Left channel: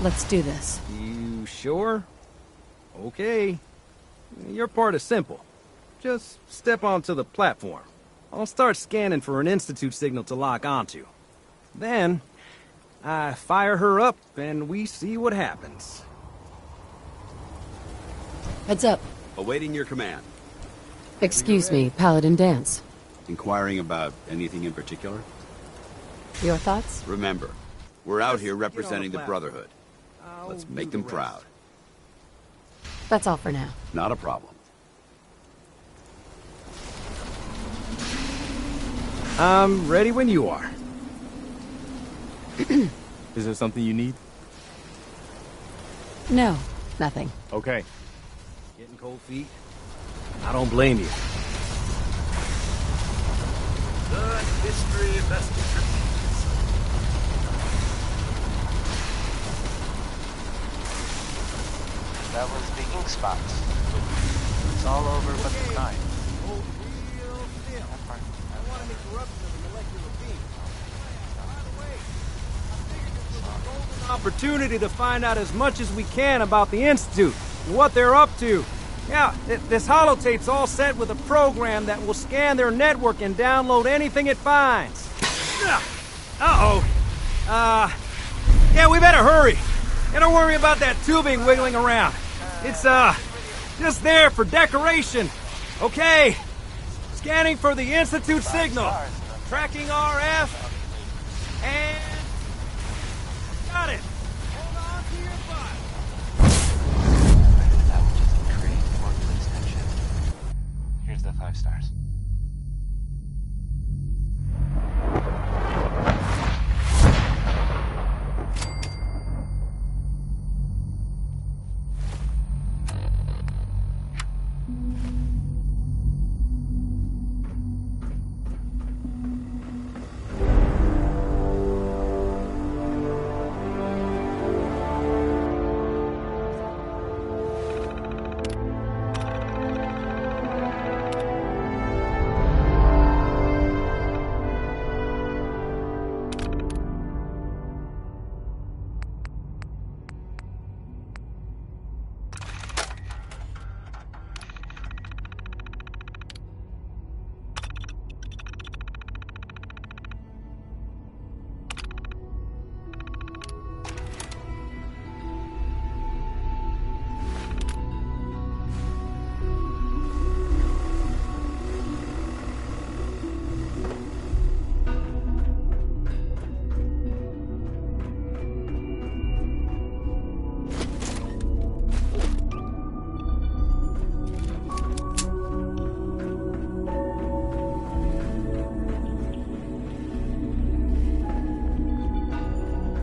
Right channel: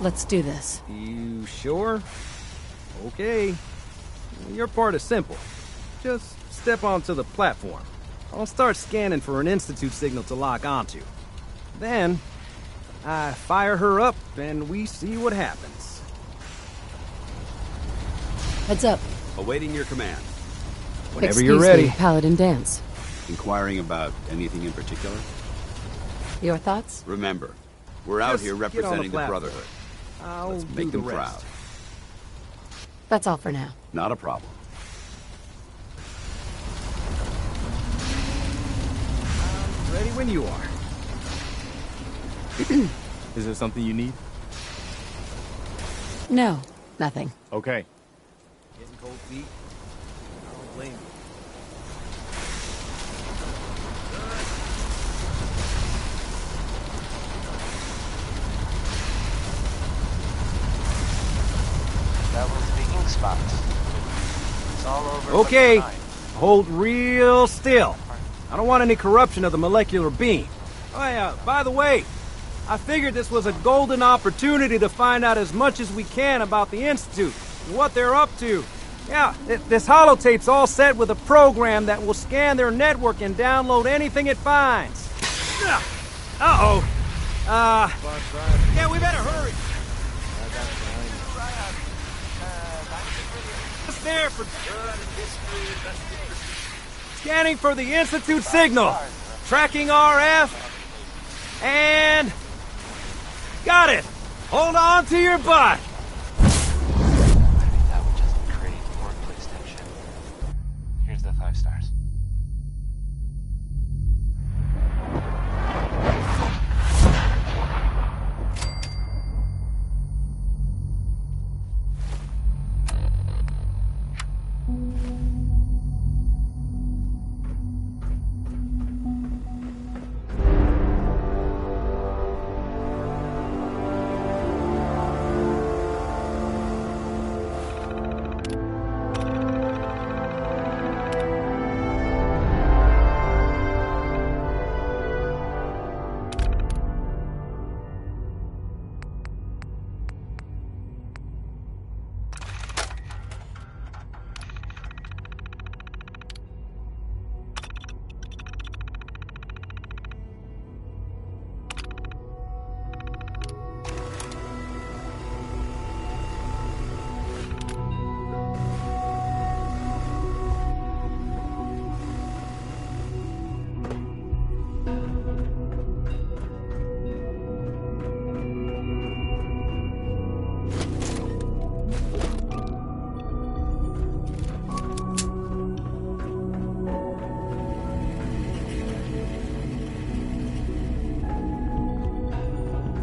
Let's do this. You sure? Okay. Your part is simple. Just step onto the platform. I'll start scanning for an Institute signal to lock onto. Then, I fire her up and we see what happens. Heads up. Awaiting your command. Whenever you're Excuse ready. me, Paladin Dance. Inquiring about anything in particular? Your thoughts? Remember, we're out Just here get on the representing the platform. Brotherhood. I'll Let's do make the them rest. proud. That's all for now. Not a problem. I'm ready when you are. Is there something you need? No, nothing. Okay. Getting cold feet? I don't blame you. That was the ink spots. It's all over. but Okay, behind. hold real still. I don't want any corruption of the molecular beam. Oh yeah, by the way, I figured this was a golden opportunity to find out as much as we can about the Institute and what they're up to. Yeah, this holotape's all set with a program that will scan their network and download anything it finds. Uh-oh. Yeah, we better hurry. And don't worry about that tubing wiggling around. It's, just there for decoration. Okay. Scanning for the Institute signal. Tracking RF. And... got it. Hold on to your butt. That would just create workplace tension. Here's the 5 stars.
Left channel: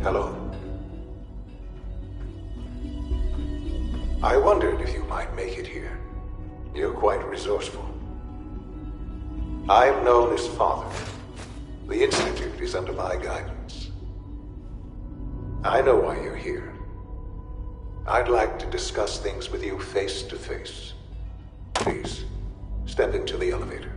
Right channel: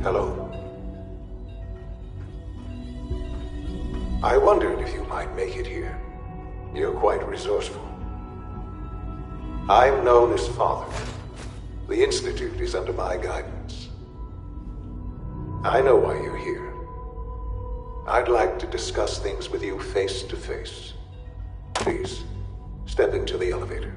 Hello. I wondered if you might make it here. You're quite resourceful. I'm known as Father. The Institute is under my guidance. I know why you're here. I'd like to discuss things with you face to face. Please, step into the elevator.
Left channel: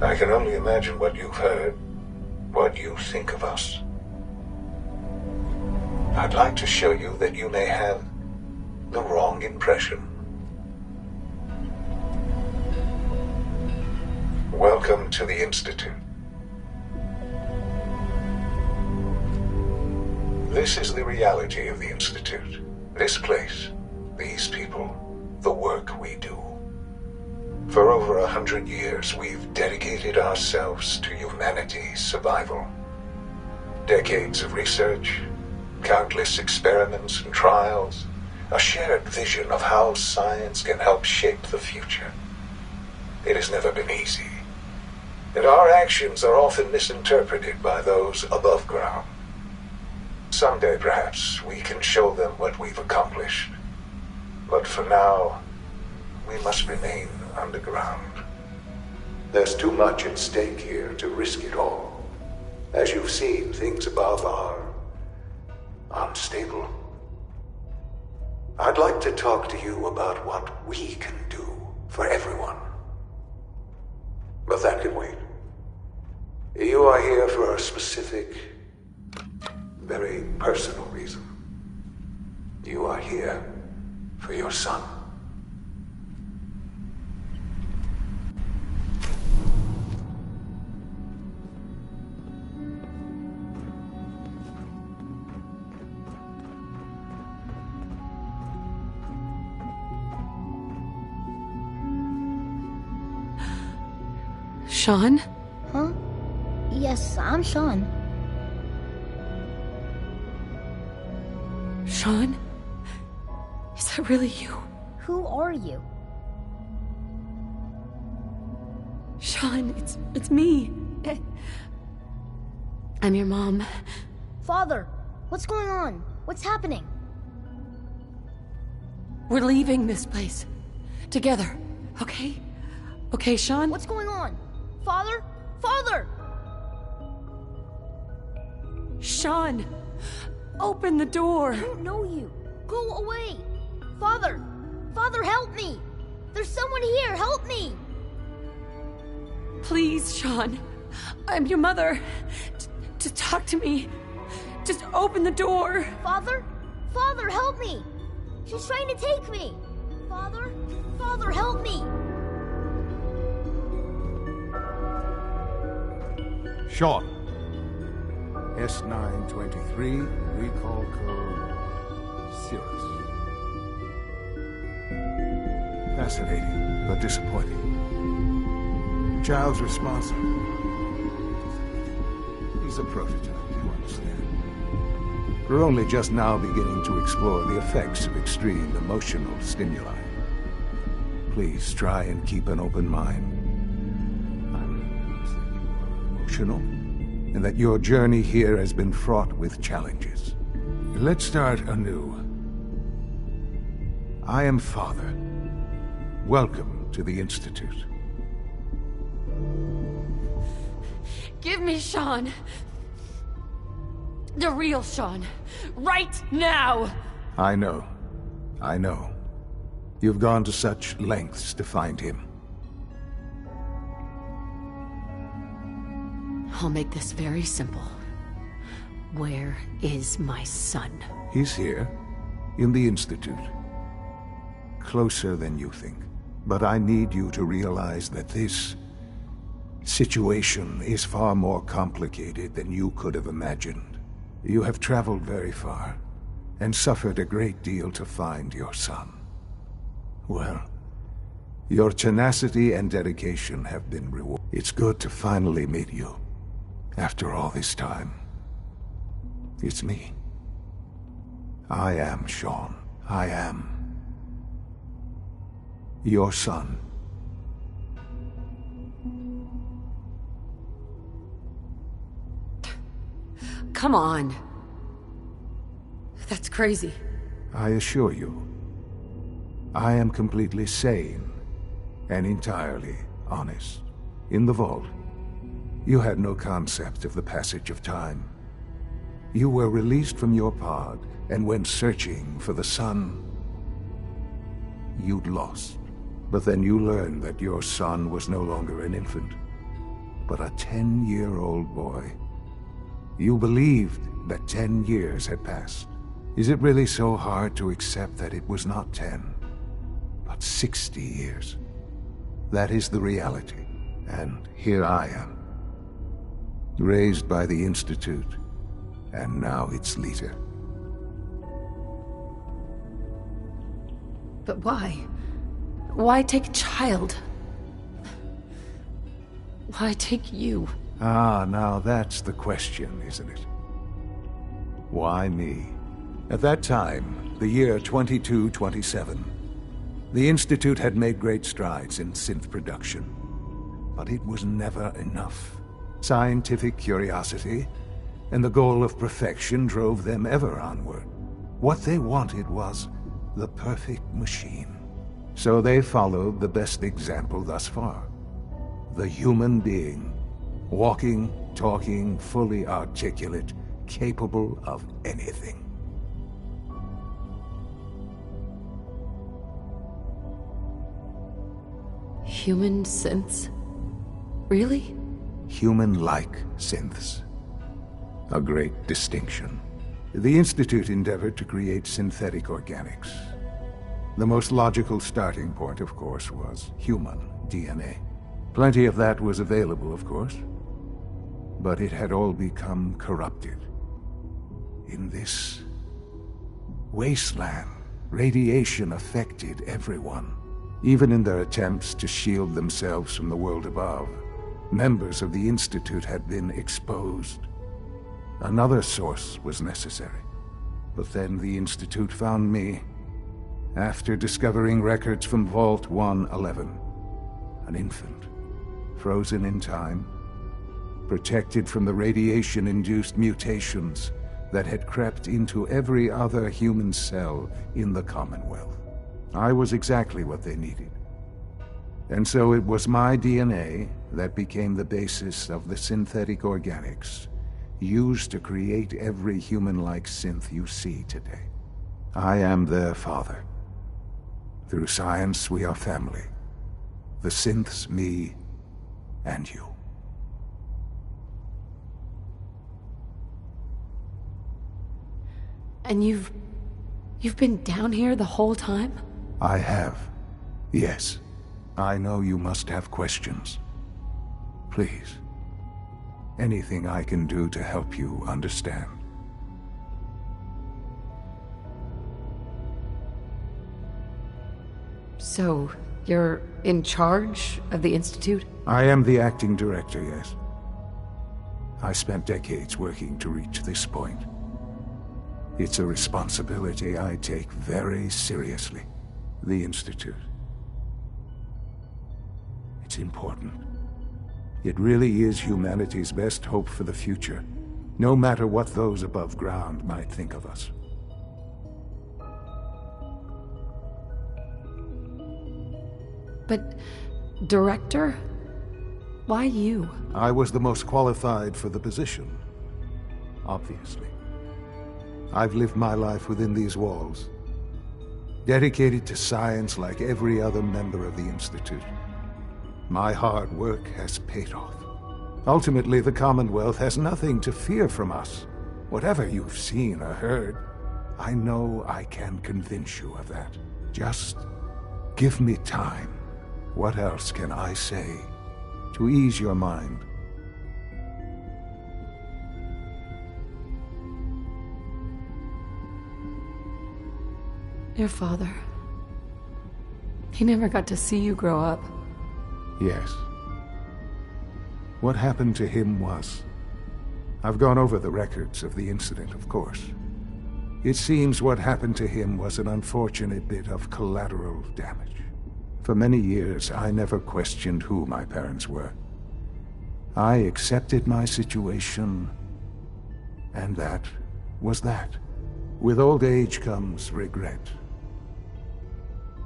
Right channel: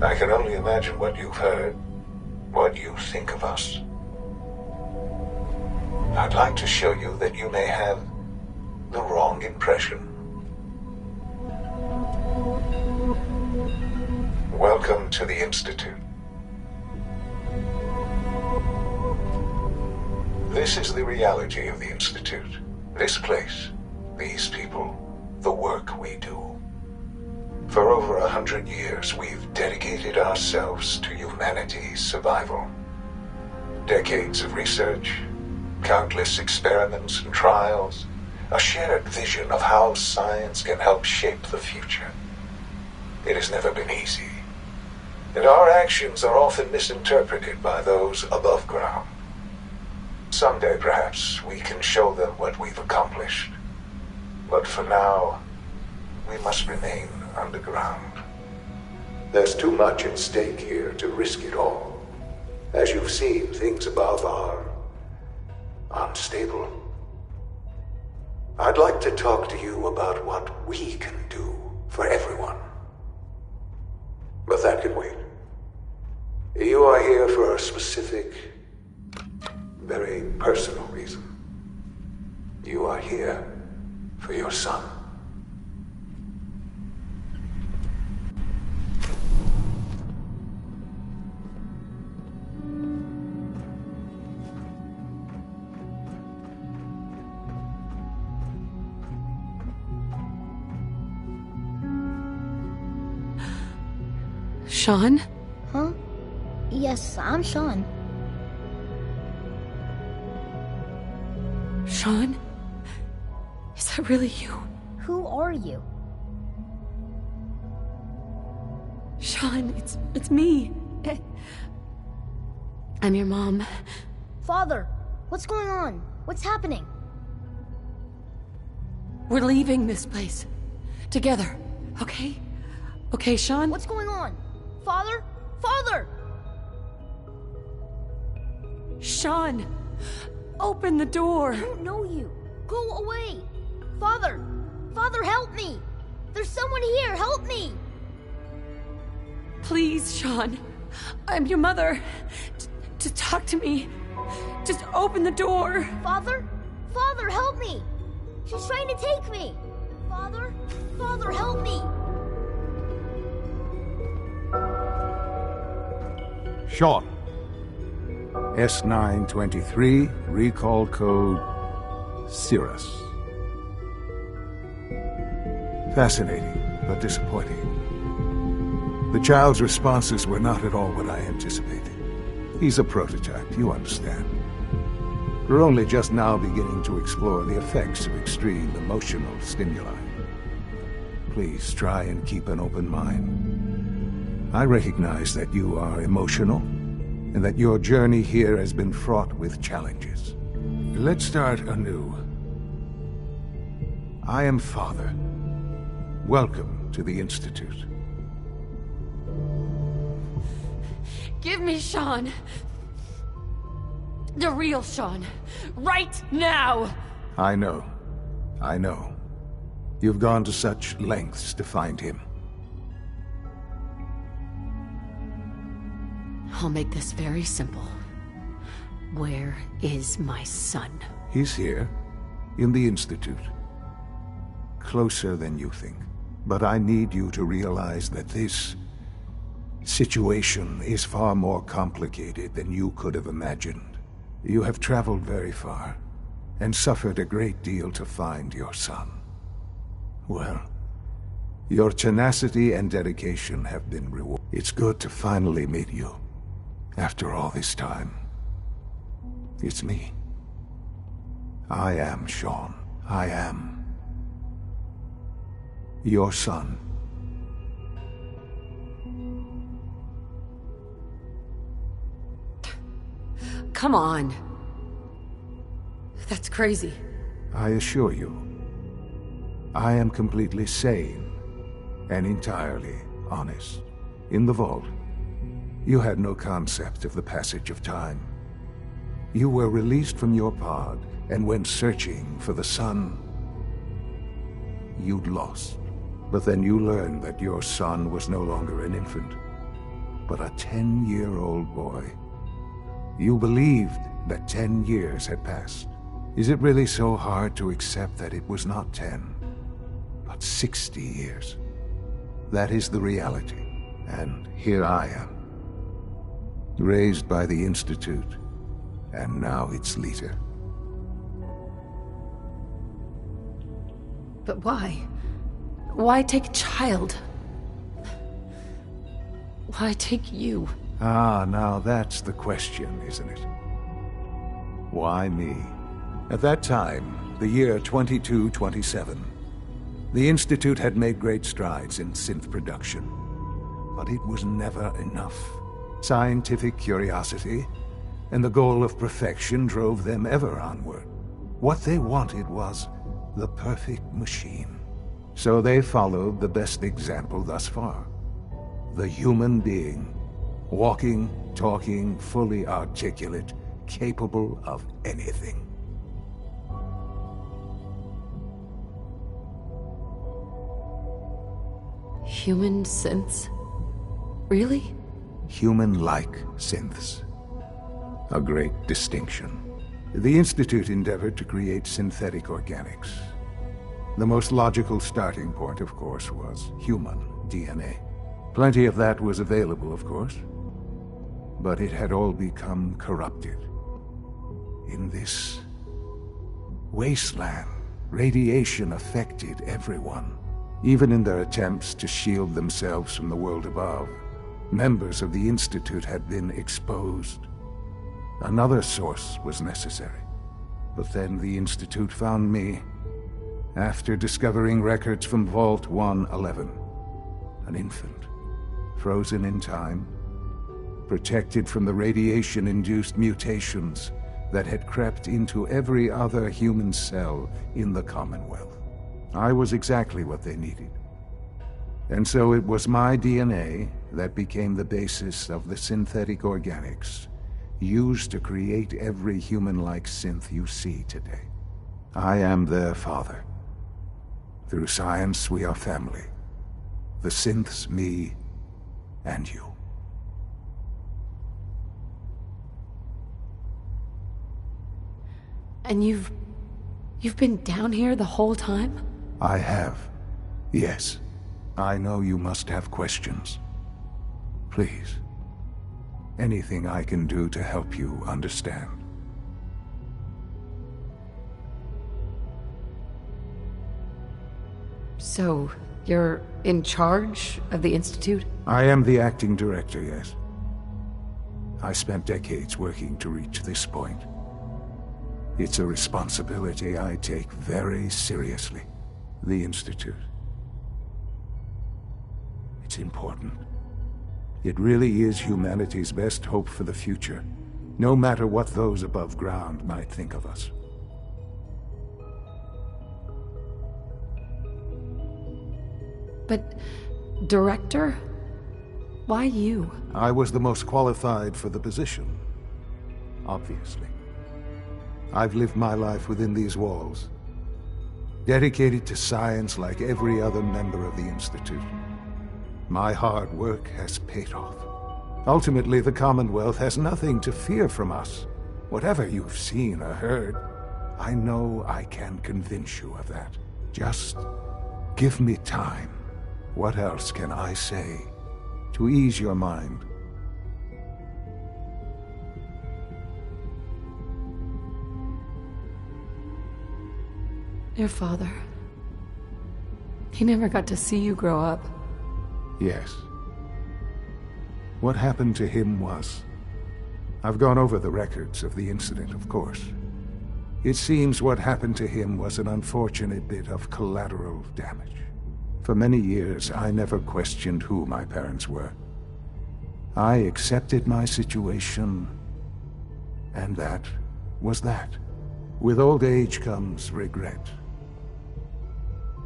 I can only imagine what you've heard, what you think of us. I'd like to show you that you may have the wrong impression. Welcome to the Institute. This is the reality of the Institute. This place, these people, the work we do. For over 100 years, we've dedicated ourselves to humanity's survival. Decades of research, countless experiments and trials, a shared vision of how science can help shape the future. It has never been easy, and our actions are often misinterpreted by those above ground. Someday, perhaps, we can show them what we've accomplished. But for now, we must remain underground. There's too much at stake here to risk it all. As you've seen, things above are unstable. I'd like to talk to you about what we can do for everyone. But that can wait. You are here for a specific, very personal reason. You are here for your son. Sean? Huh? Yes, I'm Sean. Sean? Is that really you? Who are you? Sean, it's me. I'm your mom. Father, what's going on? What's happening? We're leaving this place. Together, okay? Okay, Sean? What's going on? Father? Father! Sean! Open the door! I don't know you. Go away! Father! Father, help me! There's someone here, help me! Please, Sean. I'm your mother. To talk to me. Just open the door. Father? Father, help me! She's trying to take me! Father? Father, help me! Sean. S923, recall code Cirrus. Fascinating, but disappointing. The child's responses were not at all what I anticipated. He's a prototype, you understand. We're only just now beginning to explore the effects of extreme emotional stimuli. Please try and keep an open mind. I recognize that you are emotional, and that your journey here has been fraught with challenges. Let's start anew. I am Father. Welcome to the Institute. Give me Sean. The real Sean. Right now! I know. I know. You've gone to such lengths to find him. I'll make this very simple. Where is my son? He's here, in the Institute. Closer than you think. But I need you to realize that this situation is far more complicated than you could have imagined. You have traveled very far, and suffered a great deal to find your son. Well, your tenacity and dedication have been rewarded. It's good to finally meet you. After all this time, it's me. I am Sean. I am your son. Come on. That's crazy. I assure you, I am completely sane and entirely honest. In the vault, you had no concept of the passage of time. You were released from your pod and went searching for the son you'd lost. But then you learned that your son was no longer an infant, but a 10-year-old boy. You believed that 10 years had passed. Is it really so hard to accept that it was not 10, but 60 years? That is the reality, and here I am. Raised by the Institute, and now its leader. But why? Why take a child? Why take you? Ah, now that's the question, isn't it? Why me? At that time, the year 2227, the Institute had made great strides in synth production. But it was never enough. Scientific curiosity and the goal of perfection drove them ever onward. What they wanted was the perfect machine. So they followed the best example thus far. The human being. Walking, talking, fully articulate, capable of anything. Human synths? Really? Human-like synths. A great distinction. The Institute endeavored to create synthetic organics. The most logical starting point, of course, was human DNA. Plenty of that was available, of course. But it had all become corrupted. In this wasteland, radiation affected everyone. Even in their attempts to shield themselves from the world above, members of the Institute had been exposed. Another source was necessary. But then the Institute found me after discovering records from Vault 111. An infant, frozen in time, protected from the radiation-induced mutations that had crept into every other human cell in the Commonwealth. I was exactly what they needed. And so it was my DNA that became the basis of the synthetic organics used to create every human-like synth you see today. I am their father. Through science, we are family. The synths, me, and you. And you've been down here the whole time? I have. Yes. I know you must have questions. Please. Anything I can do to help you understand. So, you're in charge of the Institute? I am the acting director, yes. I spent decades working to reach this point. It's a responsibility I take very seriously. The Institute. It's important. It really is humanity's best hope for the future, no matter what those above ground might think of us. But, Director? Why you? I was the most qualified for the position, obviously. I've lived my life within these walls, dedicated to science like every other member of the Institute. My hard work has paid off. Ultimately, the Commonwealth has nothing to fear from us. Whatever you've seen or heard, I know I can convince you of that. Just give me time. What else can I say to ease your mind? Your father. He never got to see you grow up. Yes. What happened to him was... I've gone over the records of the incident, of course. It seems what happened to him was an unfortunate bit of collateral damage. For many years, I never questioned who my parents were. I accepted my situation, and that was that. With old age comes regret.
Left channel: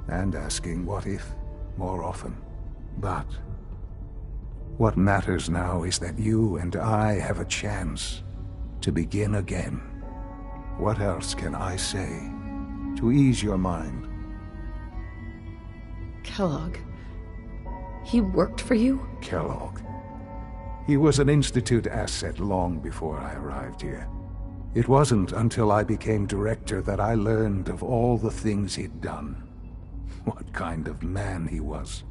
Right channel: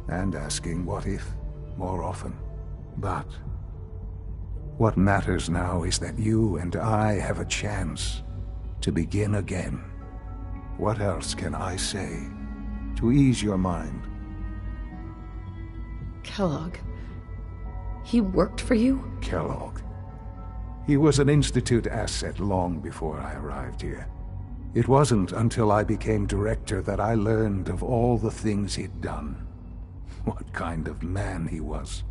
And asking what if more often. But what matters now is that you and I have a chance to begin again. What else can I say to ease your mind? Kellogg. He worked for you? Kellogg. He was an Institute asset long before I arrived here. It wasn't until I became director that I learned of all the things he'd done. What kind of man he was.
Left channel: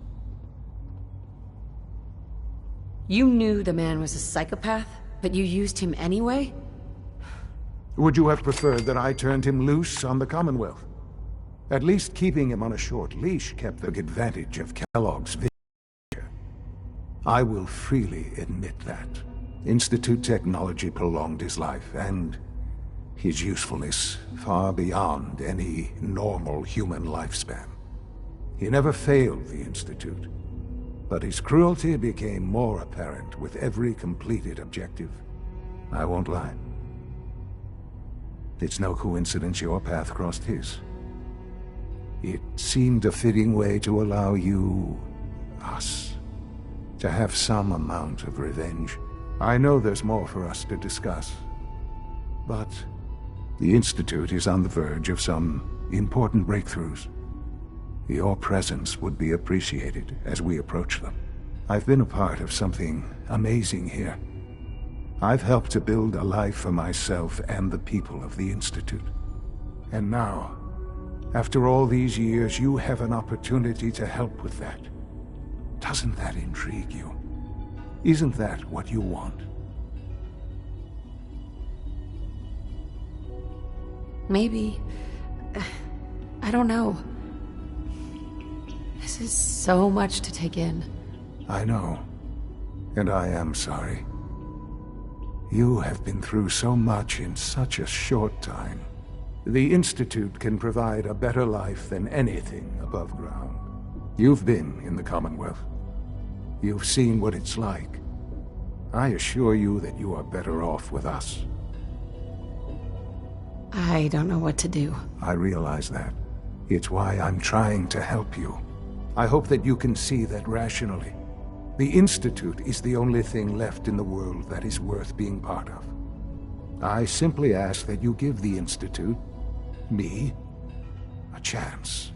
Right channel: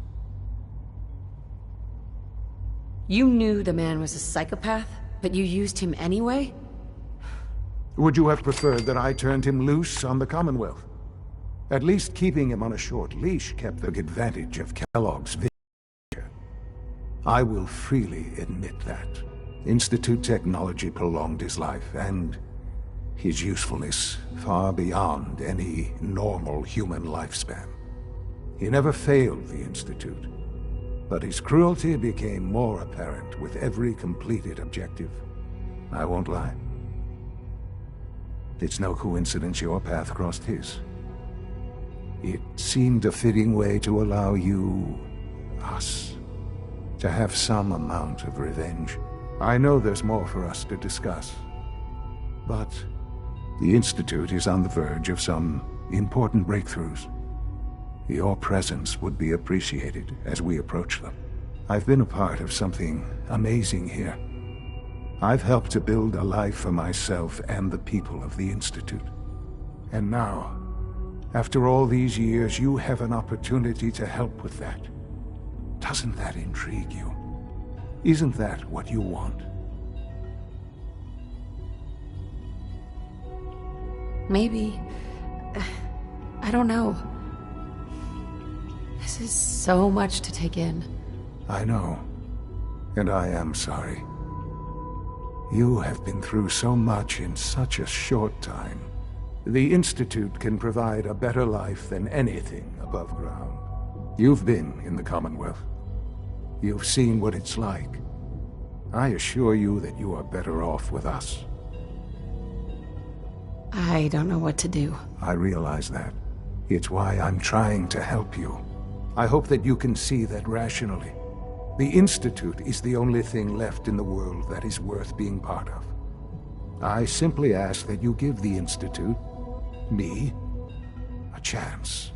You knew the man was a psychopath, but you used him anyway? Would you have preferred that I turned him loose on the Commonwealth? At least keeping him on a short leash kept the advantage of Kellogg's vision. I will freely admit that. Institute technology prolonged his life, and his usefulness far beyond any normal human lifespan. He never failed the Institute, but his cruelty became more apparent with every completed objective. I won't lie. It's no coincidence your path crossed his. It seemed a fitting way to allow you, us, to have some amount of revenge. I know there's more for us to discuss, but the Institute is on the verge of some important breakthroughs. Your presence would be appreciated as we approach them. I've been a part of something amazing here. I've helped to build a life for myself and the people of the Institute. And now, after all these years, you have an opportunity to help with that. Doesn't that intrigue you? Isn't that what you want? Maybe. I don't know. This is so much to take in. I know. And I am sorry. You have been through so much in such a short time. The Institute can provide a better life than anything above ground. You've been in the Commonwealth. You've seen what it's like. I assure you that you are better off with us. I don't know what to do. I realize that. It's why I'm trying to help you. I hope that you can see that rationally. The Institute is the only thing left in the world that is worth being part of. I simply ask that you give the Institute, me, a chance.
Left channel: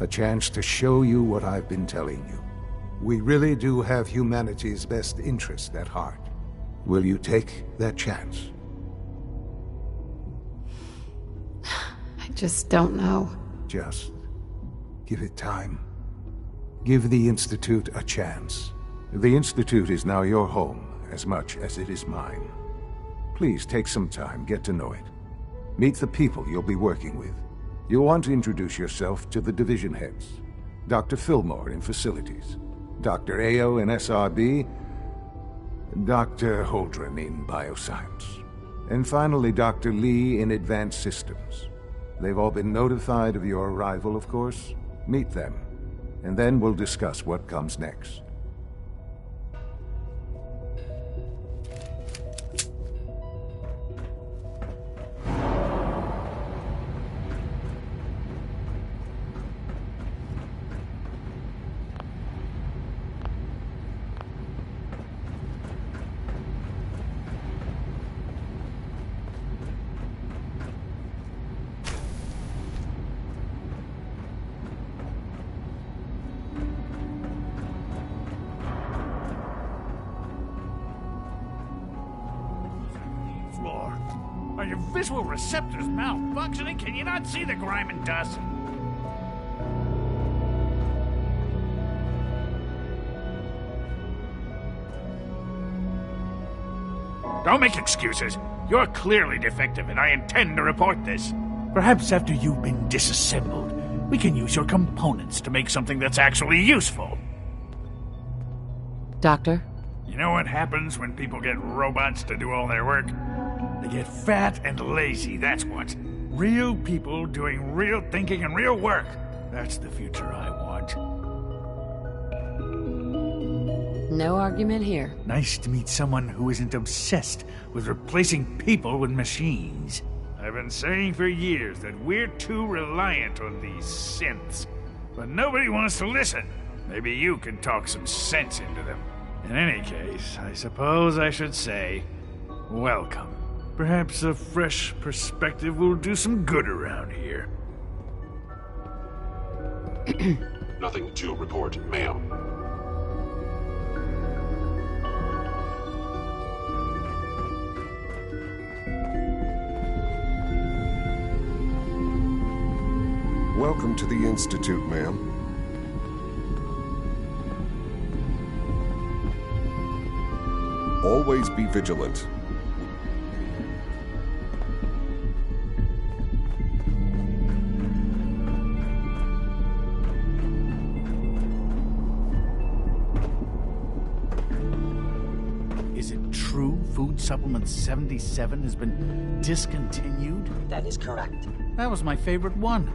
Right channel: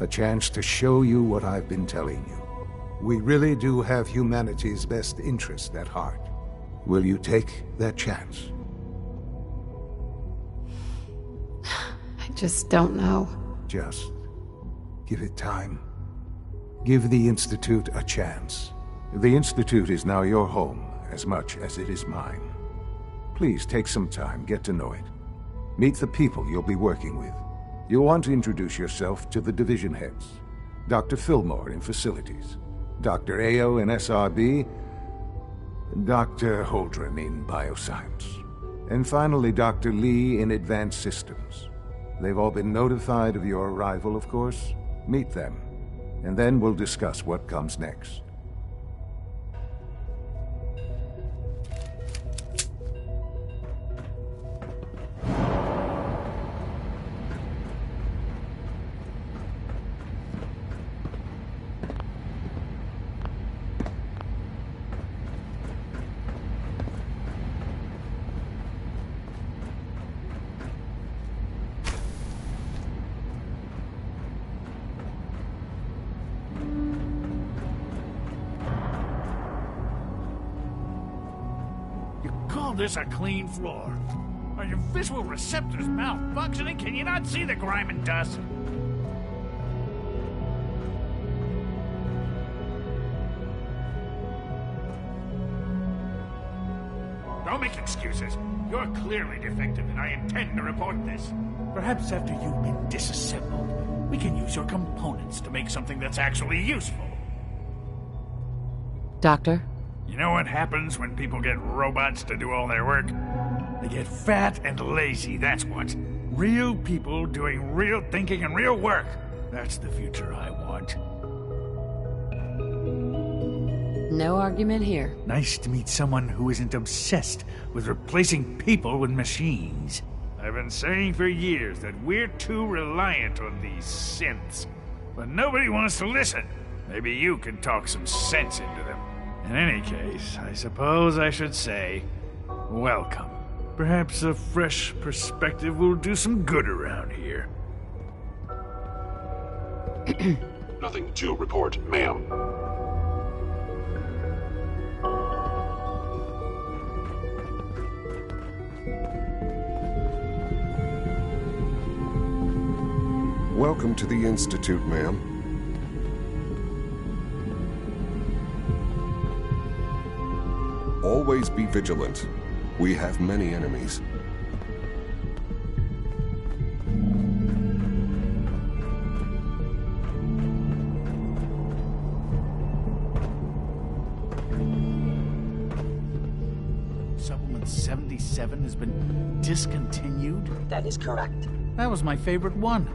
A chance to show you what I've been telling you. We really do have humanity's best interest at heart. Will you take that chance? I just don't know. Just give it time. Give the Institute a chance. The Institute is now your home as much as it is mine. Please take some time, get to know it. Meet the people you'll be working with. You'll want to introduce yourself to the division heads. Dr. Fillmore in Facilities, Dr. Ao in SRB, Dr. Holdren in Bioscience, and finally Dr. Lee in Advanced Systems. They've all been notified of your arrival, of course. Meet them, and then we'll discuss what comes next. This a clean floor. Are your visual receptors malfunctioning? Can you not see the grime and dust? Don't make excuses. You're clearly defective, and I intend to report this. Perhaps after you've been disassembled, we can use your components to make something that's actually useful. Doctor? You know what happens when people get robots to do all their work? They get fat and lazy, that's what. Real people doing real thinking and real work. That's the future I want. No argument here. Nice to meet someone who isn't obsessed with replacing people with machines. I've been saying for years that we're too reliant on these synths. But nobody wants to listen. Maybe you can talk some sense into them. In any case, I suppose I should say, welcome. Perhaps a fresh perspective will do some good around here. Nothing to report, ma'am. Welcome to the Institute, ma'am. Always be vigilant. We have many enemies. Is it true Food Supplement 77 has been discontinued? That is correct. That was my favorite one.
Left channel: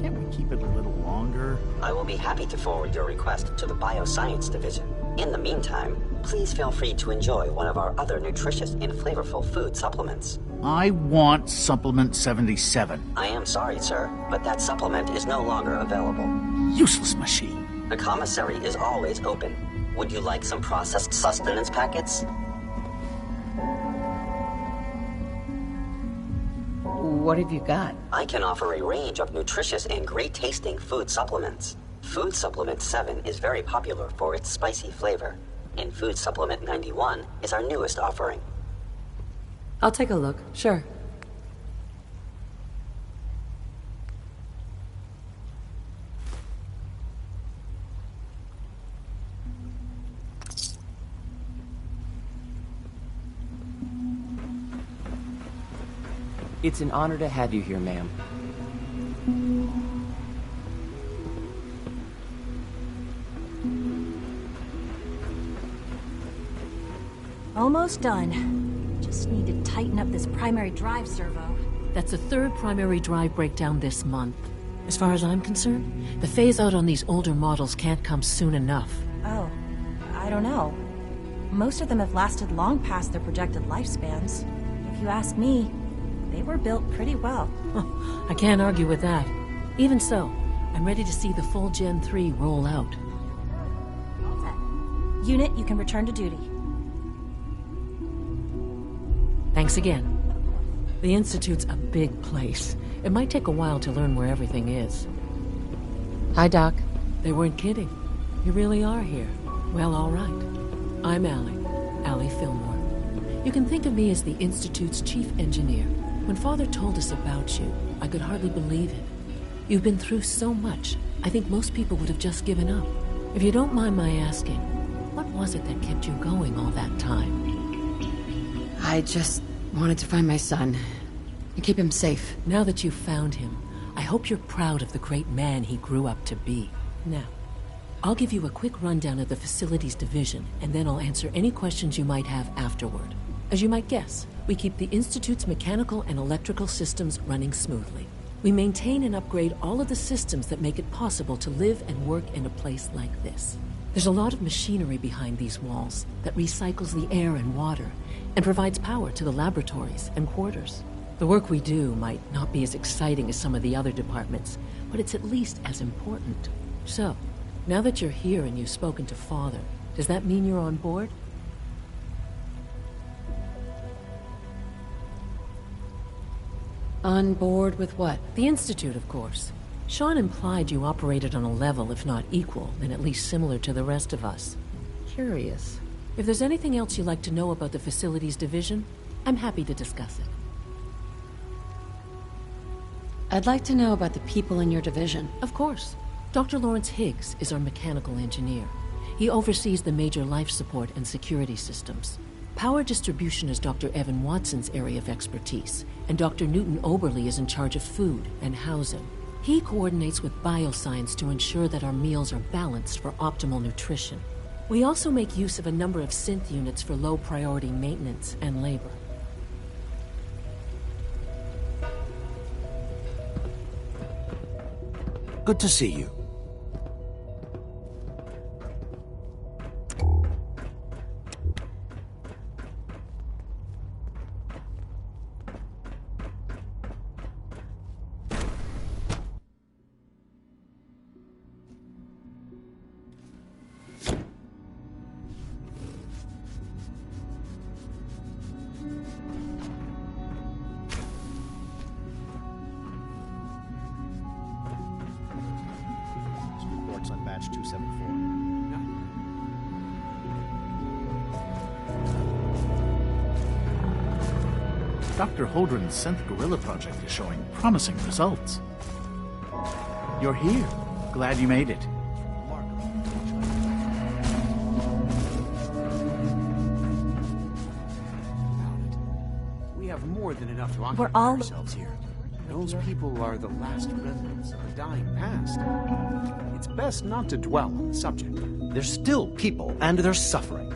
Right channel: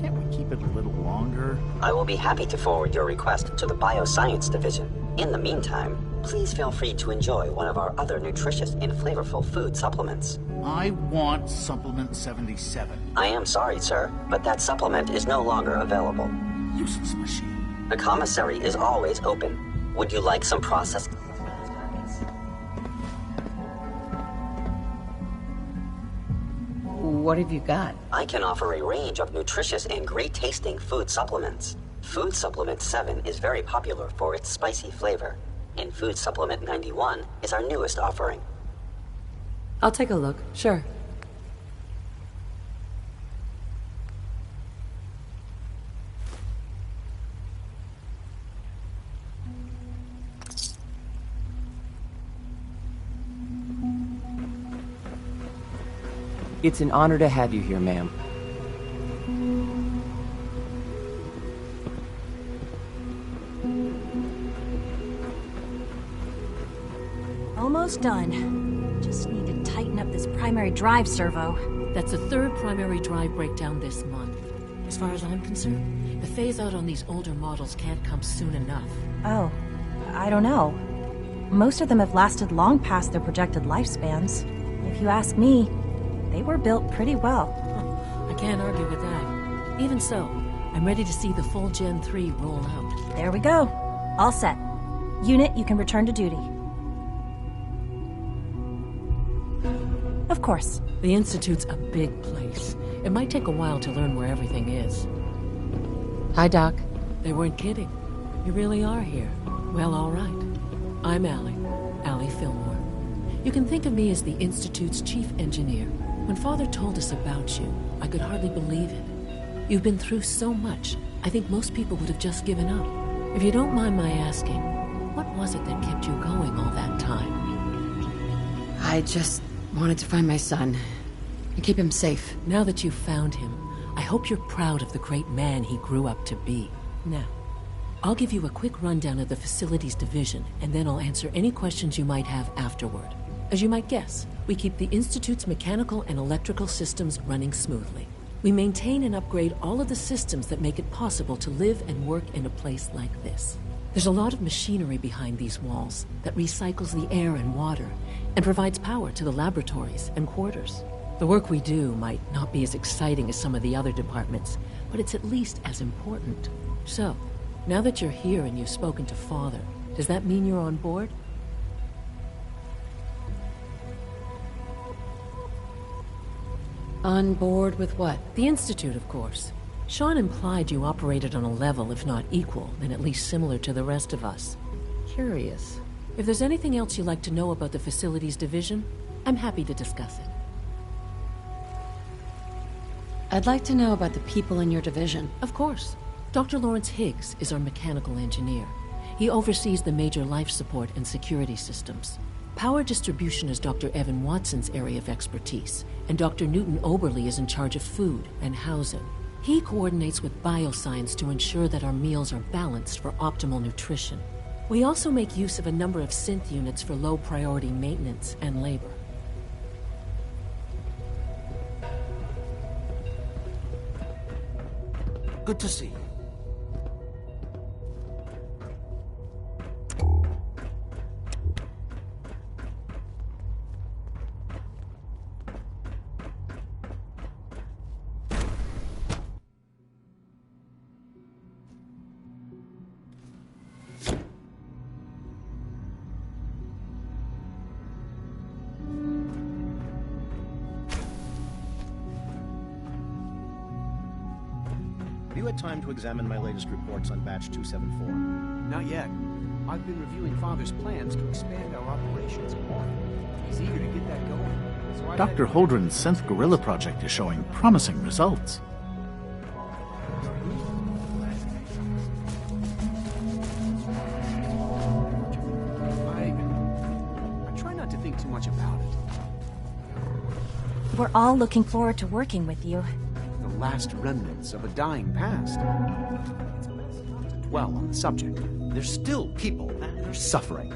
Can't we keep it a little longer? I will be happy to forward your request to the Bioscience Division. In the meantime, please feel free to enjoy one of our other nutritious and flavorful food supplements. I want Supplement 77. I am sorry, sir, but that supplement is no longer available. Useless machine. The commissary is always open. Would you like some processed sustenance packets? What have you got? I can offer a range of nutritious and great-tasting food supplements. Food Supplement 7 is very popular for its spicy flavor, and Food Supplement 91 is our newest offering. I'll take a look, sure. It's an honor to have you here, ma'am. Almost done. Just need to tighten up this primary drive servo. That's the third primary drive breakdown this month. As far as I'm concerned, the phase-out on these older models can't come soon enough. Oh, I don't know. Most of them have lasted long past their projected lifespans. If you ask me, they were built pretty well. I can't argue with that. Even so, I'm ready to see the full Gen 3 roll out. There we go. All set. Unit, you can return to duty. Thanks again. Of course. The Institute's a big place. It might take a while to learn where everything is. Hi, Doc. They weren't kidding. You really are here. Well, all right. I'm Allie Fillmore. You can think of me as the Institute's chief engineer. When Father told us about you, I could hardly believe it. You've been through so much, I think most people would have just given up. If you don't mind my asking, what was it that kept you going all that time? I just wanted to find my son and keep him safe. Now that you've found him, I hope you're proud of the great man he grew up to be. Now, I'll give you a quick rundown of the Facilities Division, and then I'll answer any questions you might have afterward. As you might guess, we keep the Institute's mechanical and electrical systems running smoothly. We maintain and upgrade all of the systems that make it possible to live and work in a place like this. There's a lot of machinery behind these walls that recycles the air and water and provides power to the laboratories and quarters. The work we do might not be as exciting as some of the other departments, but it's at least as important. So, now that you're here and you've spoken to Father, does that mean you're on board? On board with what? The Institute, of course. Sean implied you operated on a level, if not equal, then at least similar to the rest of us. Curious. If there's anything else you'd like to know about the Facilities Division, I'm happy to discuss it. I'd like to know about the people in your division. Of course. Dr. Lawrence Higgs is our mechanical engineer. He oversees the major life support and security systems. Power distribution is Dr. Evan Watson's area of expertise, and Dr. Newton Oberly is in charge of food and housing. He coordinates with bioscience to ensure that our meals are balanced for optimal nutrition. We also make use of a number of synth units for low-priority maintenance and labor. Good to see you. Time to examine my latest reports on Batch 274. Not yet. I've been reviewing Father's plans to expand our operations. Dr. Holdren's Synth Gorilla project is showing promising results. You're here. Glad you made it. Try not to think too much about it. We have more than enough to We're all looking forward to working with you. Those people are the last remnants of a dying past. It's best not to dwell on the subject. They're still people, and they're suffering.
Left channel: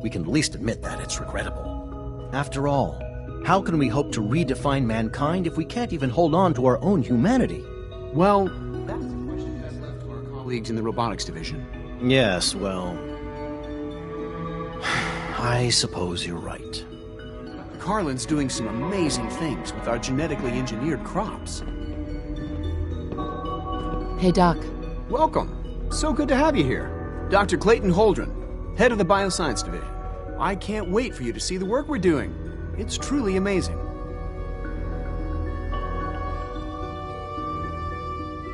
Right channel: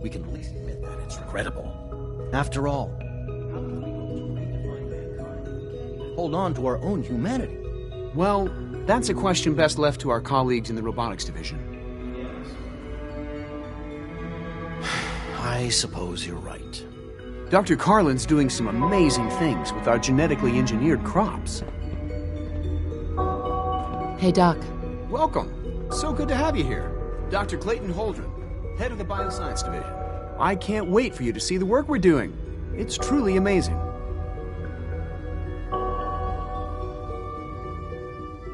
We can at least admit that it's regrettable. After all, how can we hope to redefine mankind if we can't even hold on to our own humanity? Well, that's a question best left to our colleagues in the Robotics Division. Yes, well... I suppose you're right. Dr. Carlin's doing some amazing things with our genetically engineered crops. Hey, Doc. Welcome. So good to have you here. Dr. Clayton Holdren, head of the Bioscience Division. I can't wait for you to see the work we're doing. It's truly amazing.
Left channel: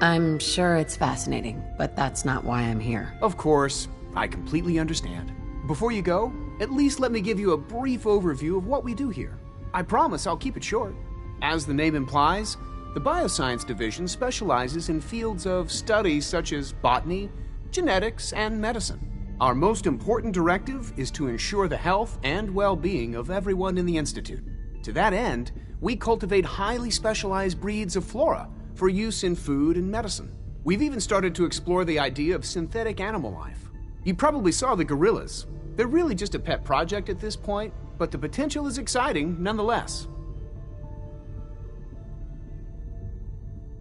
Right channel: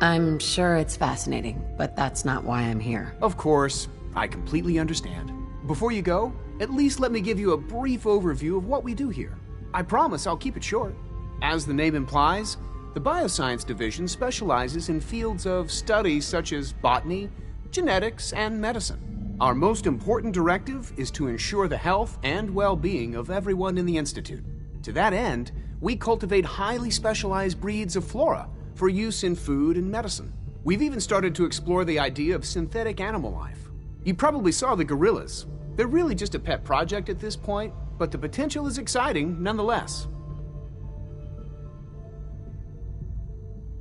I'm sure it's fascinating, but that's not why I'm here. Of course, I completely understand. Before you go, at least let me give you a brief overview of what we do here. I promise I'll keep it short. As the name implies, the Bioscience Division specializes in fields of study such as botany, genetics, and medicine. Our most important directive is to ensure the health and well-being of everyone in the Institute. To that end, we cultivate highly specialized breeds of flora for use in food and medicine. We've even started to explore the idea of synthetic animal life. You probably saw the gorillas. They're really just a pet project at this point, but the potential is exciting nonetheless.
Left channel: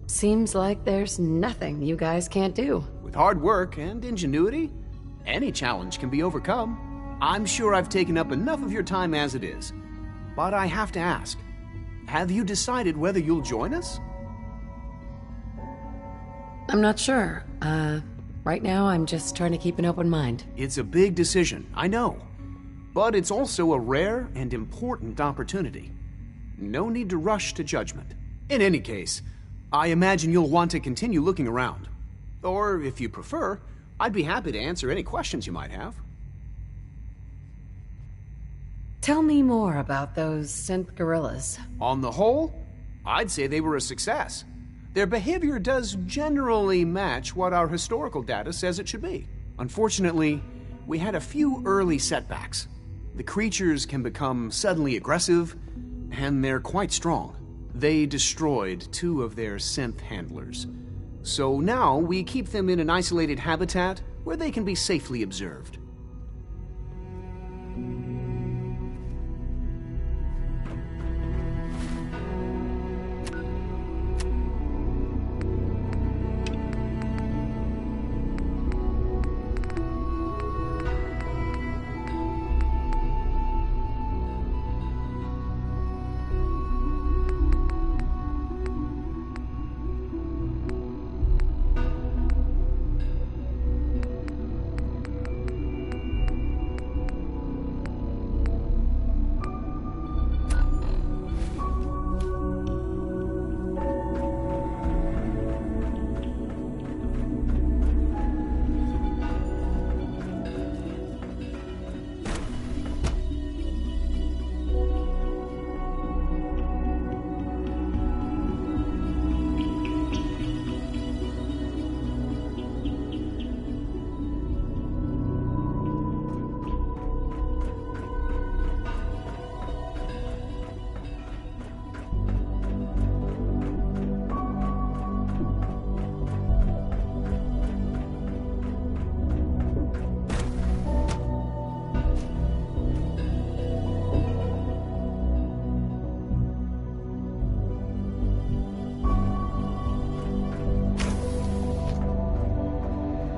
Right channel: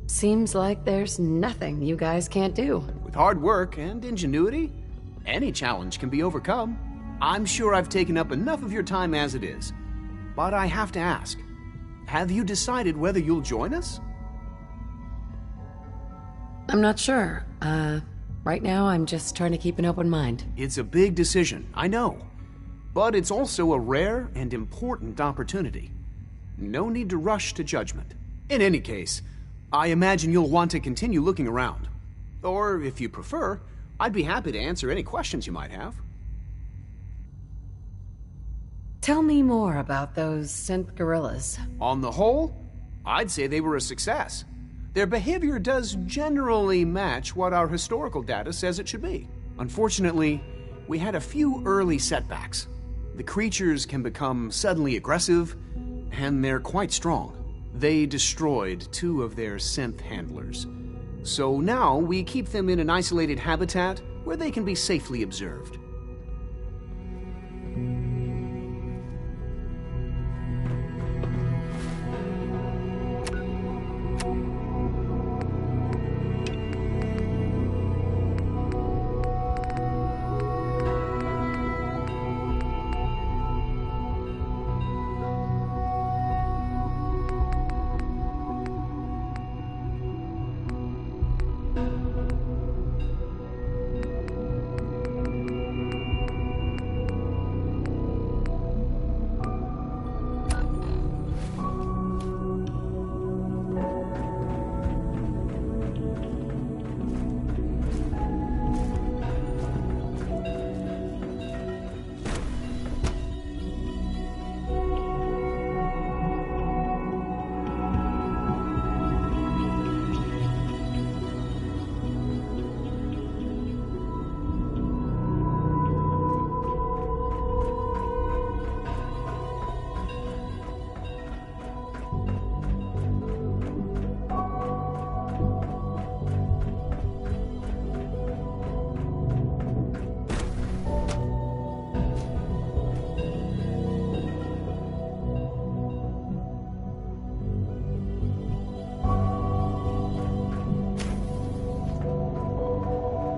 Seems like there's nothing you guys can't do. With hard work and ingenuity, any challenge can be overcome. I'm sure I've taken up enough of your time as it is, but I have to ask, have you decided whether you'll join us? I'm not sure. Right now I'm just trying to keep an open mind. It's a big decision, I know, but it's also a rare and important opportunity. No need to rush to judgment. In any case, I imagine you'll want to continue looking around. Or, if you prefer, I'd be happy to answer any questions you might have. Tell me more about those synth gorillas. On the whole, I'd say they were a success. Their behavior does generally match what our historical data says it should be. Unfortunately, we had a few early setbacks. The creatures can become suddenly aggressive, and they're quite strong. They destroyed 2 of their synth handlers. So now we keep them in an isolated habitat where they can be safely observed.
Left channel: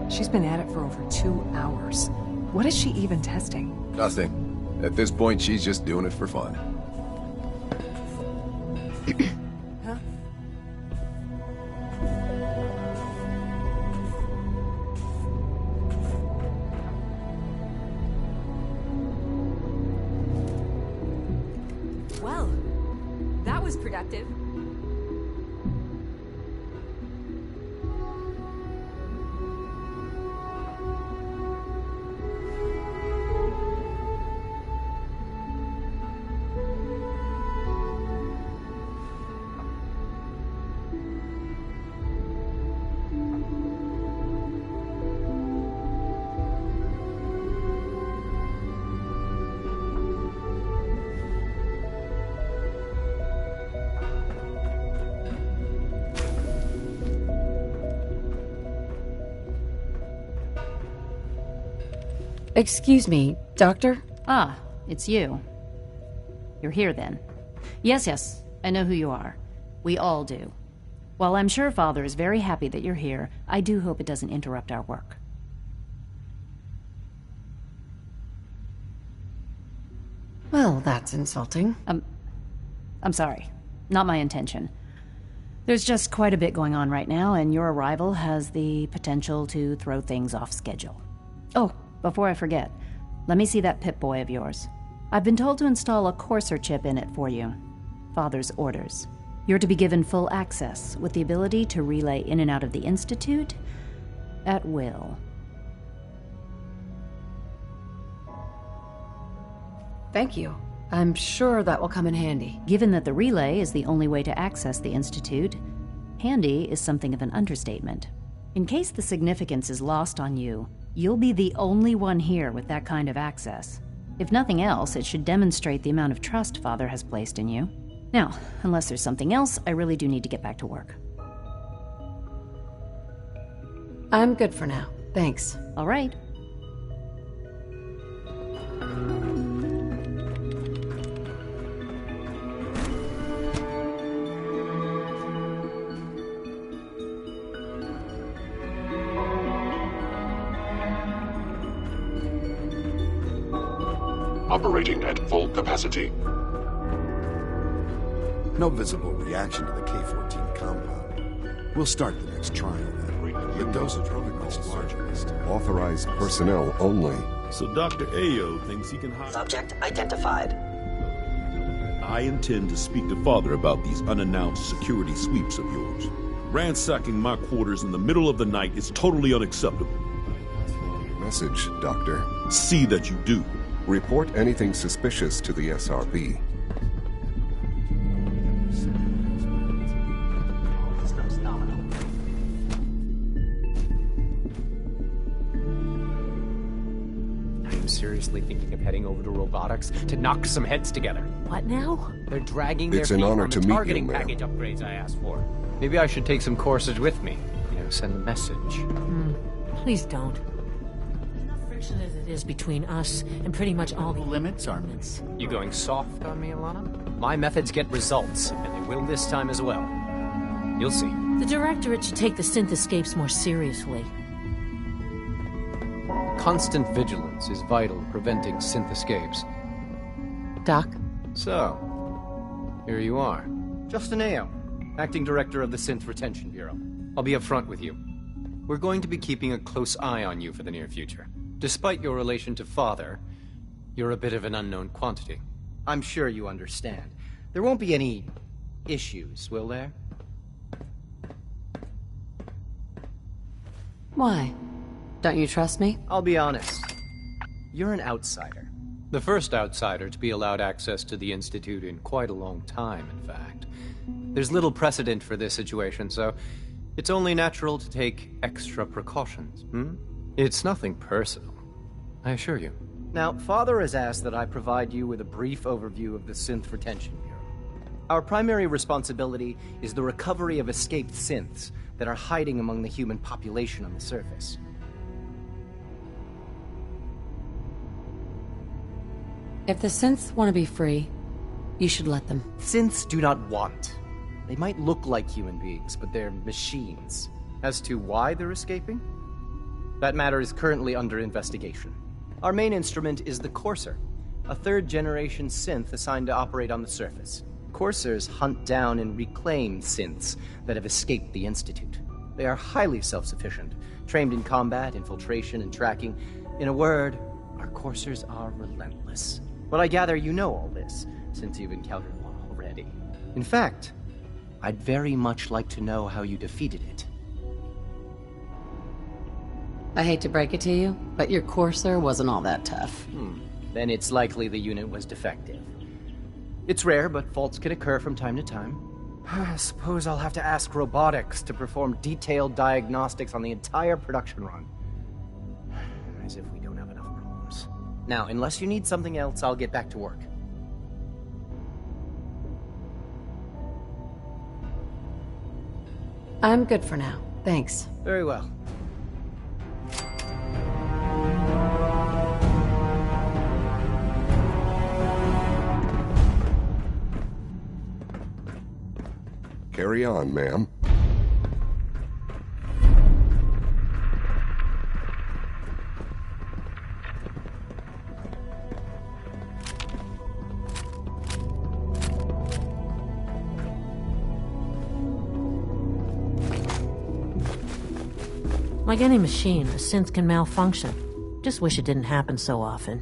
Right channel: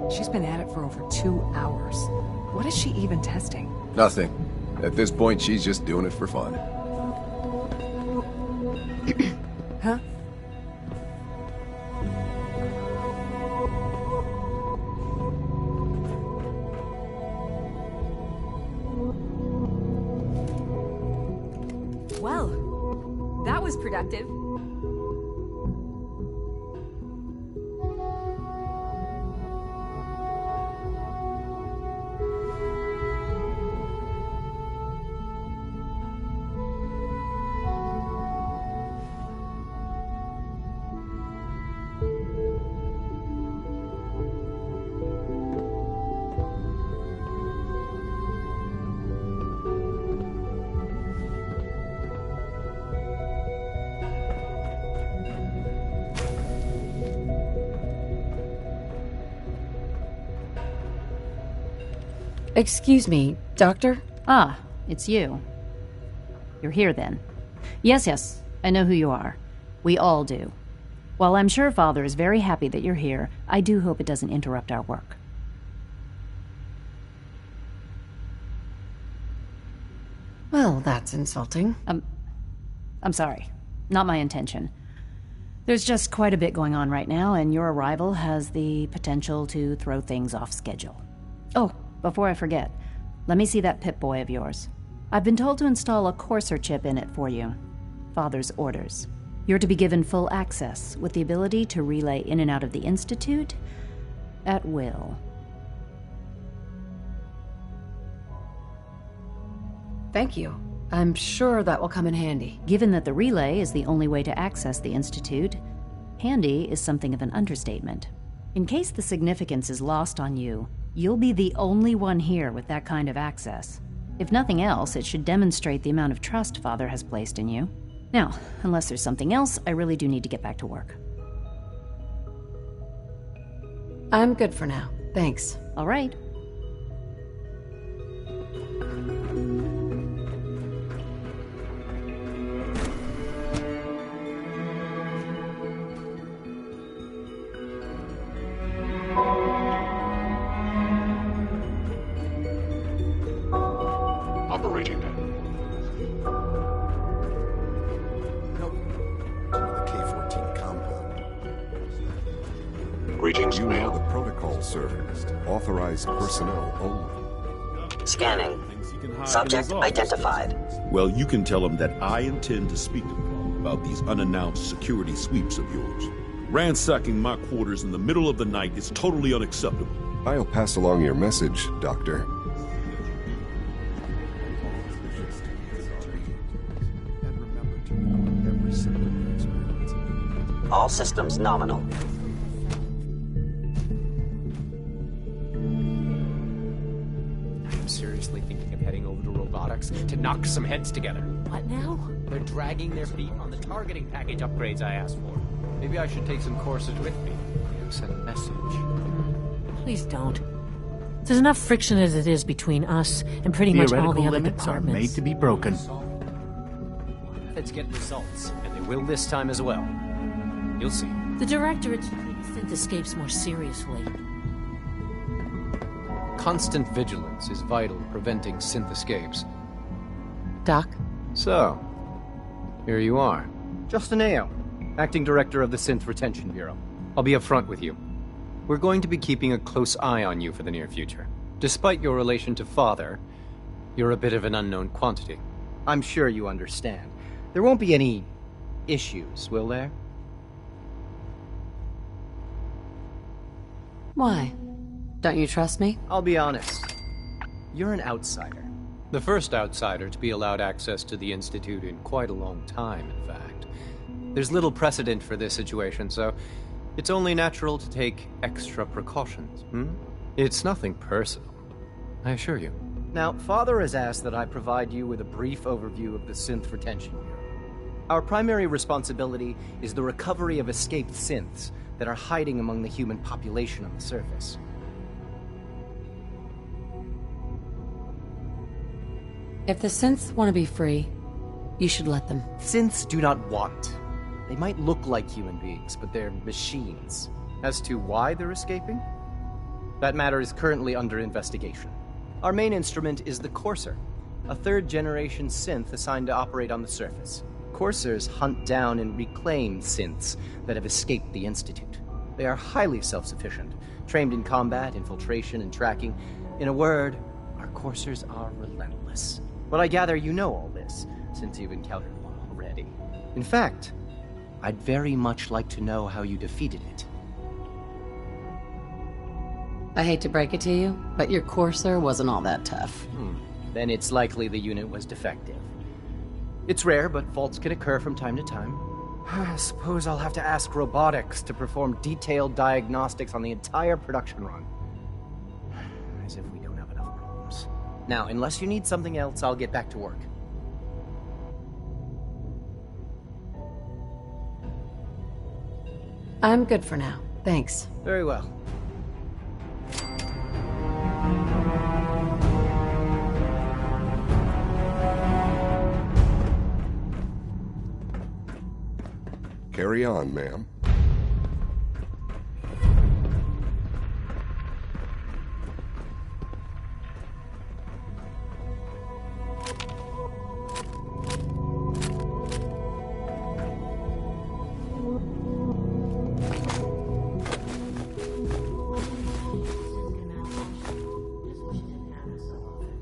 She's been at it for over 2 hours. What is she even testing? Nothing. At this point, she's just doing it for fun. Huh? Well, that was productive. Excuse me, Doctor? Ah, it's you. You're here then. Yes, I know who you are. We all do. While I'm sure Father is very happy that you're here, I do hope it doesn't interrupt our work. Well, that's insulting. I'm sorry. Not my intention. There's just quite a bit going on right now, and your arrival has the potential to throw things off schedule. Oh, before I forget, let me see that Pip-Boy of yours. I've been told to install a Courser chip in it for you. Father's orders. You're to be given full access, with the ability to relay in and out of the Institute at will. Thank you. I'm sure that will come in handy. Given that the relay is the only way to access the Institute, handy is something of an understatement. In case the significance is lost on you, you'll be the only one here with that kind of access. If nothing else, it should demonstrate the amount of trust Father has placed in you. Now, unless there's something else, I really do need to get back to work. I'm good for now. Thanks. All right. Operating at full capacity. No visible reaction to the K-14 compound. We'll start the next trial. Greetings, You know ma'am. the protocol, sir. Authorized personnel only. So Dr. Scanning. Ayo thinks he can hide Subject his office. identified. Well, you can tell him that I intend to speak to Father about these unannounced security sweeps of yours. Ransacking my quarters in the middle of the night is totally unacceptable. I'll pass along your message, Doctor. See that you do. Report anything suspicious to the SRB. All systems nominal. I'm seriously thinking of heading over to robotics to knock some heads together. What now? They're dragging their It's an feet honor on to the meet you, targeting ma'am. package upgrades I asked for. Maybe I should take some courses with me. Send a message. Please don't. There's enough friction as it is between us and pretty much all the Theoretical other limits are made departments. to be You broken. going soft on me, Alana? My methods get results, and they will this time as well. You'll see. The Directorate should take the synth escapes more seriously. Constant vigilance is vital to preventing synth escapes. Doc? So, here you are. Justin Ayo, Acting Director of the Synth Retention Bureau. I'll be upfront with you. We're going to be keeping a close eye on you for the near future. Despite your relation to Father, you're a bit of an unknown quantity. I'm sure you understand. There won't be any issues, will there? Why? Don't you trust me? I'll be honest. You're an outsider. The first outsider to be allowed access to the Institute in quite a long time, in fact. There's little precedent for this situation, so it's only natural to take extra precautions, It's nothing personal, I assure you. Now, Father has asked that I provide you with a brief overview of the Synth Retention Bureau. Our primary responsibility is the recovery of escaped synths that are hiding among the human population on the surface. If the synths want to be free, you should let them. Synths do not want. They might look like human beings, but they're machines. As to why they're escaping? That matter is currently under investigation. Our main instrument is the Courser, a third-generation synth assigned to operate on the surface. Coursers hunt down and reclaim synths that have escaped the Institute. They are highly self-sufficient, trained in combat, infiltration, and tracking. In a word, our Coursers are relentless. But I gather you know all this, since you've encountered one already. In fact, I'd very much like to know how you defeated it. I hate to break it to you, but your Courser wasn't all that tough. Then it's likely the unit was defective. It's rare, but faults can occur from time to time. I suppose I'll have to ask robotics to perform detailed diagnostics on the entire production run. As if we don't have enough problems. Now, unless you need something else, I'll get back to work. I'm good for now. Thanks. Very well. Carry on, ma'am. Like any machine, a synth can malfunction. Just wish it didn't happen so often.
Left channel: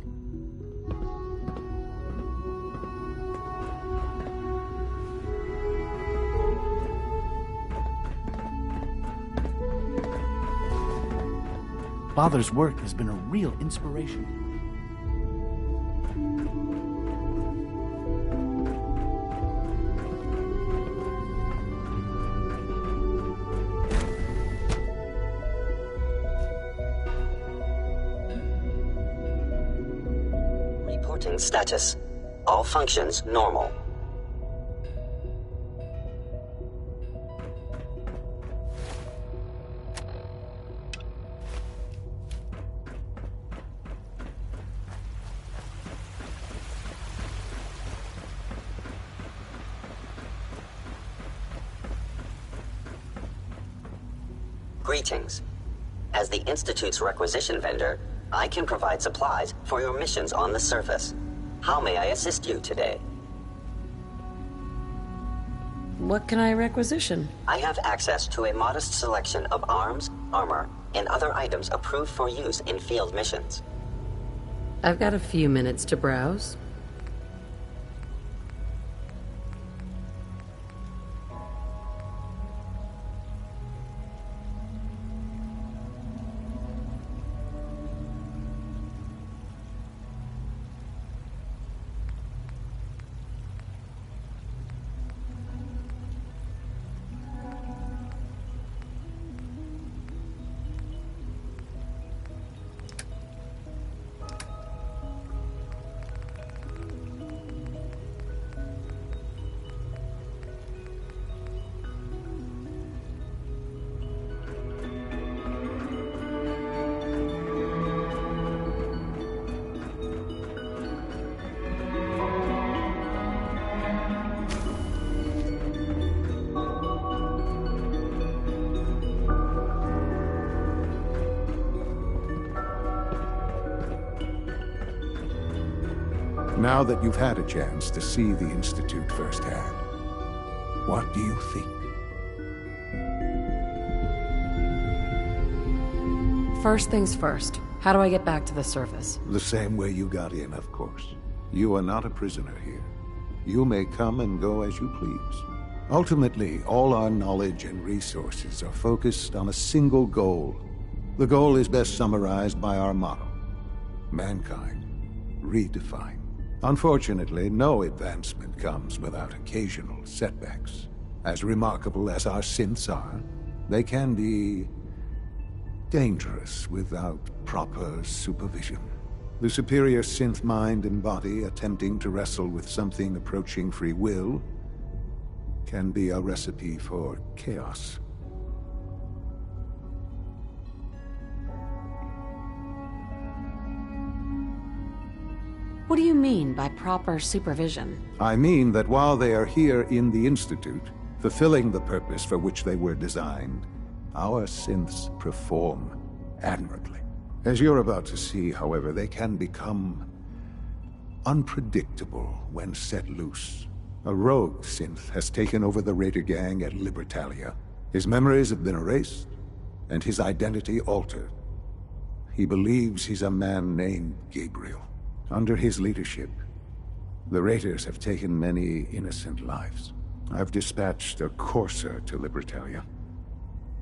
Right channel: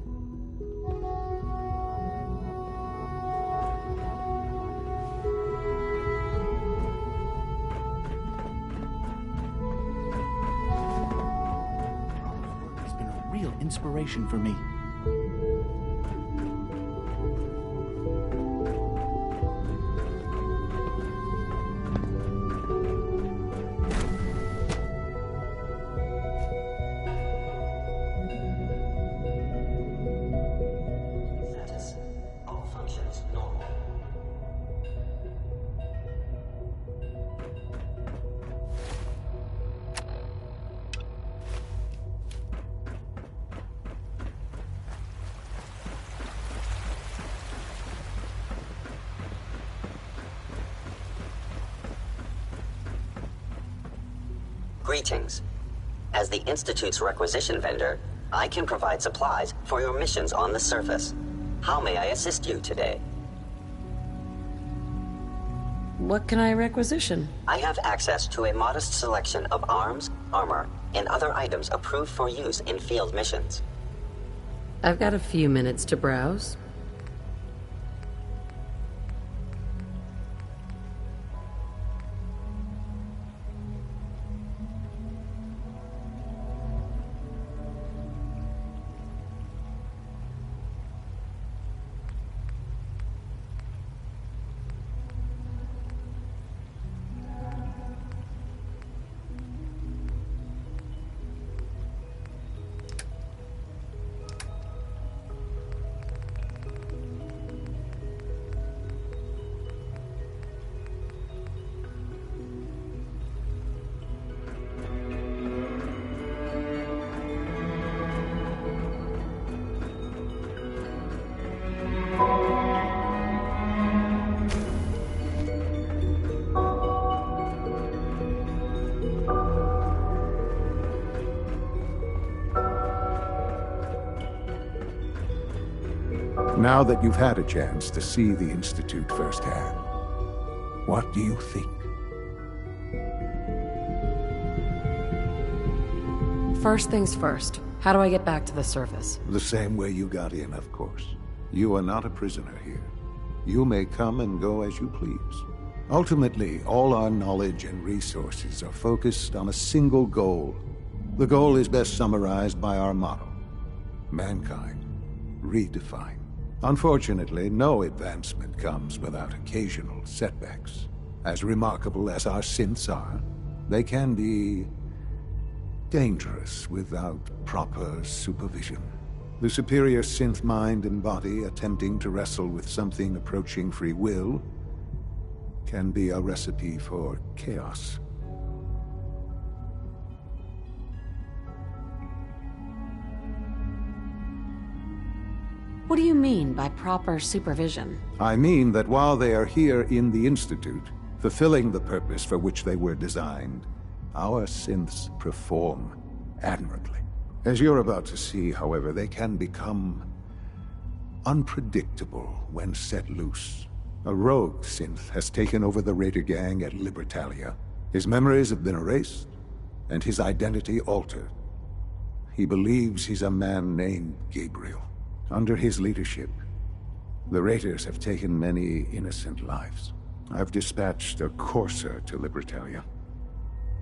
Father's work has been a real inspiration for me. Reporting status. All functions normal. Greetings. As the Institute's requisition vendor, I can provide supplies for your missions on the surface. How may I assist you today? What can I requisition? I have access to a modest selection of arms, armor, and other items approved for use in field missions. I've got a few minutes to browse. Now that you've had a chance to see the Institute firsthand, what do you think? First things first. How do I get back to the surface? The same way you got in, of course. You are not a prisoner here. You may come and go as you please. Ultimately, all our knowledge and resources are focused on a single goal. The goal is best summarized by our motto: mankind redefined. Unfortunately, no advancement comes without occasional setbacks. As remarkable as our synths are, they can be dangerous without proper supervision. The superior synth mind and body attempting to wrestle with something approaching free will can be a recipe for chaos. What do you mean by proper supervision? I mean that while they are here in the Institute, fulfilling the purpose for which they were designed, our synths perform admirably. As you're about to see, however, they can become unpredictable when set loose. A rogue synth has taken over the Raider gang at Libertalia. His memories have been erased, and his identity altered. He believes he's a man named Gabriel. Under his leadership, the Raiders have taken many innocent lives. I've dispatched a courser to Libertalia.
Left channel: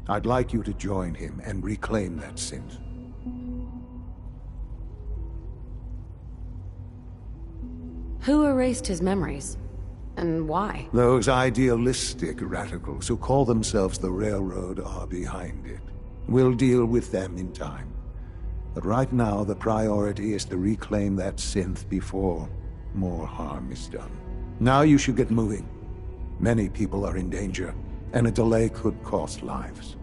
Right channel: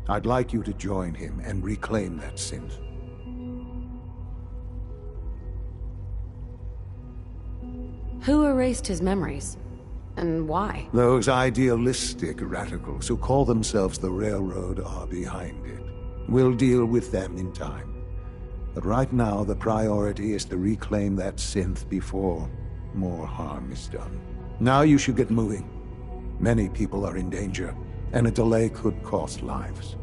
I'd like you to join him and reclaim that synth. Who erased his memories? And why? Those idealistic radicals who call themselves the Railroad are behind it. We'll deal with them in time. But right now, the priority is to reclaim that synth before more harm is done. Now you should get moving. Many people are in danger, and a delay could cost lives.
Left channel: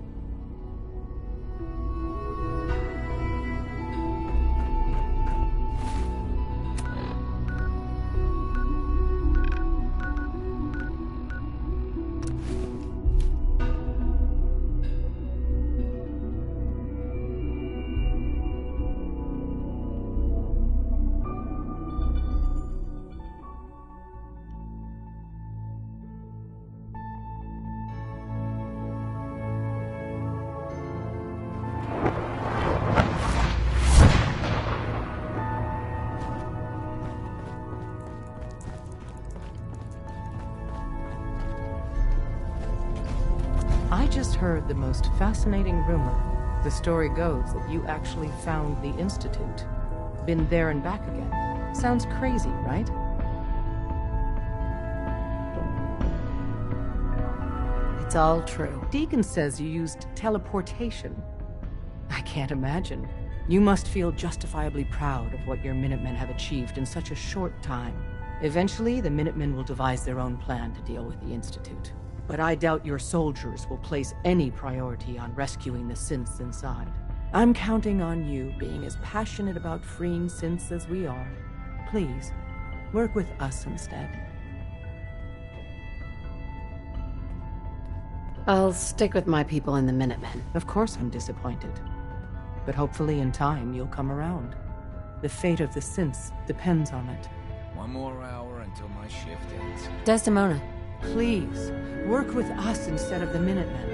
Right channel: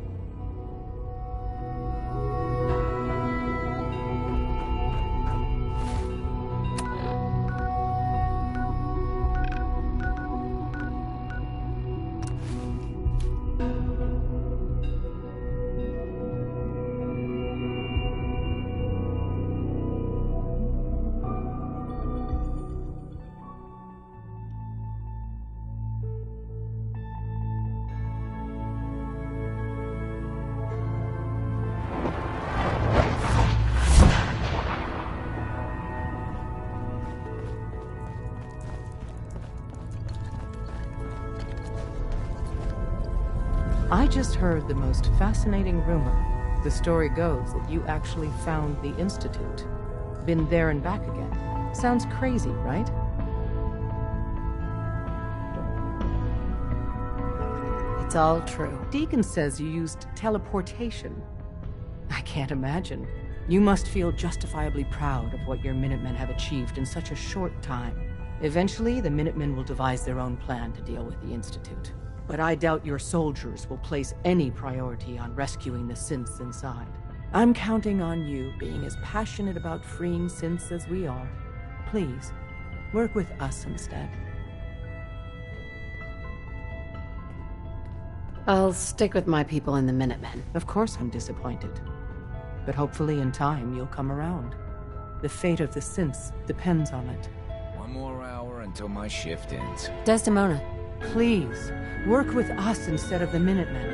I just heard the most fascinating rumor. The story goes that you actually found the Institute. Been there and back again. Sounds crazy, right? It's all true. Deacon says you used teleportation. I can't imagine. You must feel justifiably proud of what your Minutemen have achieved in such a short time. Eventually, the Minutemen will devise their own plan to deal with the Institute. But I doubt your soldiers will place any priority on rescuing the synths inside. I'm counting on you being as passionate about freeing synths as we are. Please, work with us instead. I'll stick with my people in the Minutemen. Of course I'm disappointed. But hopefully in time you'll come around. The fate of the synths depends on it. One more hour until my shift ends. Desdemona. Please, work with us instead of the Minutemen.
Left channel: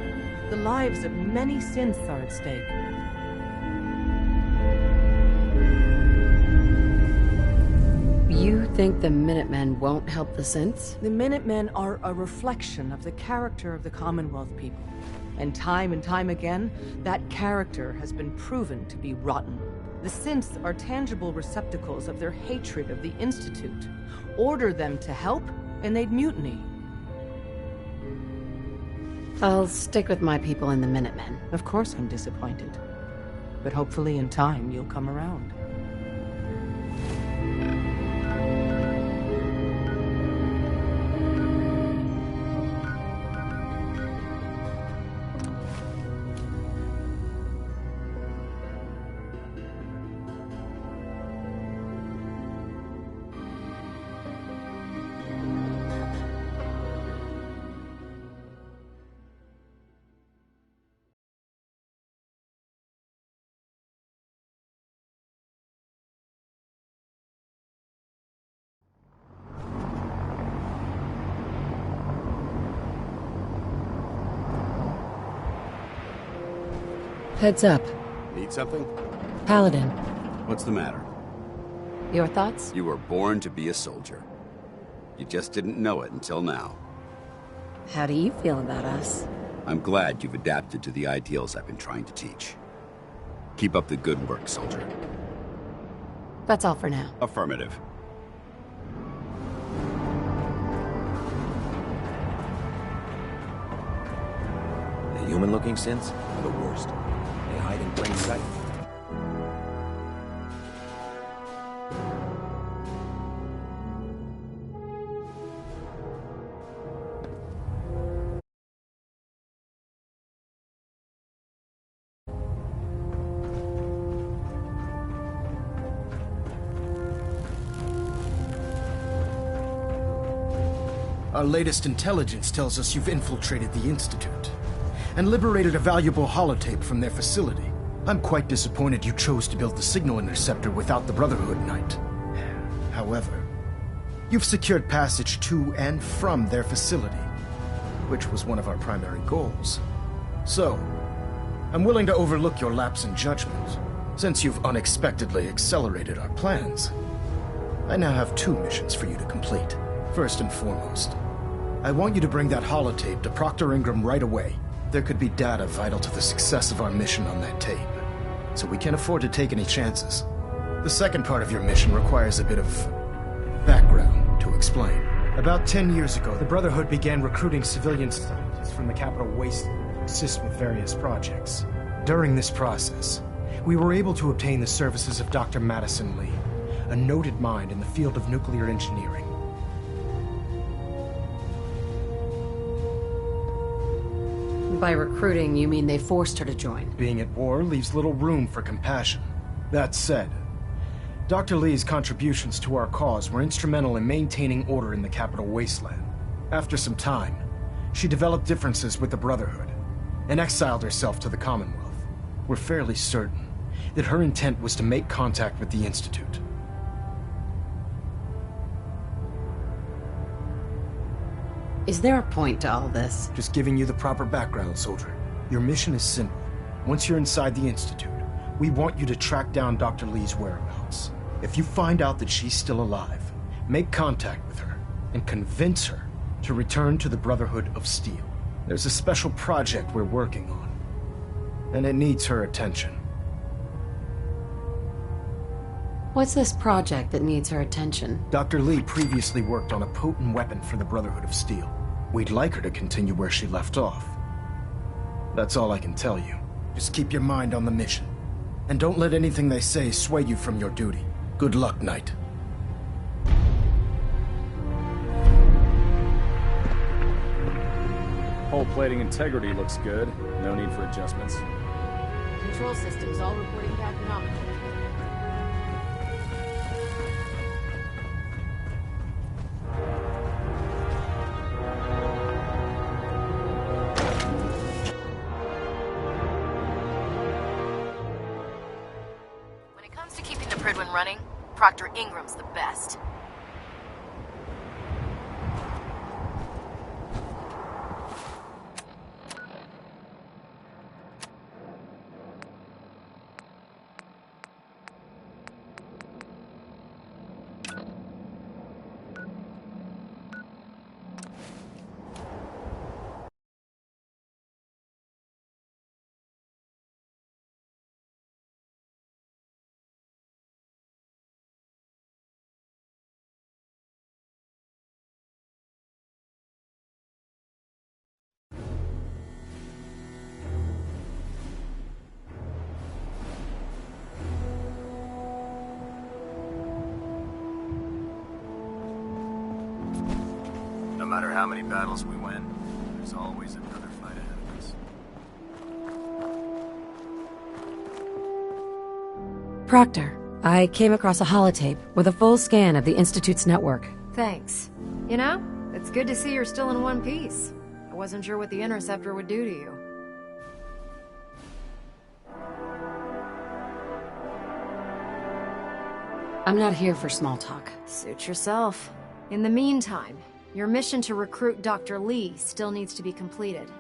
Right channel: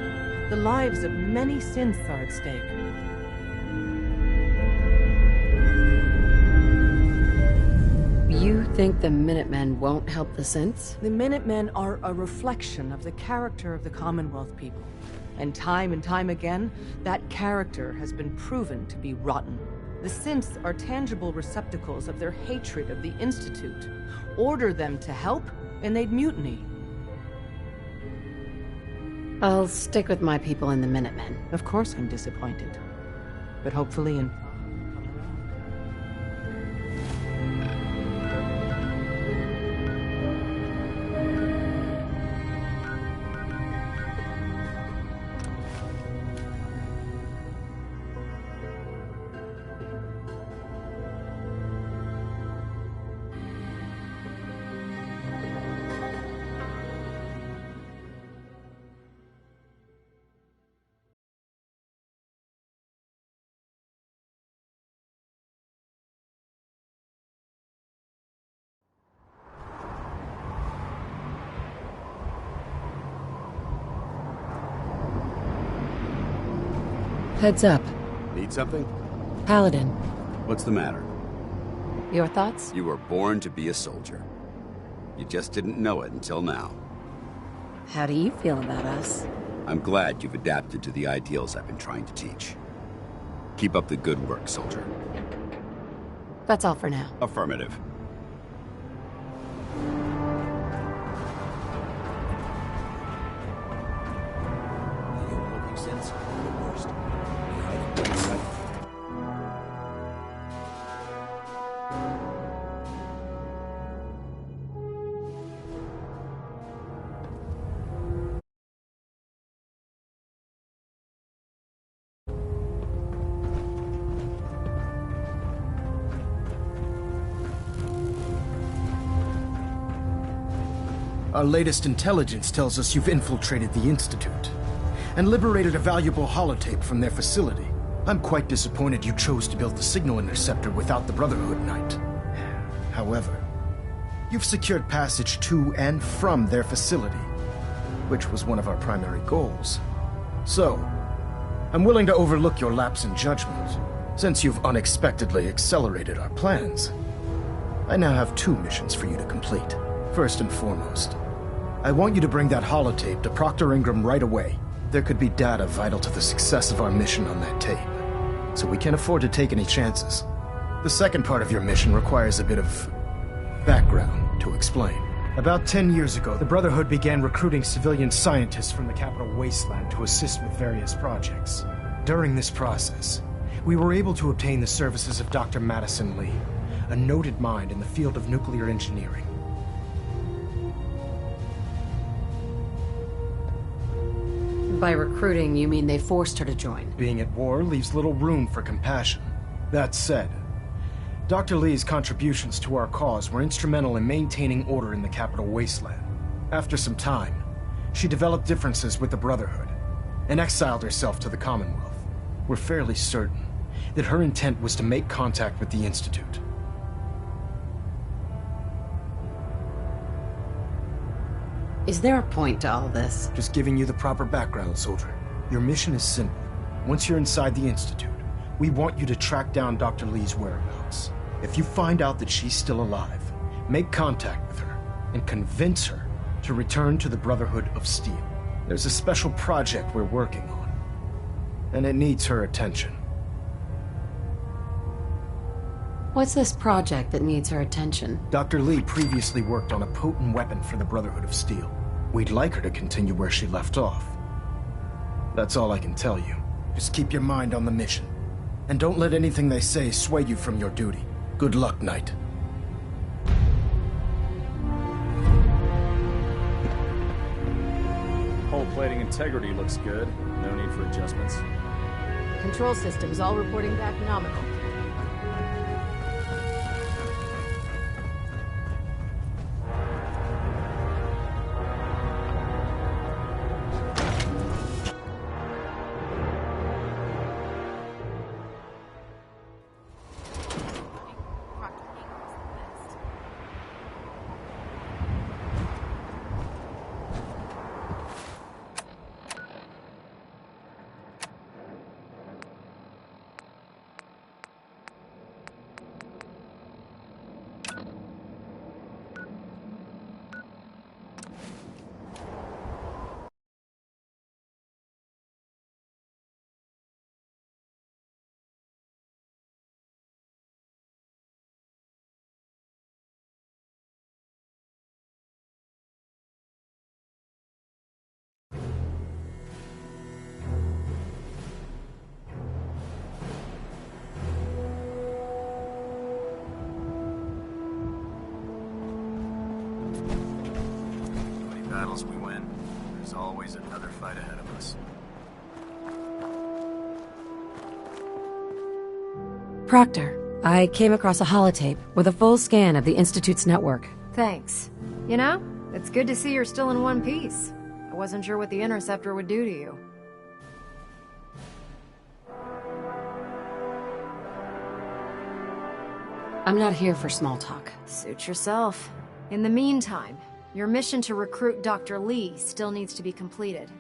The lives of many synths are at stake. You think the Minutemen won't help the synths? The Minutemen are a reflection of the character of the Commonwealth people. And time again, that character has been proven to be rotten. The synths are tangible receptacles of their hatred of the Institute. Order them to help, and they'd mutiny. I'll stick with my people in the Minutemen. Of course I'm disappointed. But hopefully in time you'll come around. Heads up. Need something? Paladin. What's the matter? Your thoughts? You were born to be a soldier. You just didn't know it until now. How do you feel about us? I'm glad you've adapted to the ideals I've been trying to teach. Keep up the good work, soldier. That's all for now. Affirmative. The human-looking synths are the worst. They hide in plain sight. Our latest intelligence tells us you've infiltrated the Institute and liberated a valuable holotape from their facility. I'm quite disappointed you chose to build the signal interceptor without the Brotherhood Knight. However, you've secured passage to and from their facility, which was one of our primary goals. So, I'm willing to overlook your lapse in judgment, since you've unexpectedly accelerated our plans. I now have 2 missions for you to complete. First and foremost, I want you to bring that holotape to Proctor Ingram right away. There could be data vital to the success of our mission on that tape, so we can't afford to take any chances. The second part of your mission requires a bit of background to explain. About 10 years ago, the Brotherhood began recruiting civilian scientists from the Capital Wasteland to assist with various projects. During this process, we were able to obtain the services of Dr. Madison Lee, a noted mind in the field of nuclear engineering. By recruiting, you mean they forced her to join? Being at war leaves little room for compassion. That said, Dr. Lee's contributions to our cause were instrumental in maintaining order in the Capital Wasteland. After some time, she developed differences with the Brotherhood and exiled herself to the Commonwealth. We're fairly certain that her intent was to make contact with the Institute. Is there a point to all this? Just giving you the proper background, soldier. Your mission is simple. Once you're inside the Institute, we want you to track down Dr. Lee's whereabouts. If you find out that she's still alive, make contact with her and convince her to return to the Brotherhood of Steel. There's a special project we're working on. and it needs her attention. What's this project that needs her attention? Dr. Lee previously worked on a potent weapon for the Brotherhood of Steel. We'd like her to continue where she left off. That's all I can tell you. Just keep your mind on the mission. And don't let anything they say sway you from your duty. Good luck, Knight. Hull plating integrity looks good. No need for adjustments. Control systems all reporting back nominal. When it comes to keeping the Prydwen running, Proctor Ingram's the best. No matter how many battles we win, there's always another fight ahead of us. Proctor, I came across a holotape with a full scan of the Institute's network. Thanks. You know, it's good to see you're still in one piece. I wasn't sure what the Interceptor would do to you. I'm not here for small talk. Suit yourself. In the meantime, your mission to recruit Dr. Lee still needs to be completed.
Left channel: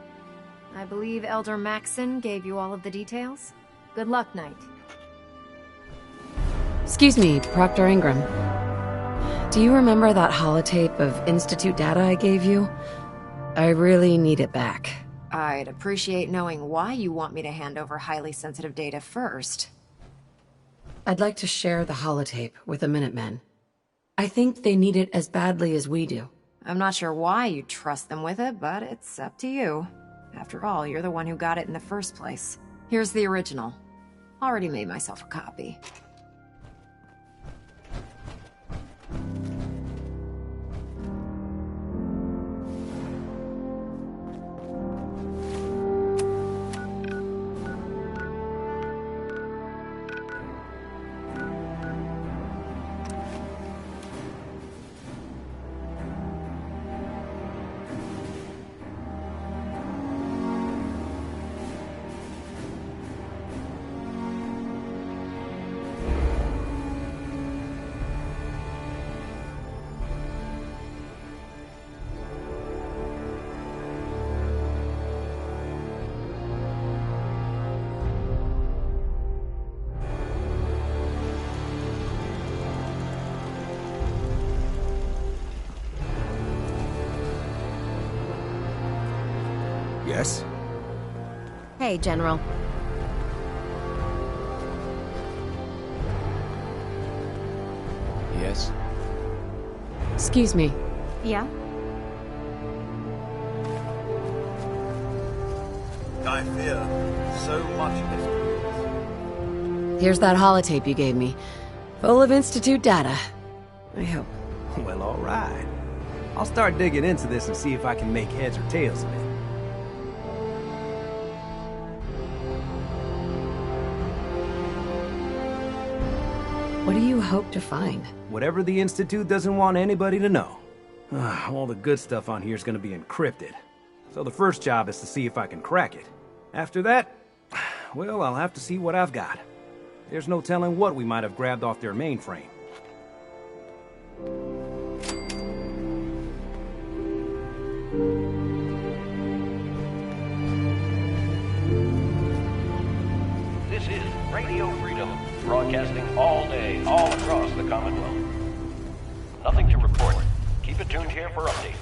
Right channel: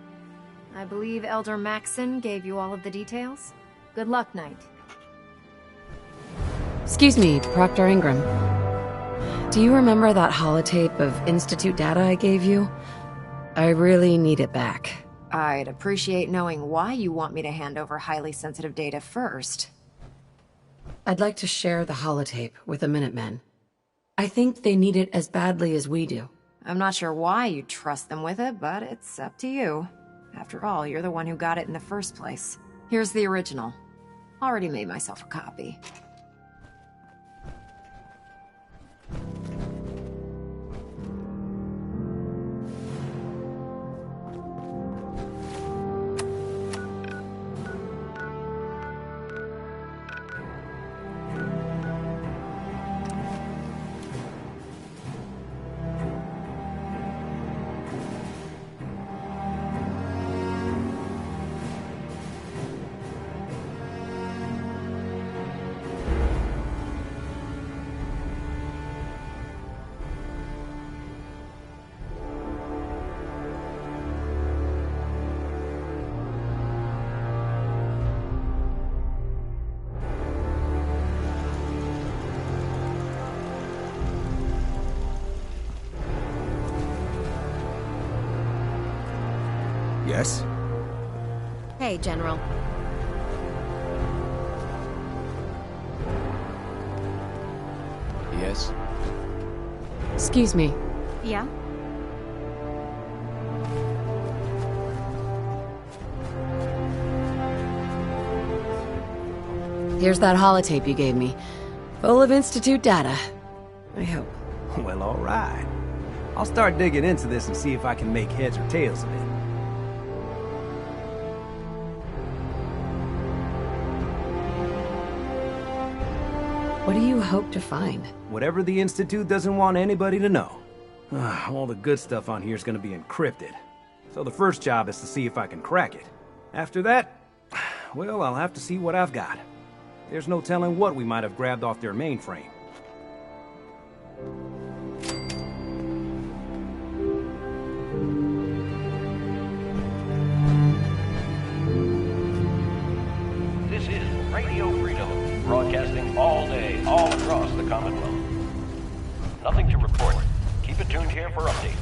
I believe Elder Maxson gave you all of the details? Good luck, Knight. Excuse me, Proctor Ingram. Do you remember that holotape of Institute data I gave you? I really need it back. I'd appreciate knowing why you want me to hand over highly sensitive data first. I'd like to share the holotape with the Minutemen. I think they need it as badly as we do. I'm not sure why you trust them with it, but it's up to you. After all, you're the one who got it in the first place. Here's the original. Already made myself a copy. Yes? Hey, General. Yes? Excuse me. Yeah? I fear so much. Here's that holotape you gave me. Full of Institute data. I hope. Well, all right. I'll start digging into this and see if I can make heads or tails of it. What do you hope to find? Whatever the Institute doesn't want anybody to know. All the good stuff on here is going to be encrypted. So the first job is to see if I can crack it. After that, well, I'll have to see what I've got. There's no telling what we might have grabbed off their mainframe. This is Radio Freedom, broadcasting all day, all across the Commonwealth. Nothing to report. Keep it tuned here for updates.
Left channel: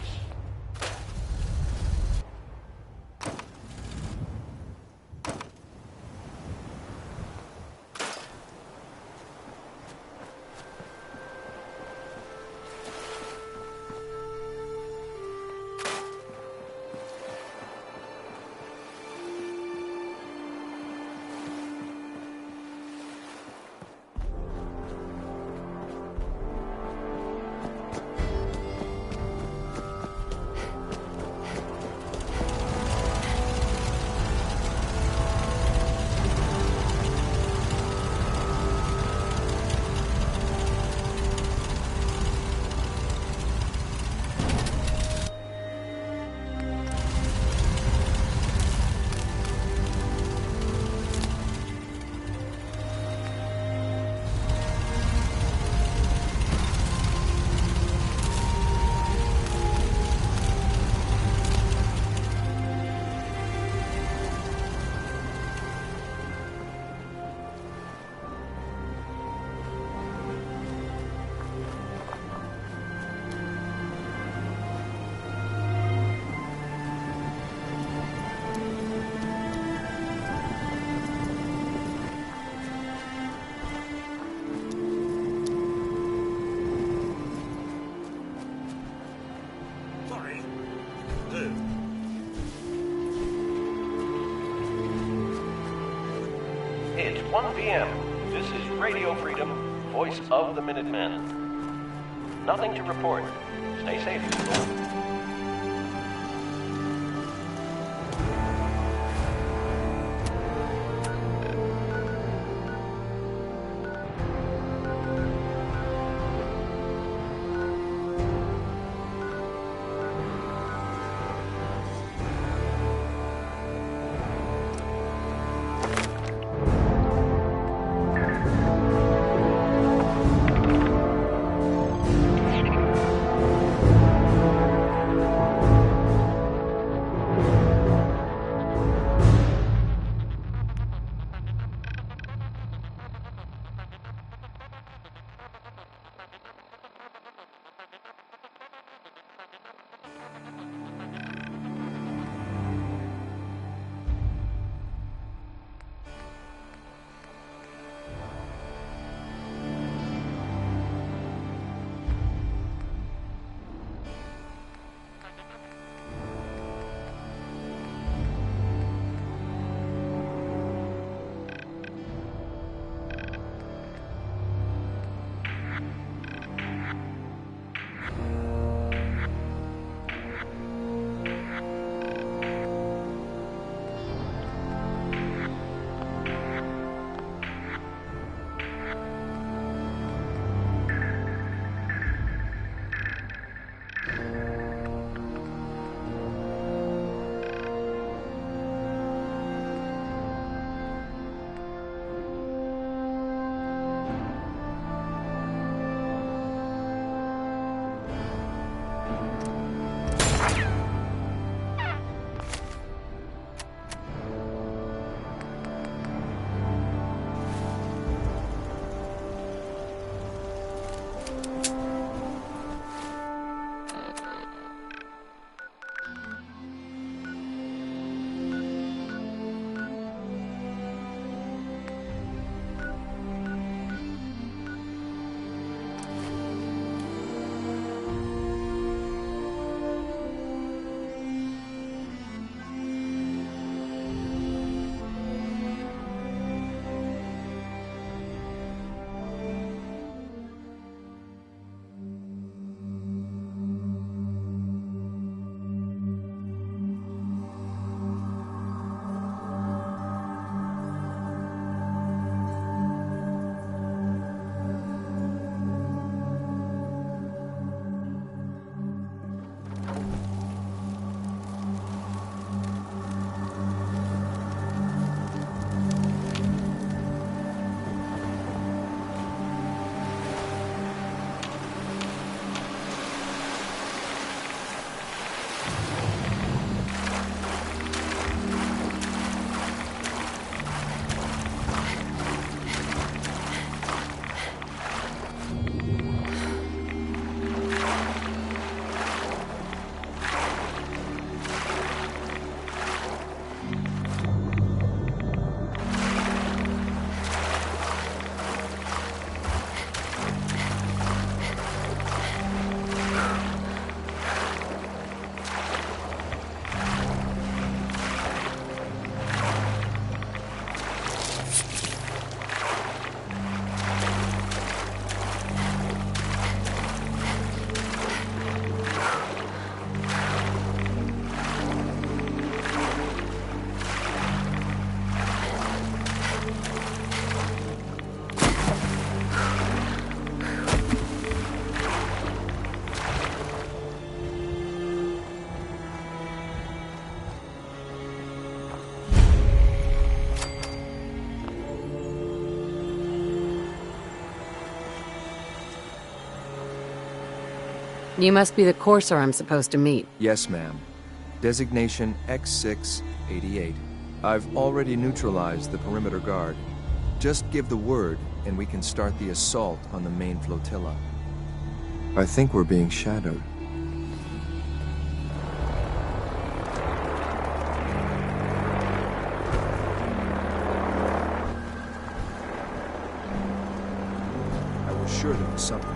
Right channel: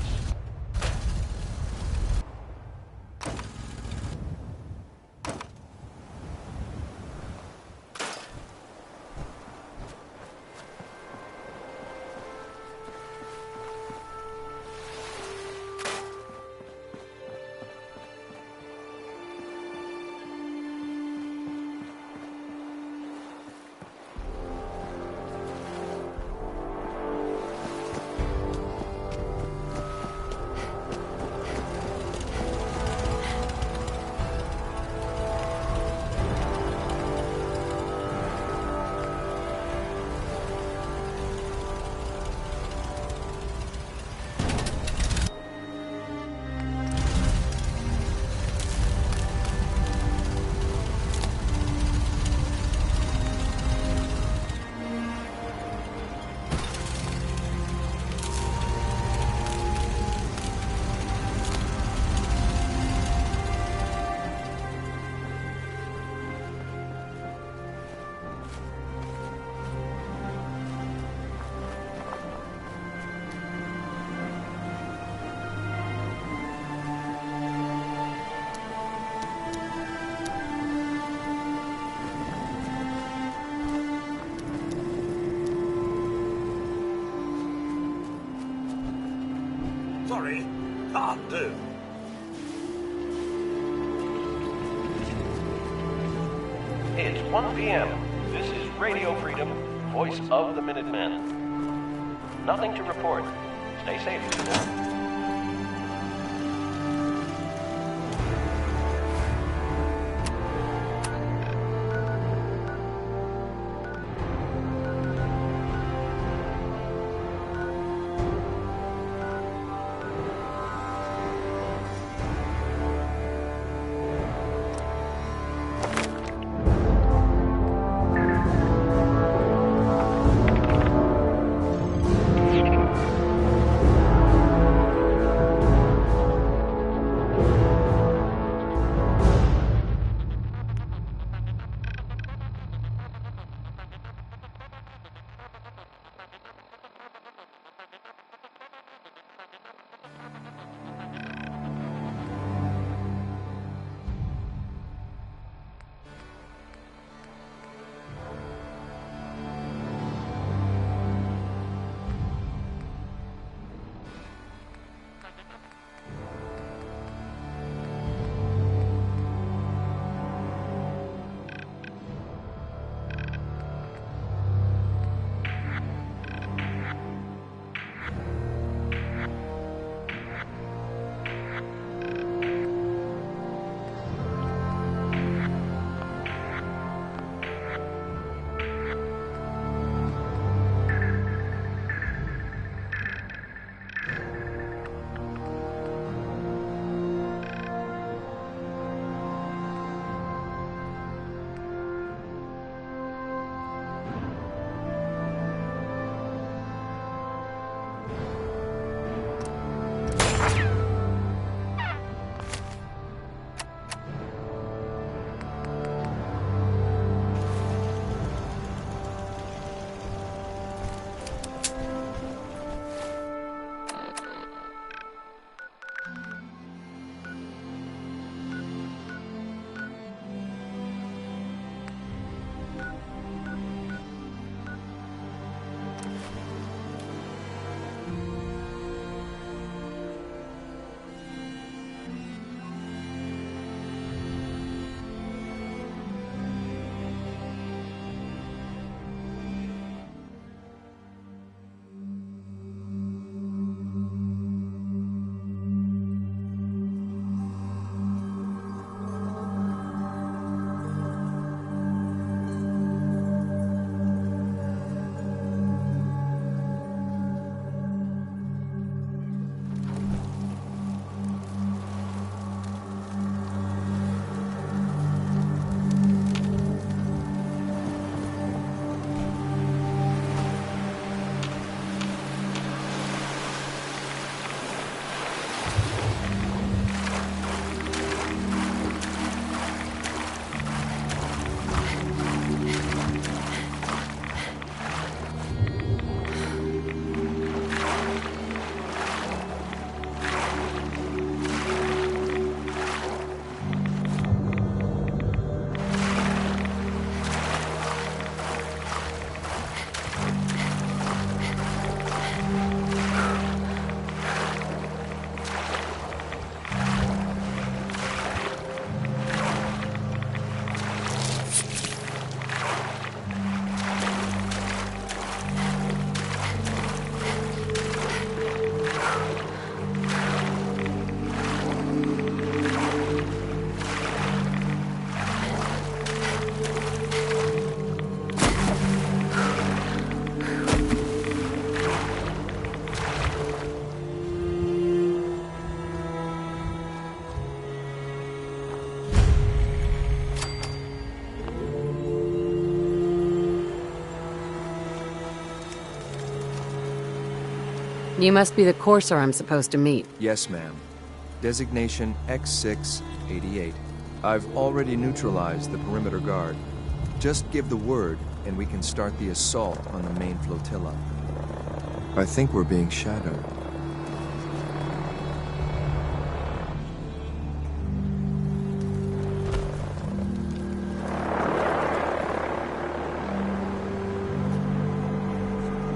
do. It's 1 p.m. This is Radio Freedom, voice of the Minutemen. Nothing to report. Stay safe, people. You must be the courser I'm supposed to meet. Yes, ma'am. Designation X688. I've already neutralized the perimeter guard. Just give the word, and we can start the assault on the main flotilla. I think we're being shadowed. Surely there's something.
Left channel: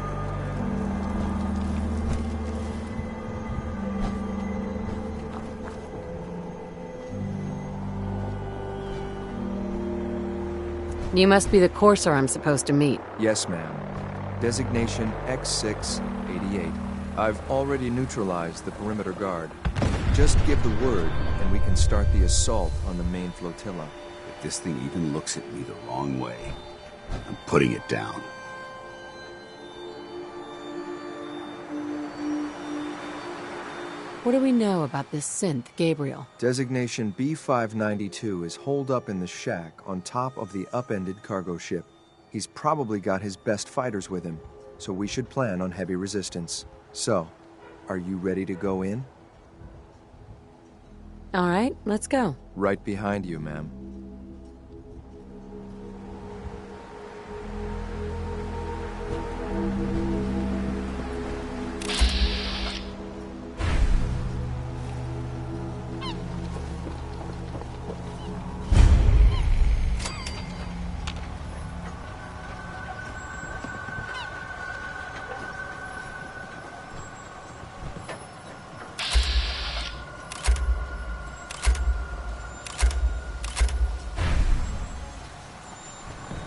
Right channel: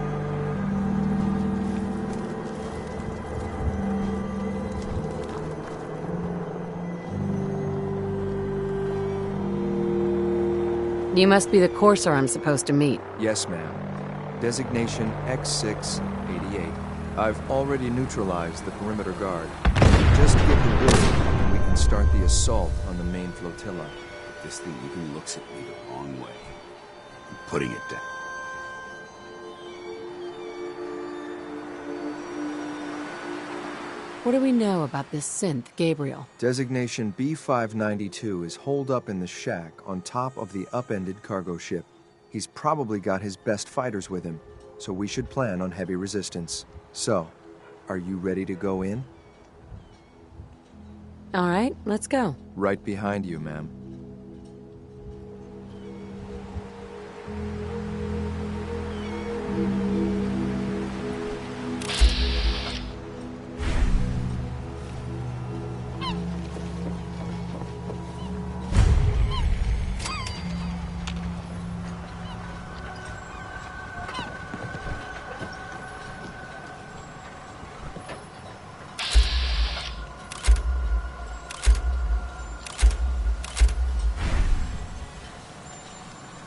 You must be the courser I'm supposed to meet. Yes, ma'am. Designation X688. I've already neutralized the perimeter guard. Just give the word, and we can start the assault on the main flotilla. If this thing even looks at me the wrong way, I'm putting it down. What do we know about this synth, Gabriel? Designation B592 is holed up in the shack on top of the upended cargo ship. He's probably got his best fighters with him, so we should plan on heavy resistance. So, are you ready to go in? All right, let's go. Right behind you, ma'am.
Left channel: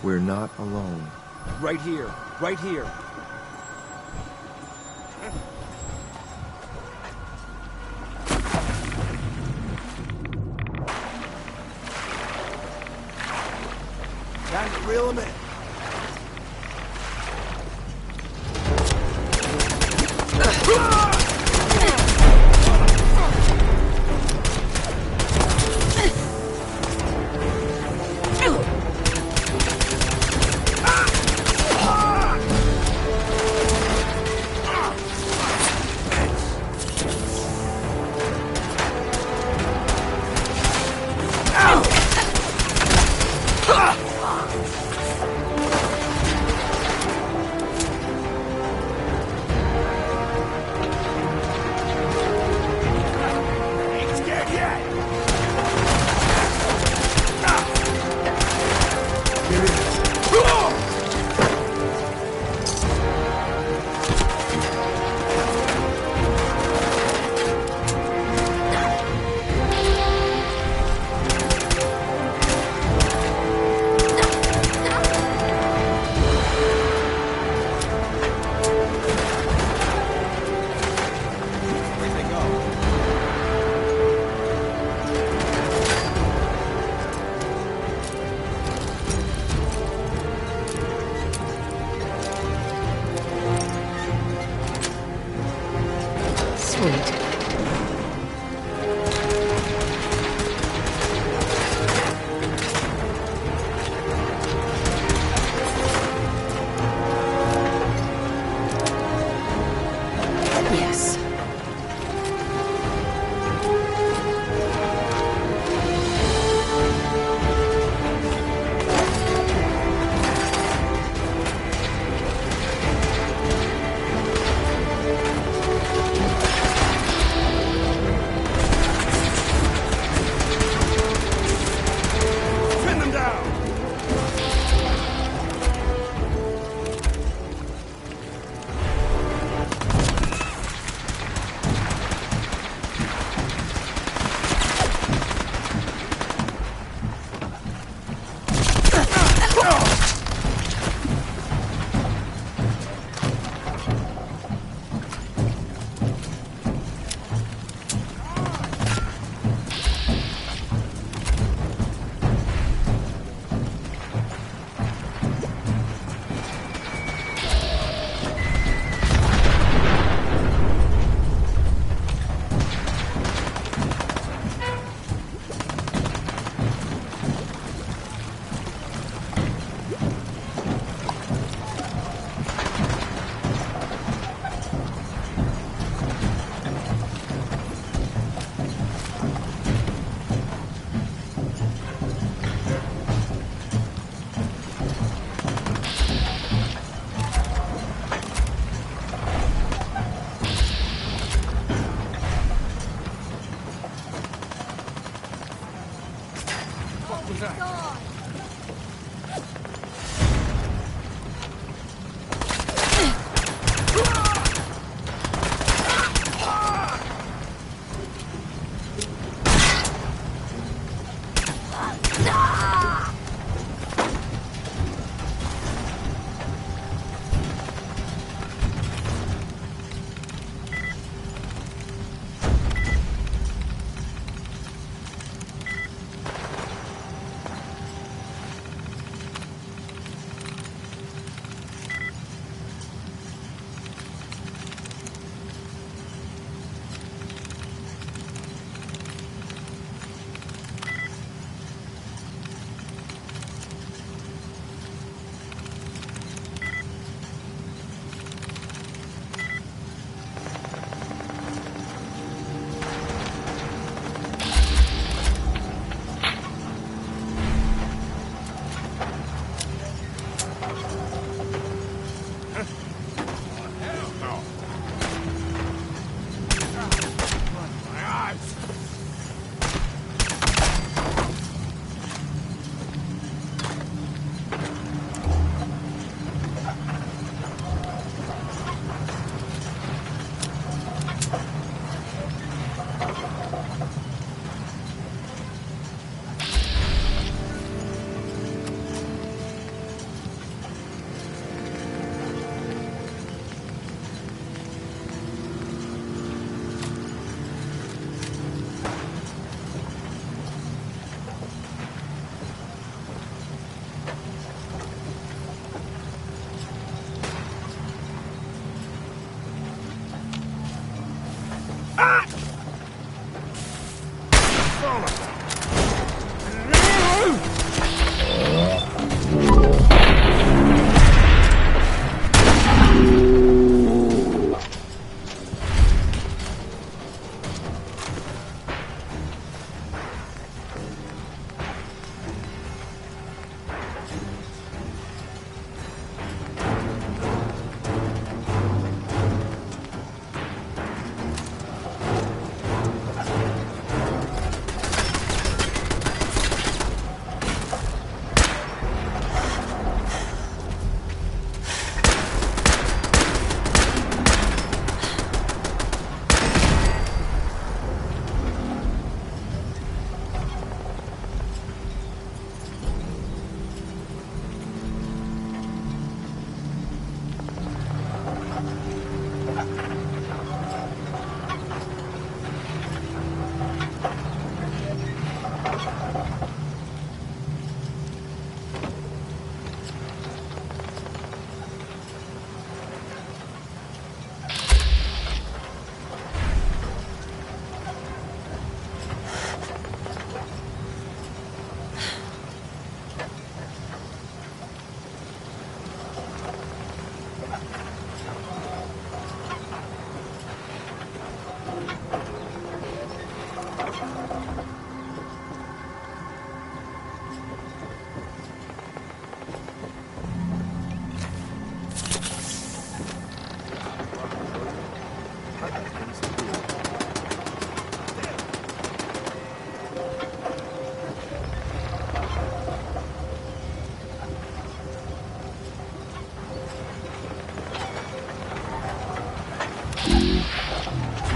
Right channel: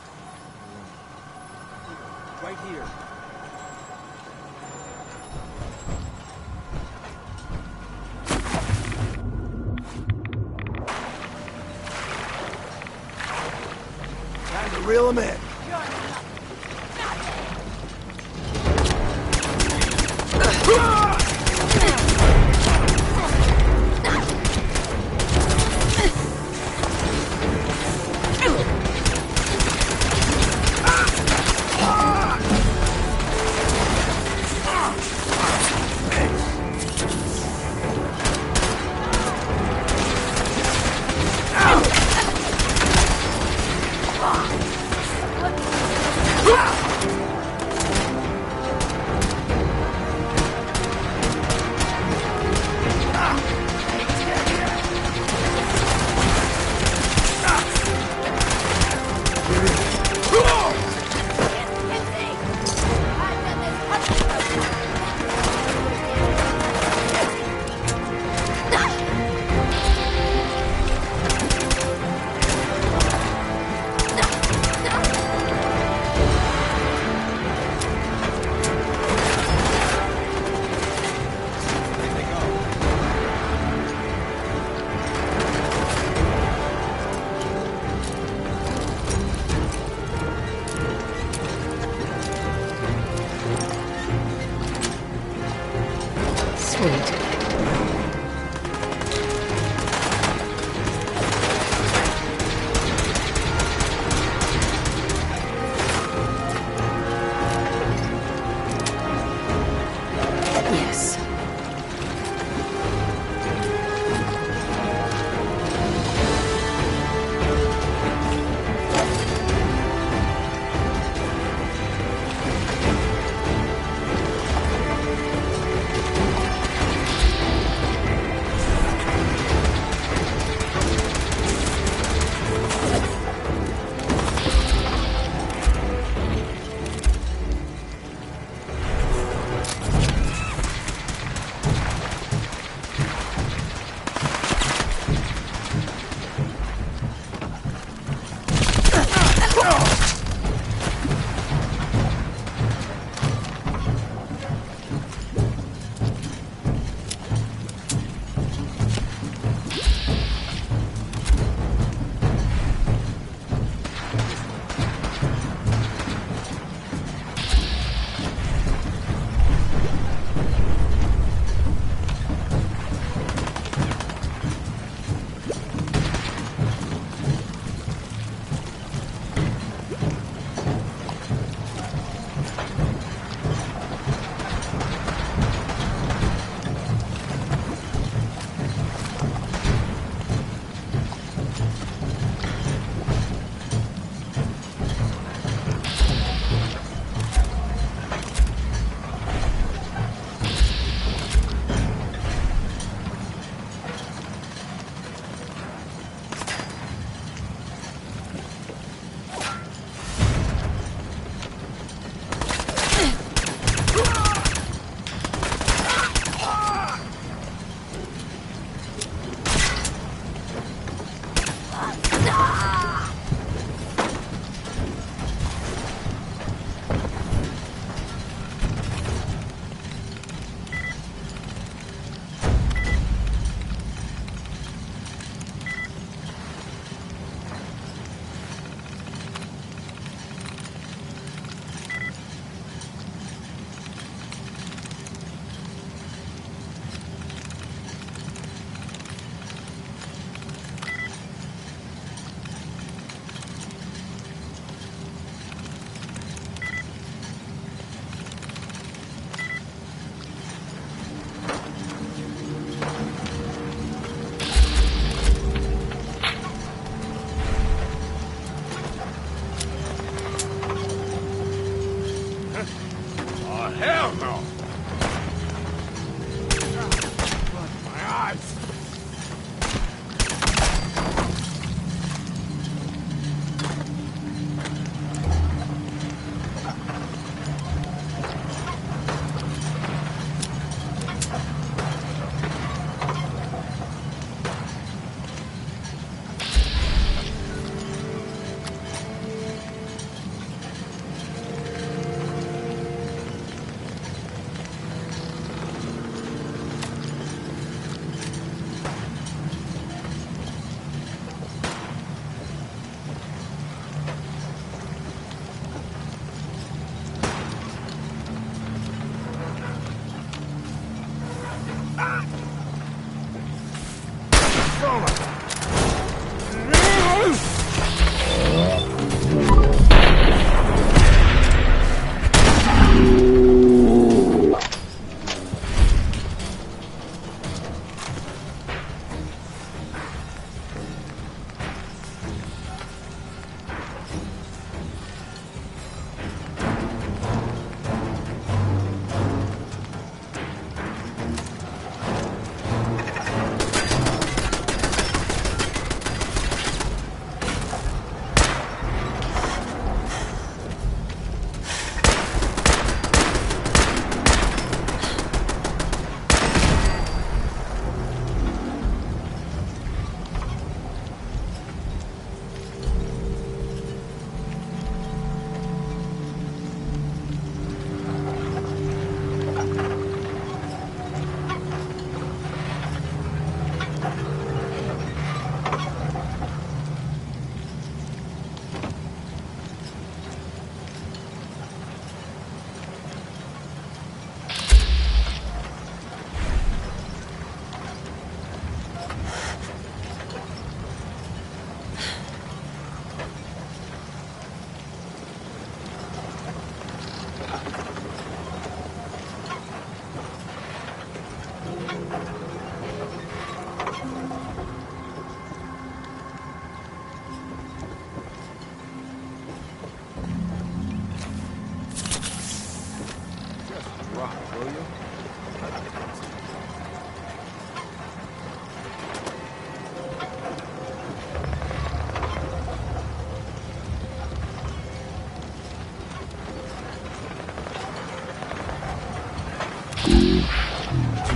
We're not alone. Right here. Right here. Time to reel him in. Yes.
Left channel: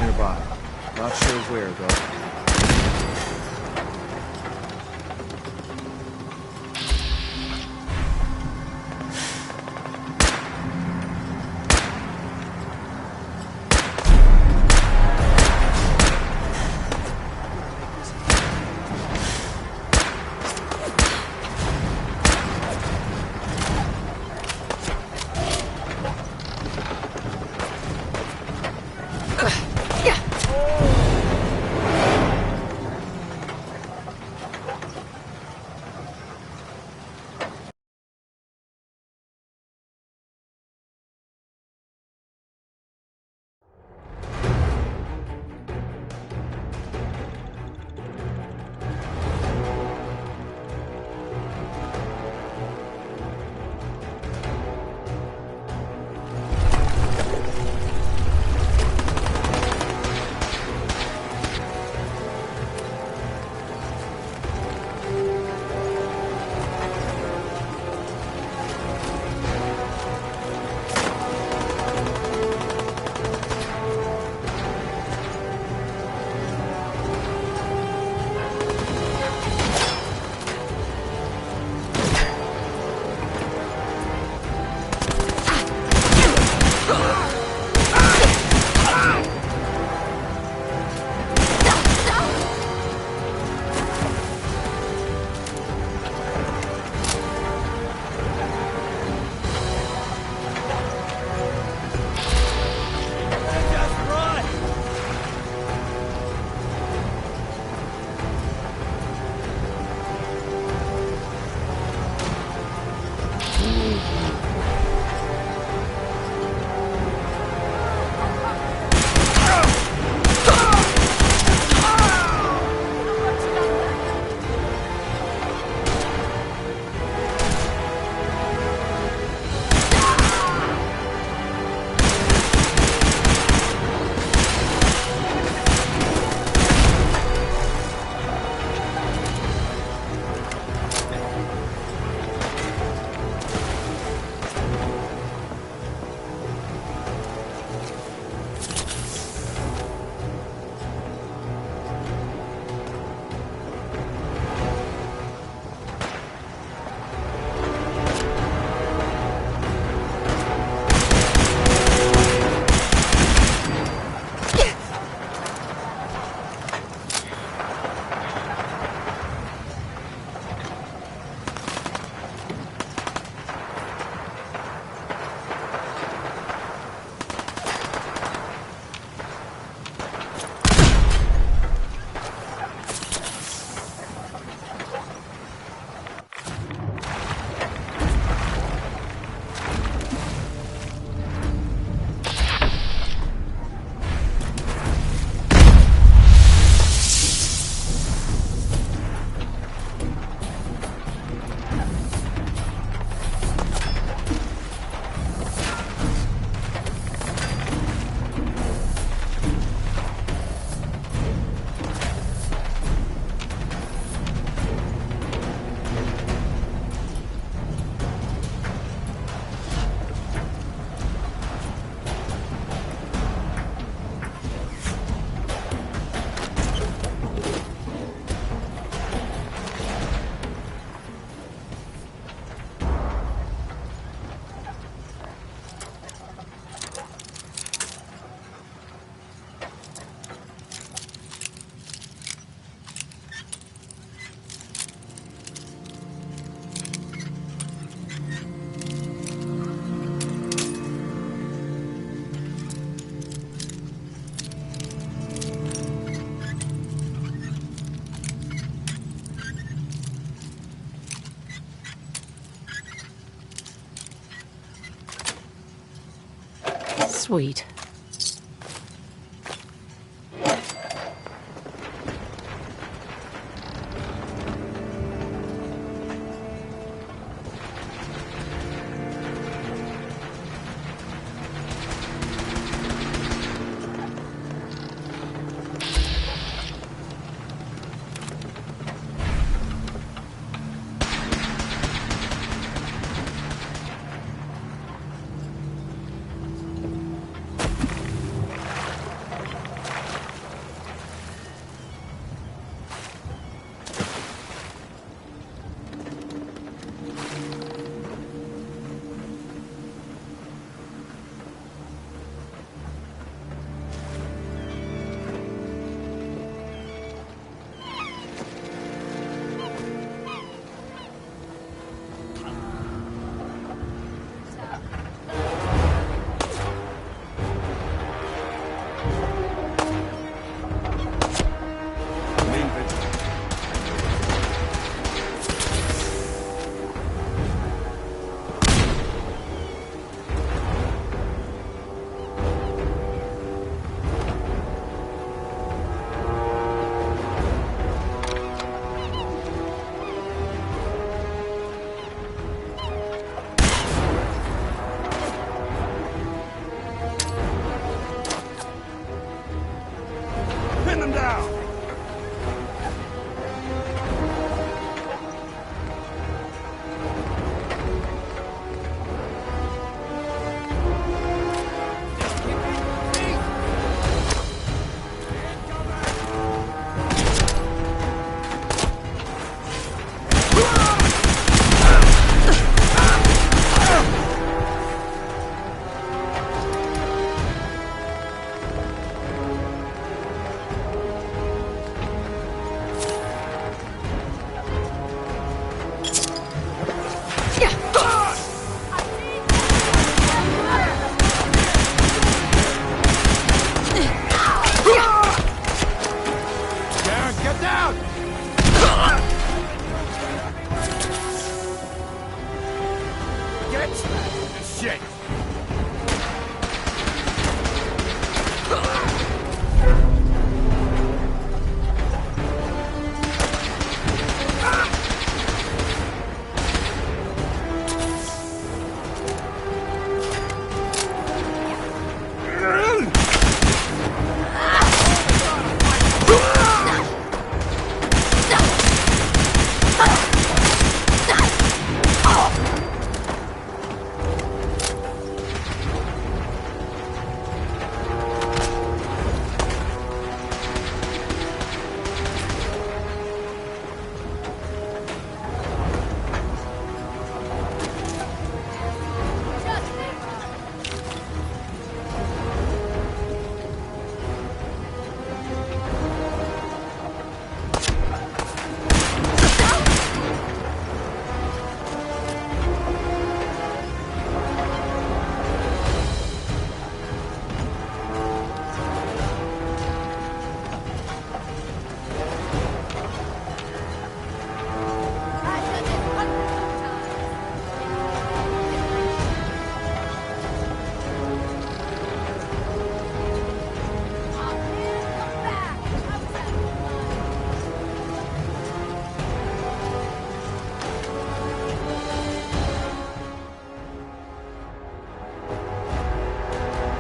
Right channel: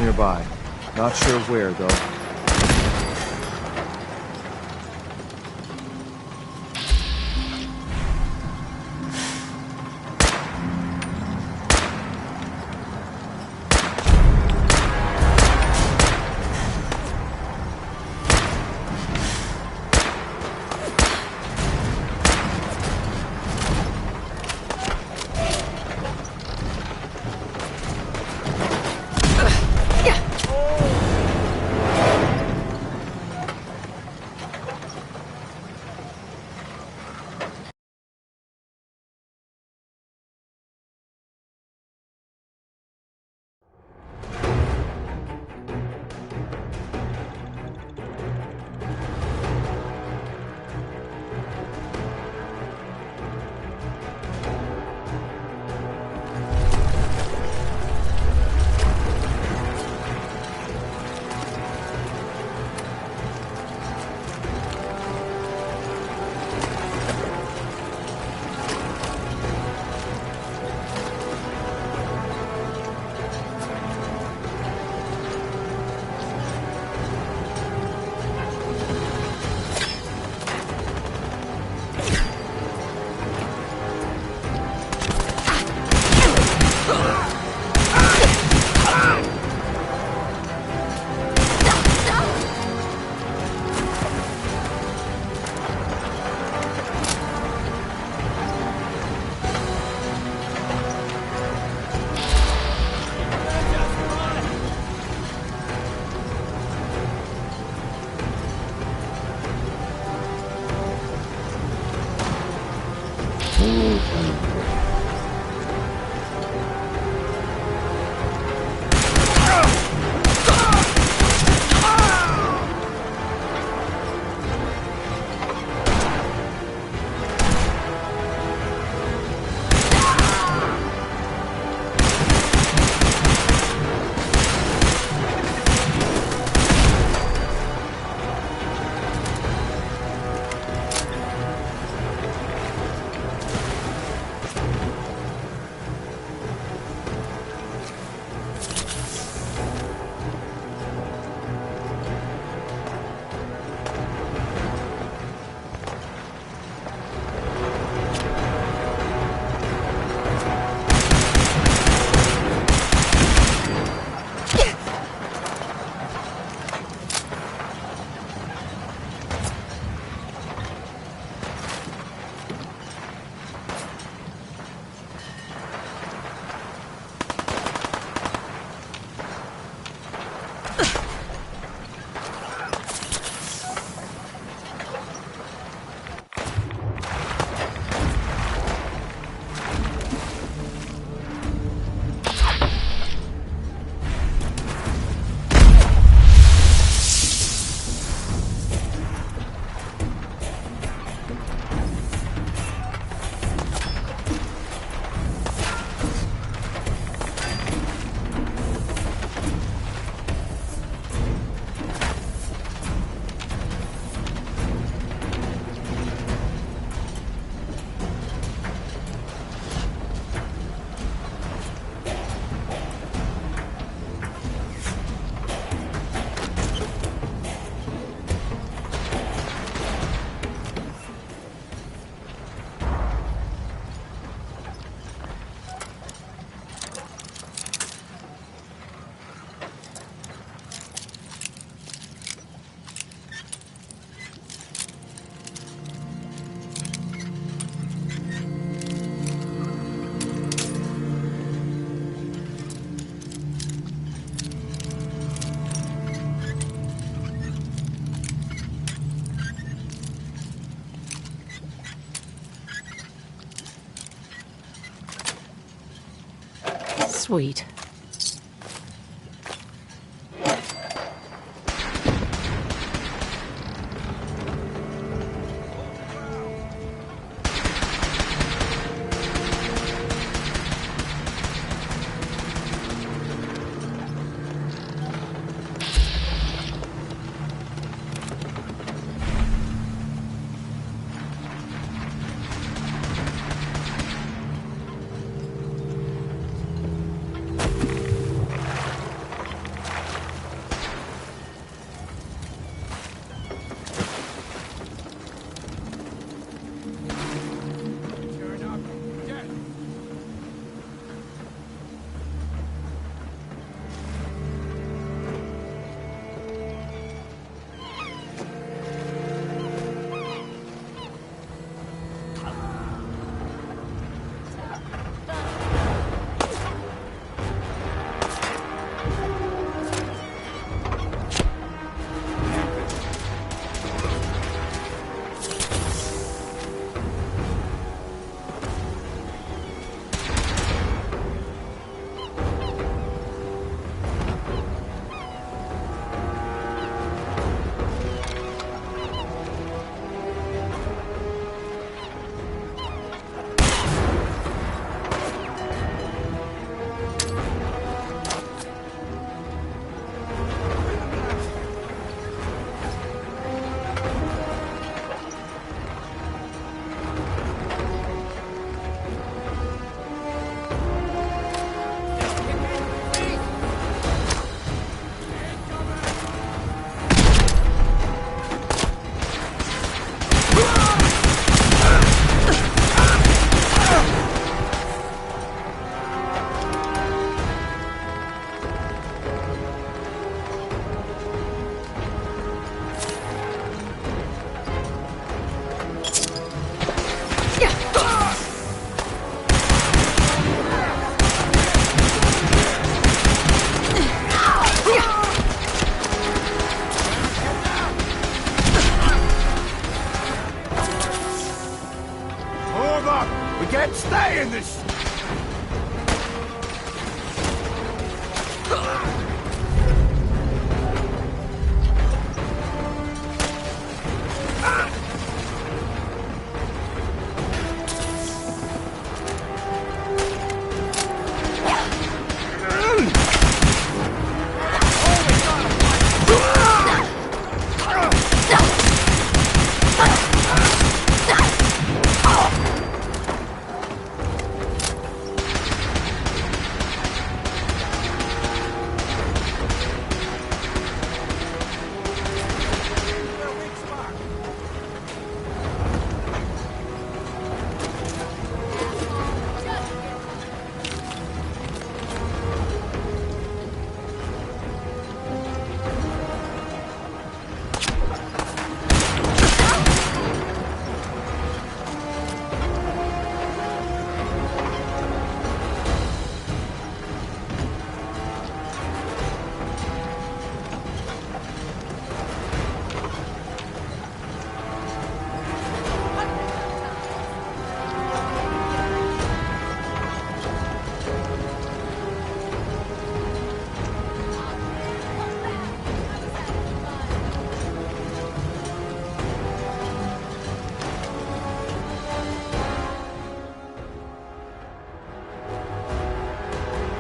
nearby. Not sure where, though. Sweet. can't stay in this shit!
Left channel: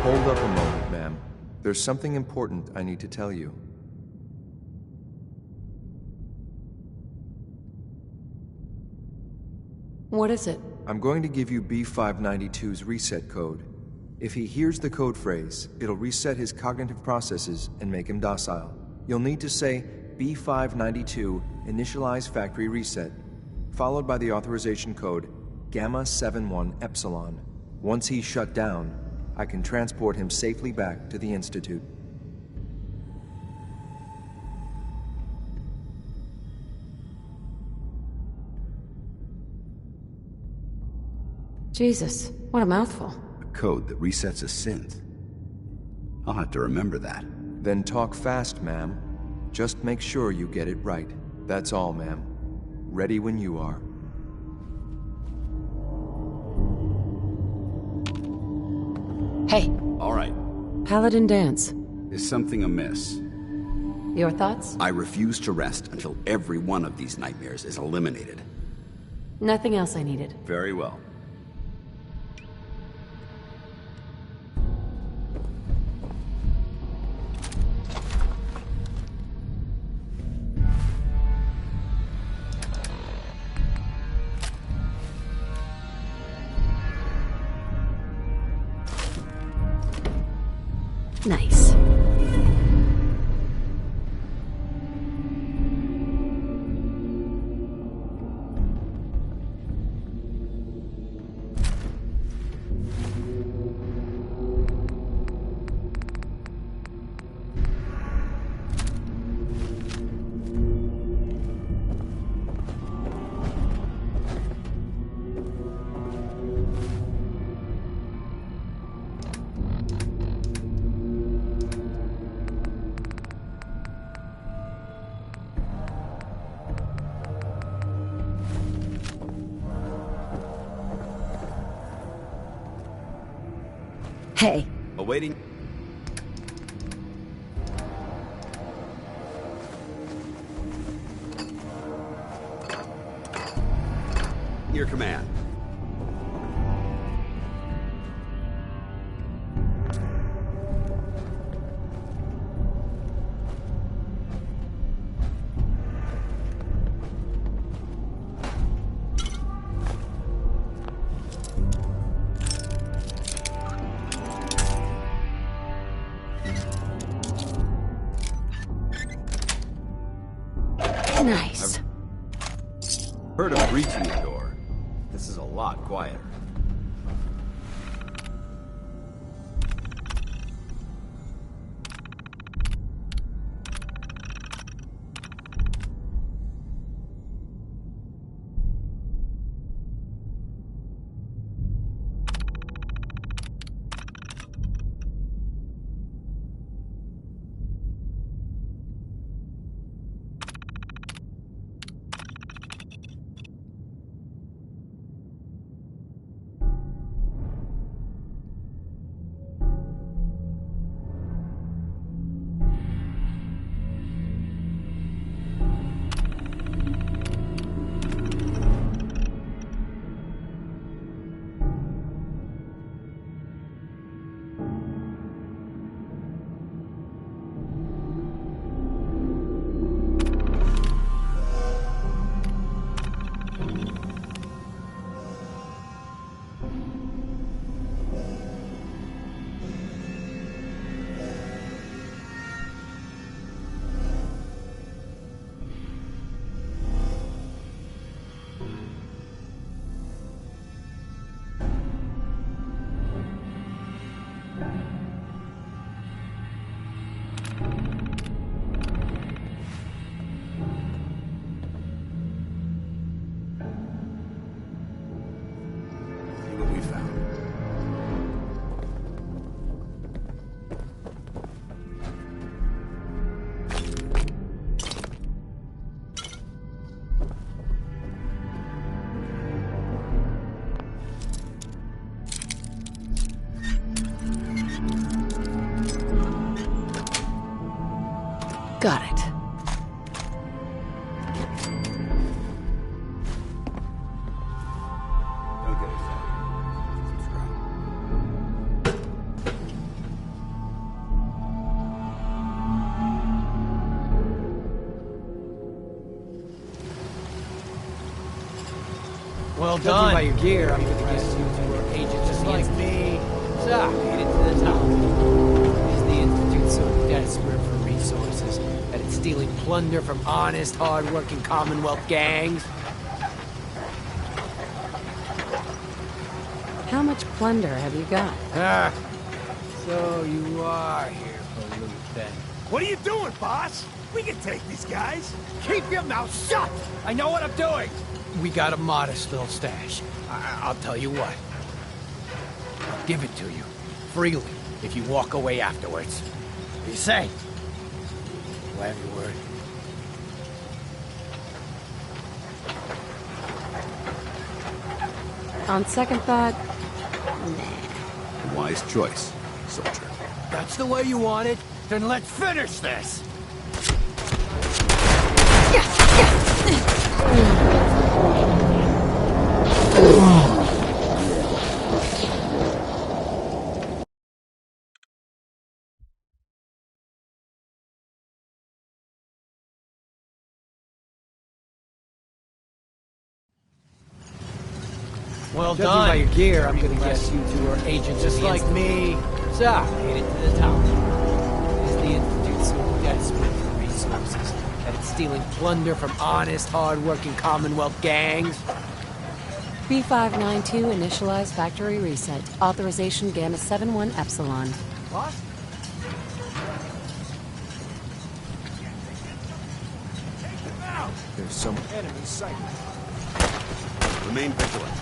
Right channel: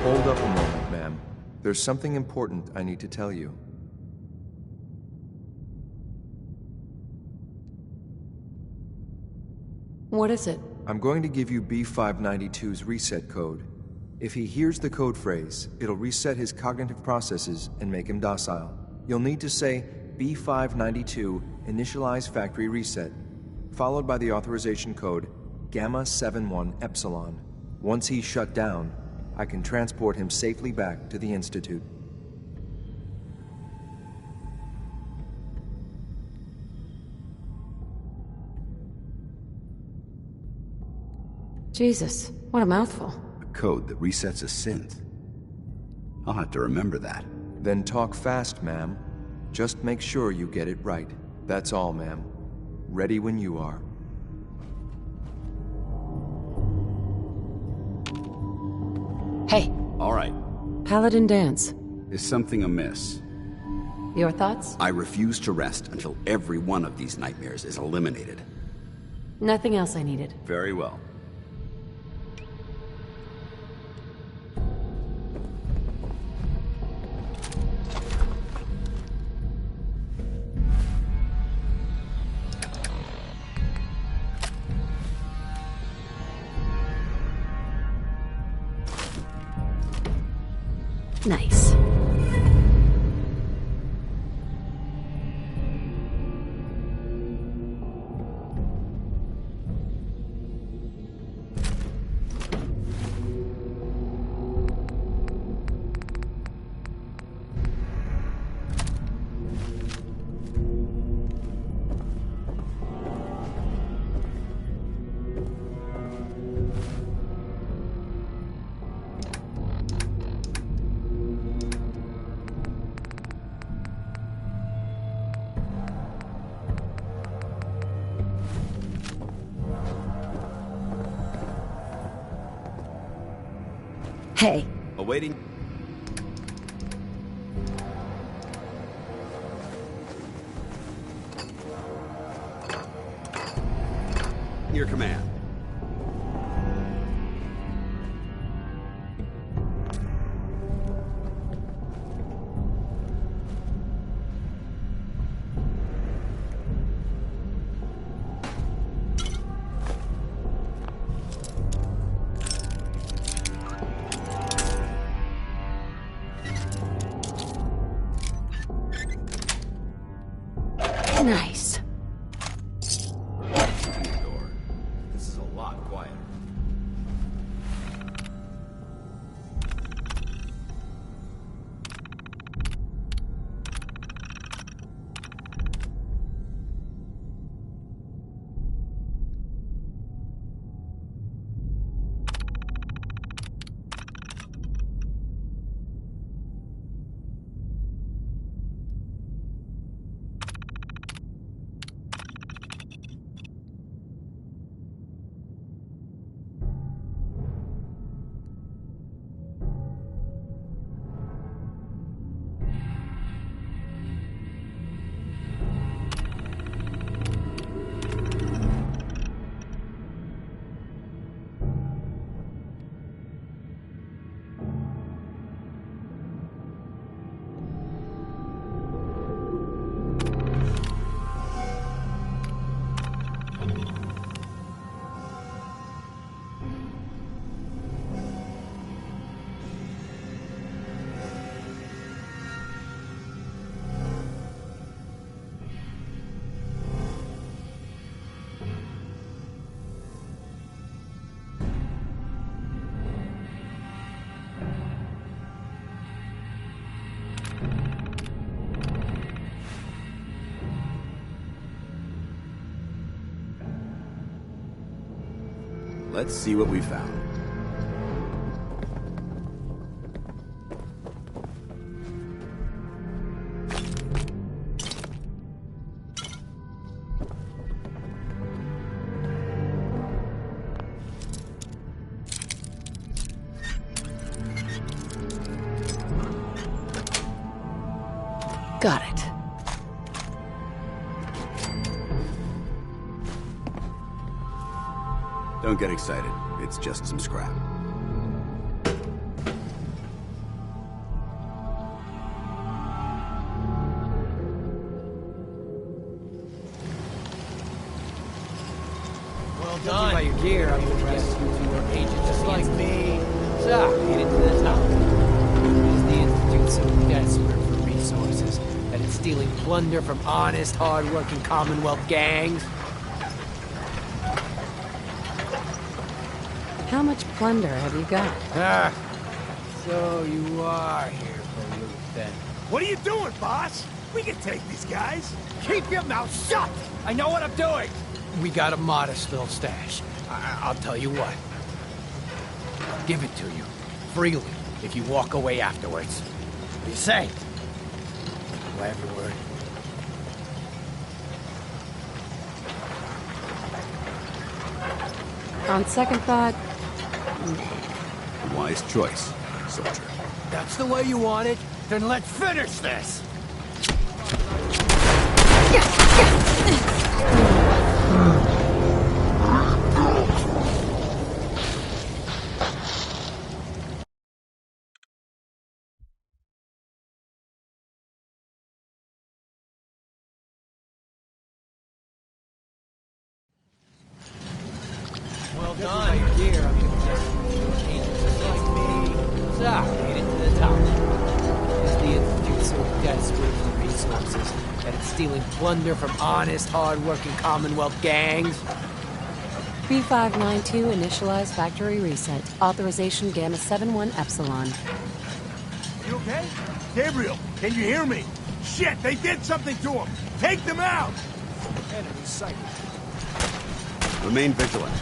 Hold up a moment, ma'am. There's something important I need to tell you. What is it? I'm going to give you B592's reset code. If he hears the code phrase, it'll reset his cognitive processes and make him docile. You'll need to say B592 initialize factory reset, followed by the authorization code Gamma 71 Epsilon. Once he's shut down, I can transport him safely back to the Institute. Jesus, what a mouthful. A code that resets a synth. I'll have to remember that. Then talk fast, ma'am. Just make sure you get it right. That's all, ma'am. Ready when you are. Hey. All right. Paladin dance. Is something amiss? Your thoughts? I refuse to rest until every one of these nightmares is eliminated. Nothing else I needed. Very well. Nice. Hey. Awaiting. Your command. Nice. Heard of reaching the door. This is a lot quieter. Let's see what we found. Got it. Don't get excited. It's just some scrap. Well done. By your gear, I'm gonna guess you two are agents just like me. So, made it to the top. Is the Institute so desperate for resources that it's stealing plunder from honest, hard-working Commonwealth gangs? How much plunder have you got? Ah, so you are here for loot, then. What are you doing, boss? We can take these guys. Keep your mouth shut! I know what I'm doing! We got a modest little stash. I'll tell you what. I'll give it to you, freely, if you walk away afterwards. What do you say? Do I have your word? On second thought, Wise choice, soldier. That's the way you want it? Then let's finish this! Well done. By your gear, I'm gonna guess you two are agents just like me. So, made it to the top. Is the Institute so desperate for resources that it's stealing plunder from honest, hard-working Commonwealth gangs? B592 initialize factory reset. Authorization Gamma 71 Epsilon. What? You okay? Gabriel, can you hear me? Shit, they did something to him. Take them out. There's some enemy sighted. Remain vigilant.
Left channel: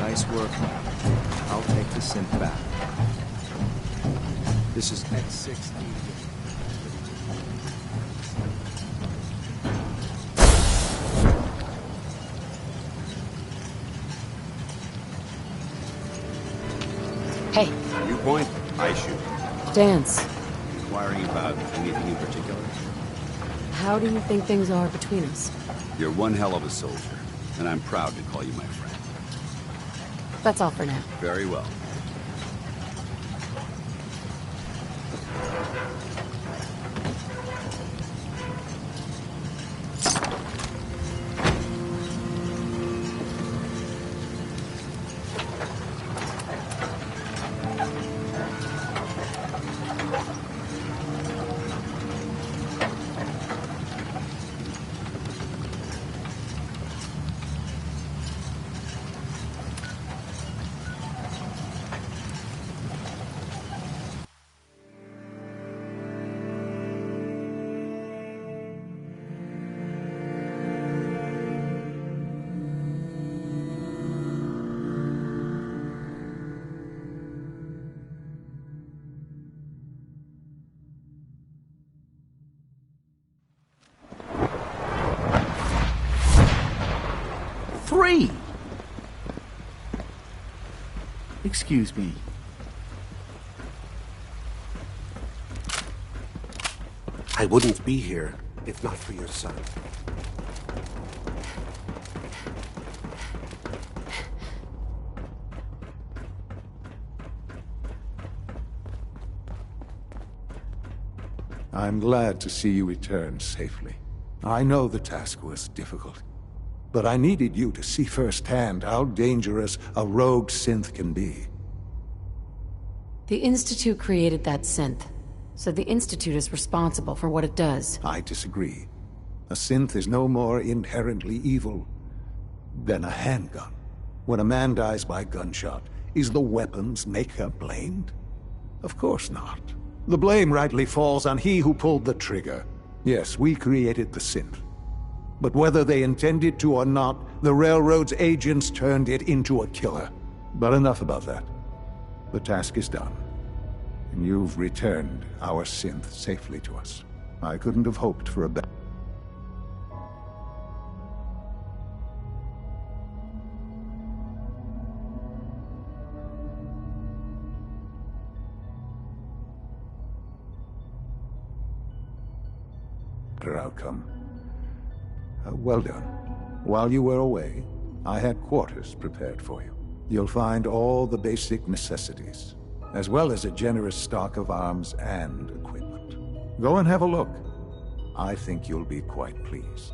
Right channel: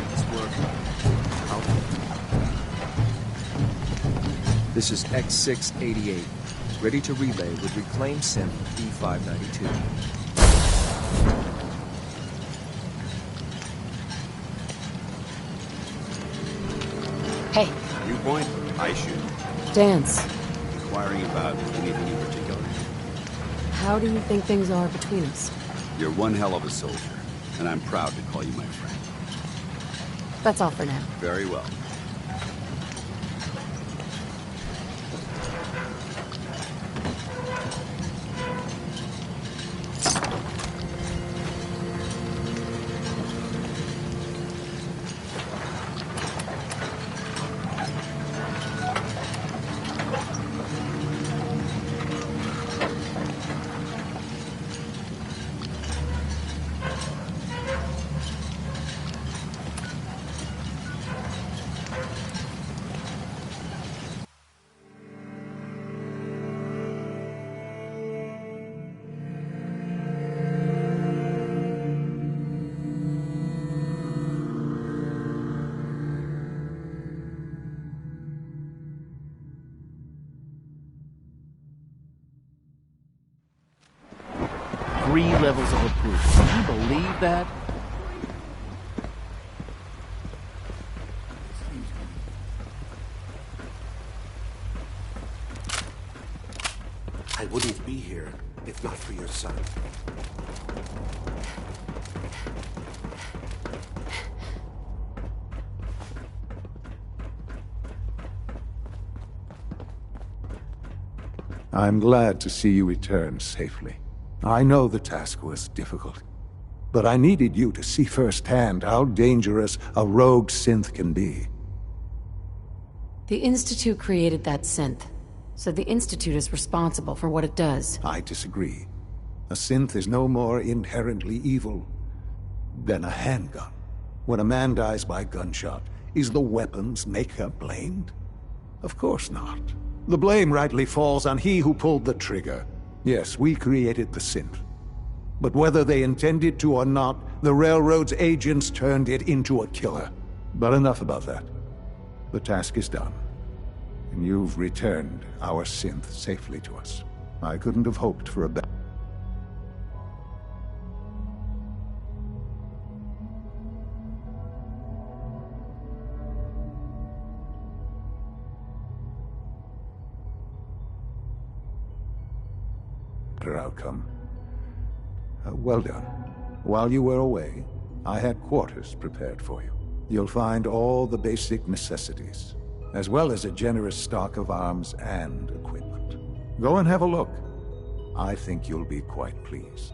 Nice work. I'll take the synth back. This is X688, ready to relay with reclaimed synth E592. Hey. Viewpoint, I shoot. Dance. Inquiring about anything in particular? How do you think things are between us? You're one hell of a soldier, and I'm proud to call you my friend. That's all for now. Very well. Levels of approval. Can you believe that? 3! Excuse me. I wouldn't be here if not for your son. I'm glad to see you return safely. I know the task was difficult, but I needed you to see firsthand how dangerous a rogue synth can be. The Institute created that synth, so the Institute is responsible for what it does. I disagree. A synth is no more inherently evil than a handgun. When a man dies by gunshot, is the weapon's maker blamed? Of course not. The blame rightly falls on he who pulled the trigger. Yes, we created the synth. But whether they intended to or not, the Railroad's agents turned it into a killer. But enough about that. The task is done. And you've returned our synth safely to us. I couldn't have hoped for a better... outcome. Well done. While you were away, I had quarters prepared for you. You'll find all the basic necessities, as well as a generous stock of arms and equipment. Go and have a look. I think you'll be quite pleased.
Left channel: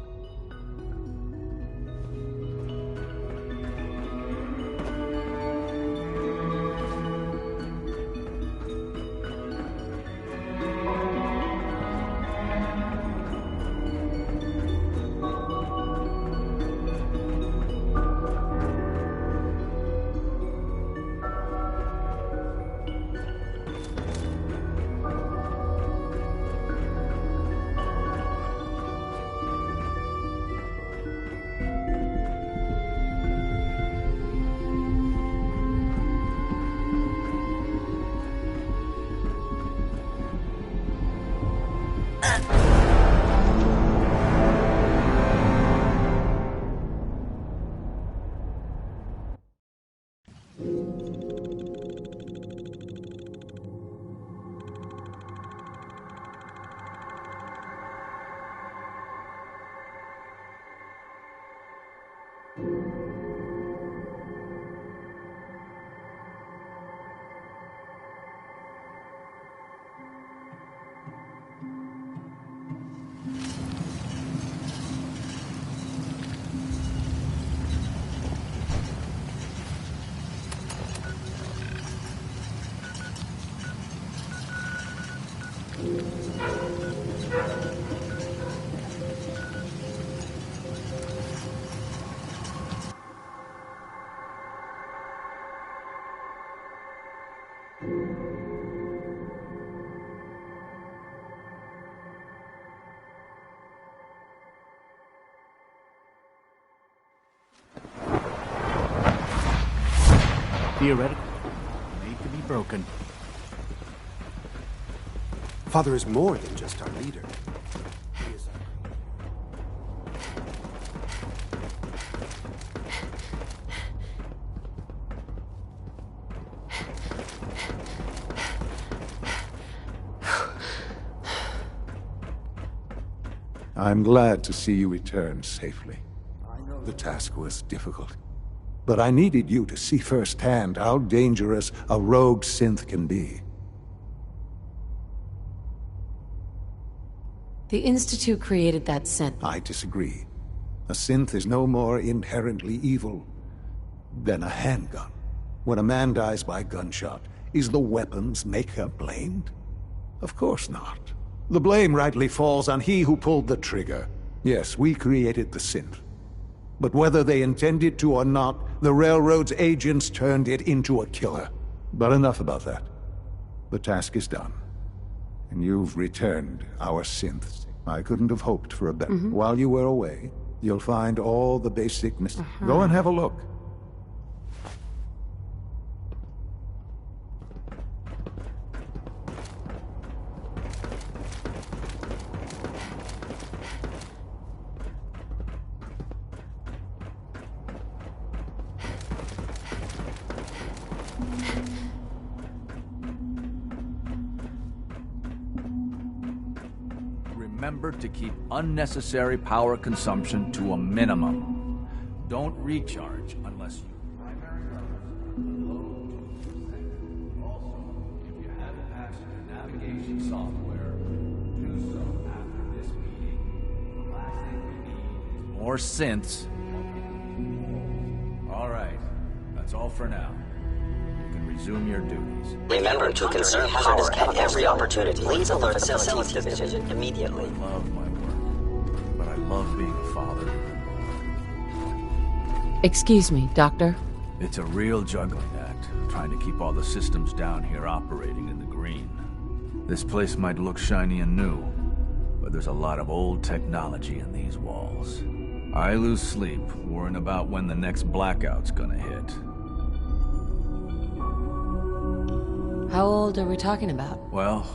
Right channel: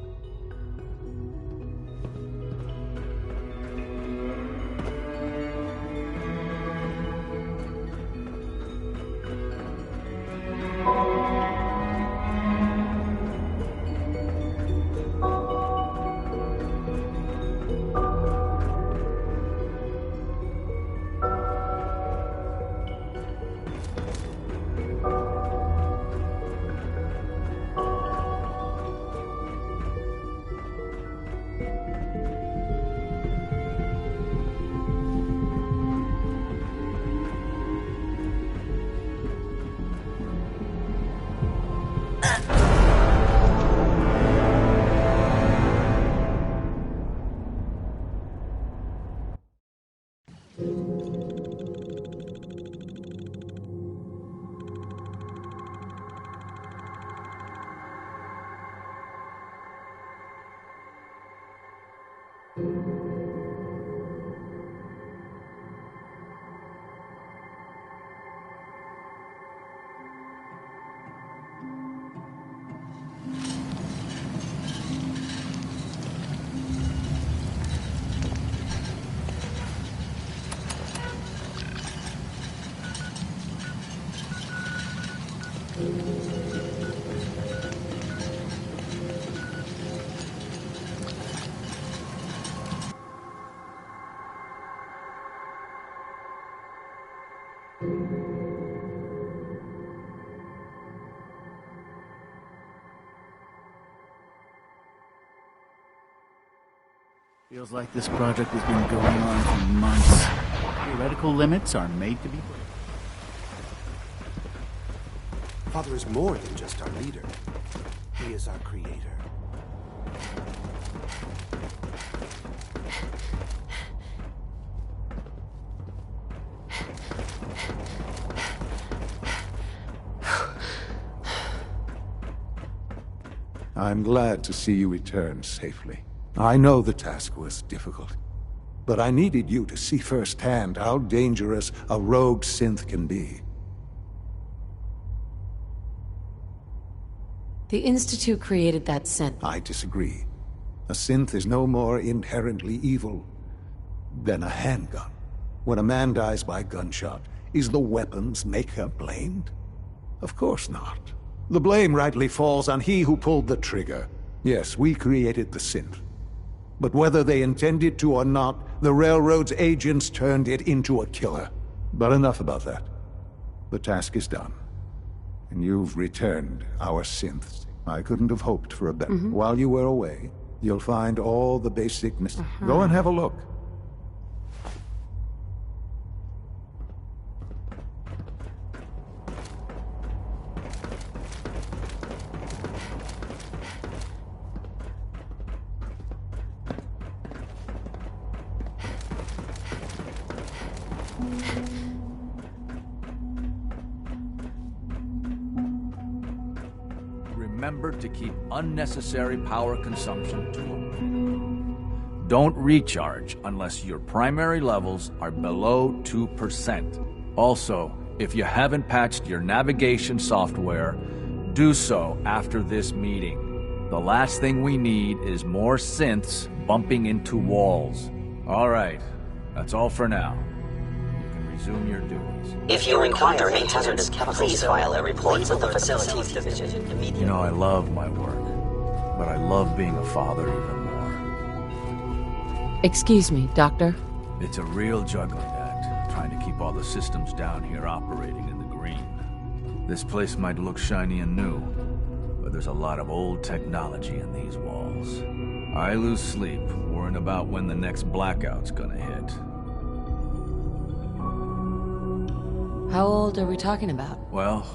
Feels like this project has been going on for months. Theoretical limits are made to be broken. Father is more than just our leader. He is our creator. I'm glad to see you return safely. I know the task was difficult, but I needed you to see firsthand how dangerous a rogue synth can be. The Institute created that synth. I disagree. A synth is no more inherently evil than a handgun. When a man dies by gunshot, is the weapon's maker blamed? Of course not. The blame rightly falls on he who pulled the trigger. Yes, we created the synth. But whether they intended to or not, the Railroad's agents turned it into a killer. But enough about that. The task is done. And you've returned our synth. I couldn't have hoped for a better... While you were away, you'll find all the basic... Go and have a look. Remember to keep unnecessary power consumption to a minimum. Don't recharge unless your primary levels are below 2%. Also, if you haven't patched your navigation software, do so after this meeting. The last thing we need is more synths bumping into walls. Alright, that's all for now. Resume your duties. If you encounter any hazardous chemicals, please alert the facilities division immediately. You know I love my work. but I love being a father even more. Excuse me, Doctor? It's a real juggling act, trying to keep all the systems down here operating in the green. This place might look shiny and new, but there's a lot of old technology in these walls. I lose sleep worrying about when the next blackout's gonna hit. How old are we talking about? Well,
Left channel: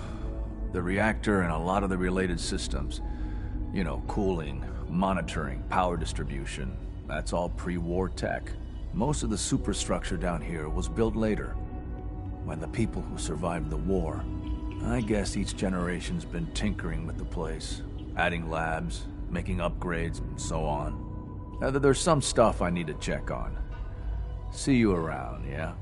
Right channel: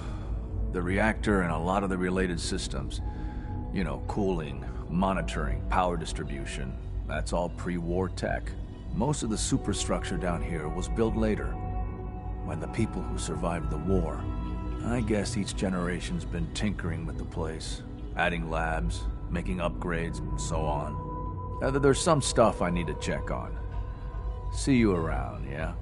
the reactor and a lot of the related systems. You know, cooling, monitoring, power distribution. That's all pre-war tech. Most of the superstructure down here was built later, when the people who survived the war. I guess each generation's been tinkering with the place, adding labs, making upgrades, and so on. There's some stuff I need to check on. See you around, yeah?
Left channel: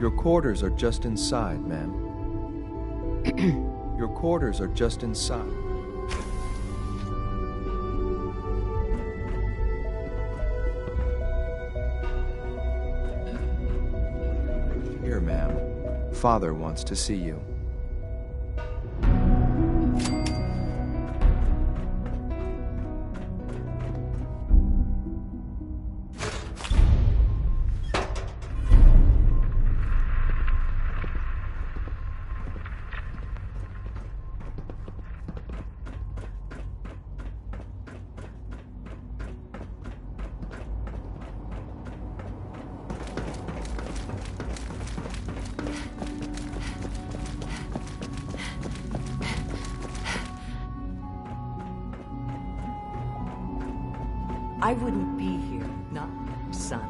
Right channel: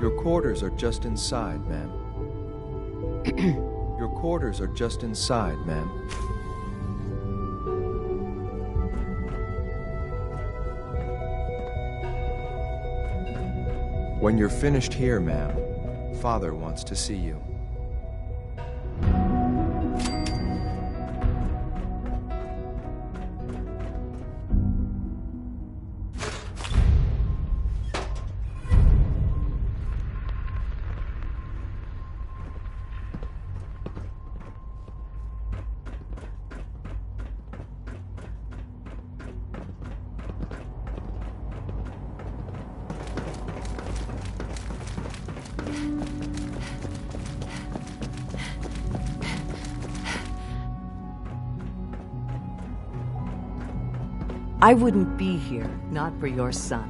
Your quarters are just inside, ma'am. Your quarters are just inside, ma'am. When you're finished here, ma'am, Father wants to see you. I wouldn't be here, not for your son.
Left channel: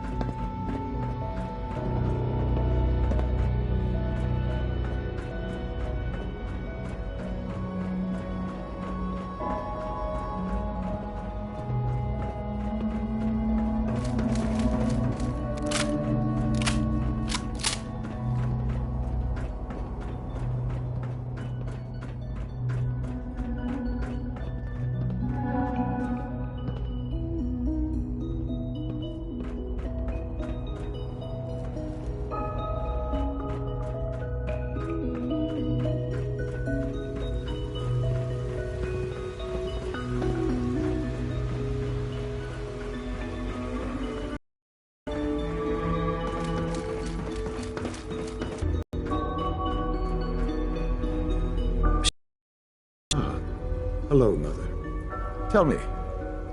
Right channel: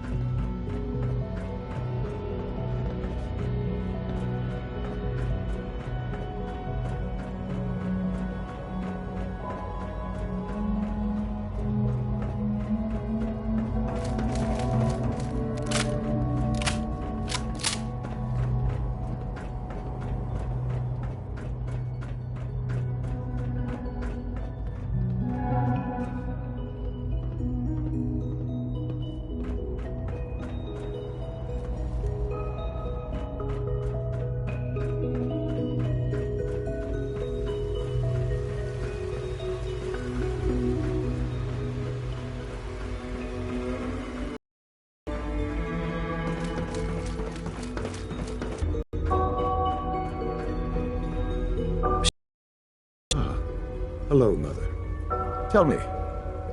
Hello, Mother. Tell me,